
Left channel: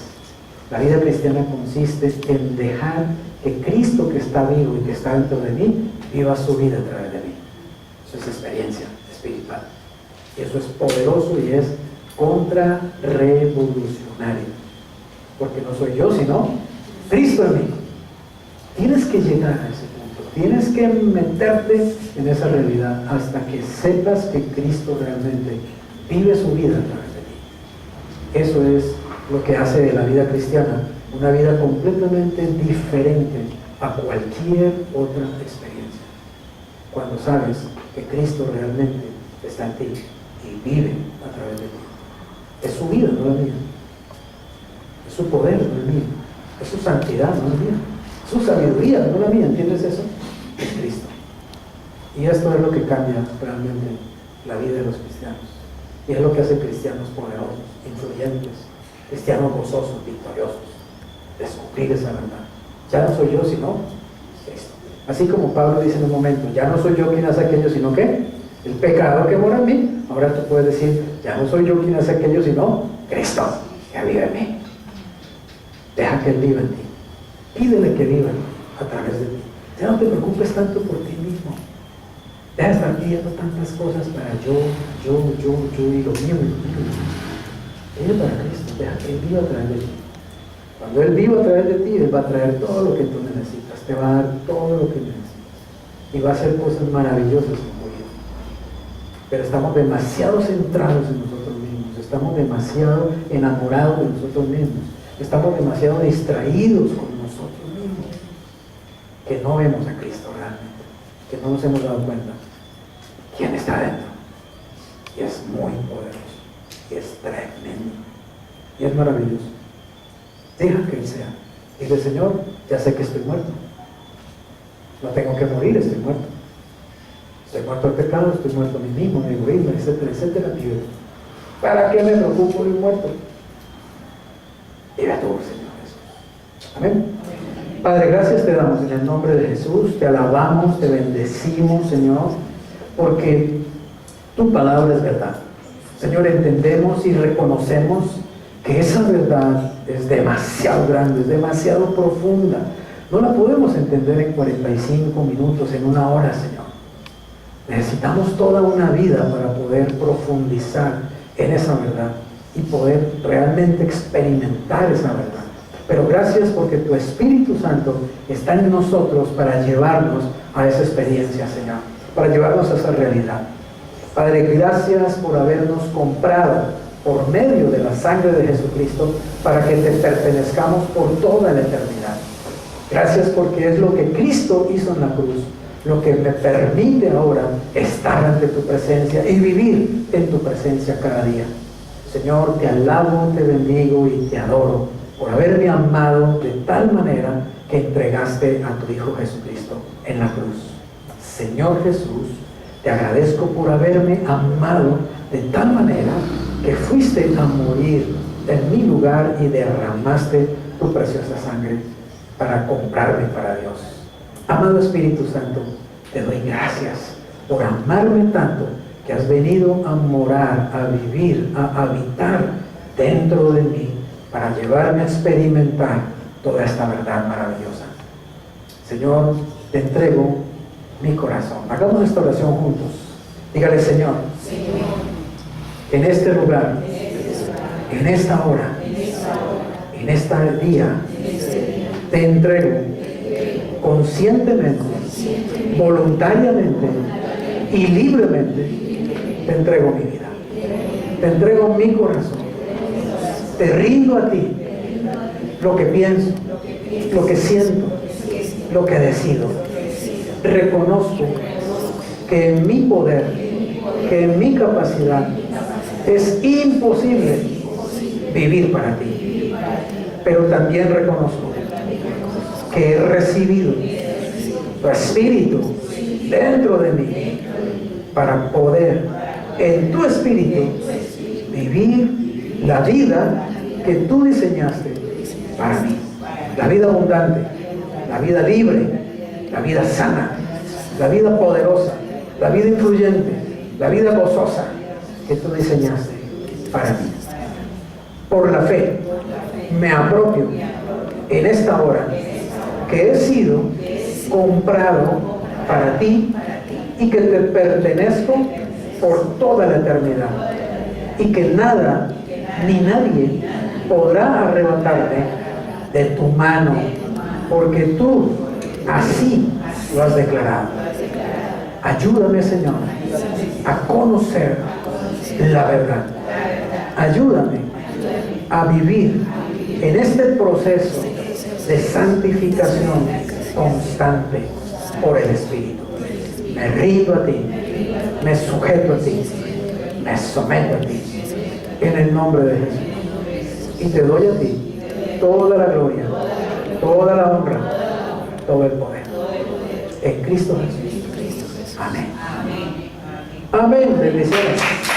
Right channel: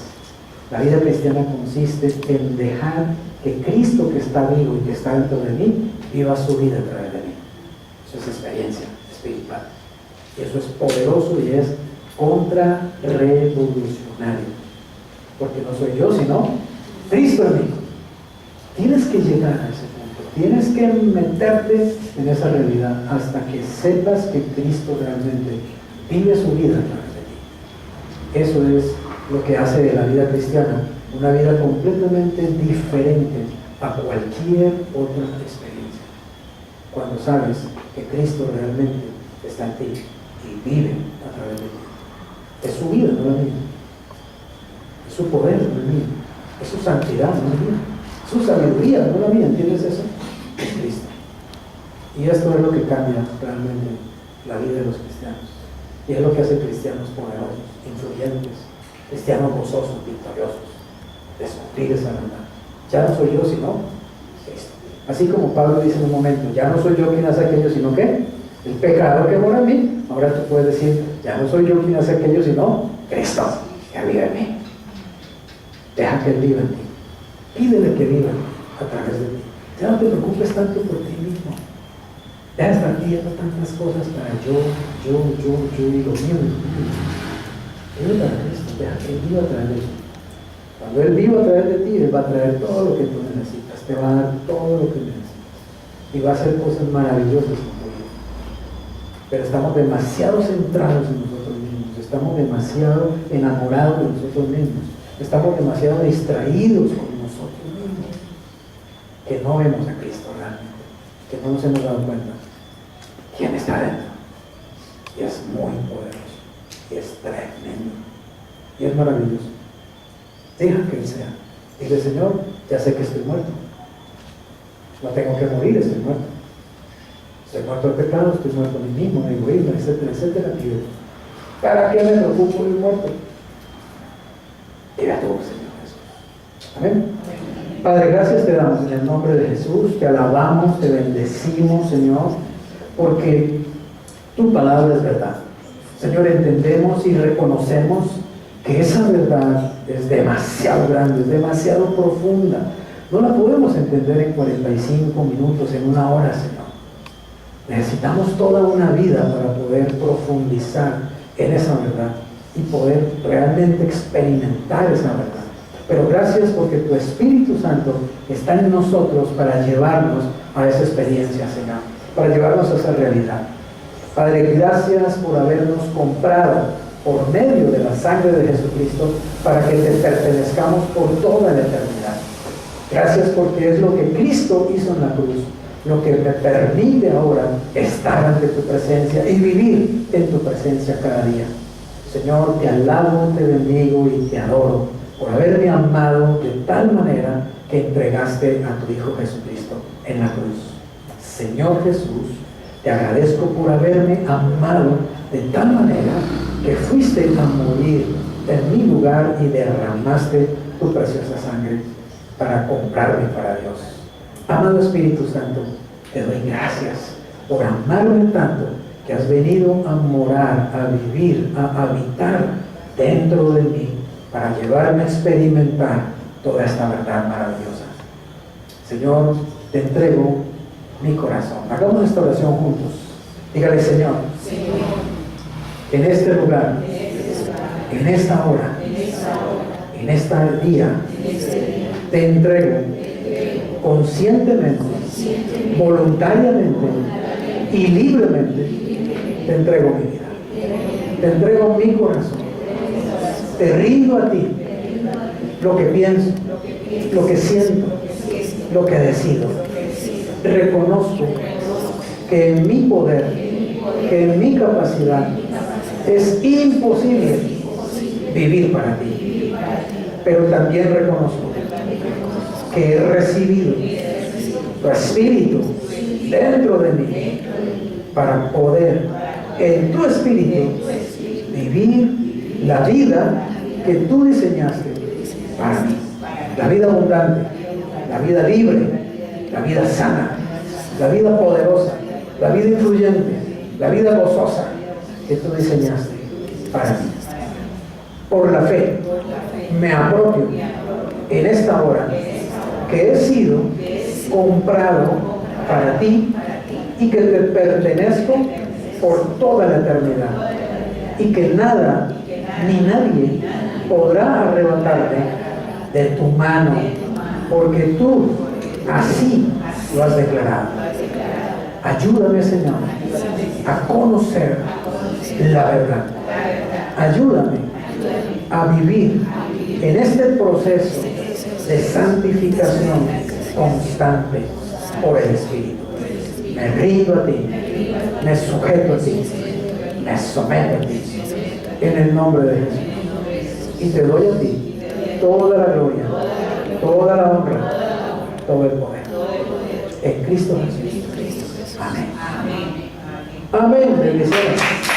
La vida cristiana consiste en dejar que Cristo, que está vivo y que está dentro de mí, viva su vida a través de mí. Eso es experiencia espiritual. Y eso es poderoso y es contrarrevolucionario. Porque no soy yo, sino Cristo en mí. Tienes que llegar a ese punto. Tienes que meterte en esa realidad hasta que sepas que Cristo realmente vive su vida a través de ti. Eso es lo que hace de la vida cristiana una vida completamente diferente a cualquier otra experiencia. Cuando sabes que Cristo realmente está en ti y vive a través de ti. Es su vida, no la mía. Es su poder, no la mía. Es su santidad, no la mía. Es su sabiduría, no la mía. ¿Entiendes eso? Es Cristo. Y esto es lo que cambia realmente la vida de los cristianos. Y es lo que hace cristianos poderosos, influyentes, cristianos gozosos, victoriosos. Descubrir esa verdad. Ya no soy yo, sino Cristo. Así como Pablo dice en un momento: ya no soy yo quien hace aquello, sino que el pecado que mora en mí. Ahora tú puedes decir: ya no soy yo quien hace aquello, sino Cristo que vive en mí. Deja que Él viva en ti. Pídele que viva a través de ti. Ya no te preocupes tanto por ti mismo. Deja de estar pidiendo tantas cosas para yo y lo mío. Vive para Cristo. Deja que Él viva a través de ti. Cuando Él viva a través de ti, Él va a traer todo lo que tú necesitas. Te va a dar todo lo que necesitas. Y va a hacer cosas maravillosas en tu vida. Pero estamos demasiado centrados en nosotros mismos. Estamos demasiado enamorados de nosotros mismos. Estamos demasiado distraídos con nosotros mismos. Que no vemos a Cristo realmente. Que no nos hemos dado cuenta quién está dentro. Y es muy poderoso. Y es tremendo. Y es maravilloso. Deja que Él sea. Dile, Señor, ya sé que estoy muerto. No tengo que morir, estoy muerto. Estoy muerto al pecado, estoy muerto a mí mismo, a mi egoísmo, etcétera, etcétera. ¿Para qué me preocupo de muerto? Dile a tu Señor Jesús. Amén. Padre, gracias te damos en el nombre de Jesús. Te alabamos, te bendecimos, Señor, porque tu palabra es verdad. Señor, entendemos y reconocemos que esa verdad es demasiado grande, es demasiado profunda. No la podemos entender en 45 minutos, en una hora, Señor. Necesitamos toda una vida para poder profundizar en esa verdad y poder realmente experimentar esa verdad. Pero gracias porque tu Espíritu Santo está en nosotros para llevarnos a esa experiencia, Señor, para llevarnos a esa realidad. Padre, gracias por habernos comprado por medio de la sangre de Jesucristo para que te pertenezcamos por toda la eternidad. Gracias porque es lo que Cristo hizo en la cruz, lo que me permite ahora estar ante tu presencia y vivir en tu presencia cada día. Señor, te alabo, te bendigo y te adoro por haberme amado de tal manera que entregaste a tu Hijo Jesucristo en la cruz. Señor Jesús, te agradezco por haberme amado de tal manera que fuiste a morir en mi lugar y derramaste tu preciosa sangre para comprarme para Dios. Amado Espíritu Santo, te doy gracias por amarme tanto que has venido a morar, a vivir, a habitar dentro de mí para llevarme a experimentar toda esta verdad maravillosa. Señor, te entrego mi corazón. Hagamos esta oración juntos. Dígale, Señor, en este lugar, en esta hora, en este día, te entrego conscientemente, voluntariamente y libremente, te entrego mi vida, te entrego mi corazón, te rindo a ti lo que pienso, lo que siento, lo que decido. Reconozco que en mi poder, que en mi capacidad es imposible vivir para ti, pero también reconozco que he recibido tu Espíritu dentro de mí para poder en tu Espíritu vivir la vida que tú diseñaste para mí, la vida abundante, la vida libre, la vida sana, la vida poderosa, la vida influyente, la vida gozosa que tú diseñaste para mí. Por la fe me apropio en esta hora que he sido comprado para ti y que te pertenezco por toda la eternidad y que nada ni nadie podrá arrebatarte de tu mano, porque tú así lo has declarado. Ayúdame, Señor, a conocer la verdad. Ayúdame a vivir en este proceso de santificación constante por el Espíritu. Me rindo a ti, me sujeto a ti, me someto a ti, en el nombre de Jesús. Y te doy a ti toda la gloria, toda la honra, todo el poder. En Cristo Jesús. Amén. Amén. Bendiciones.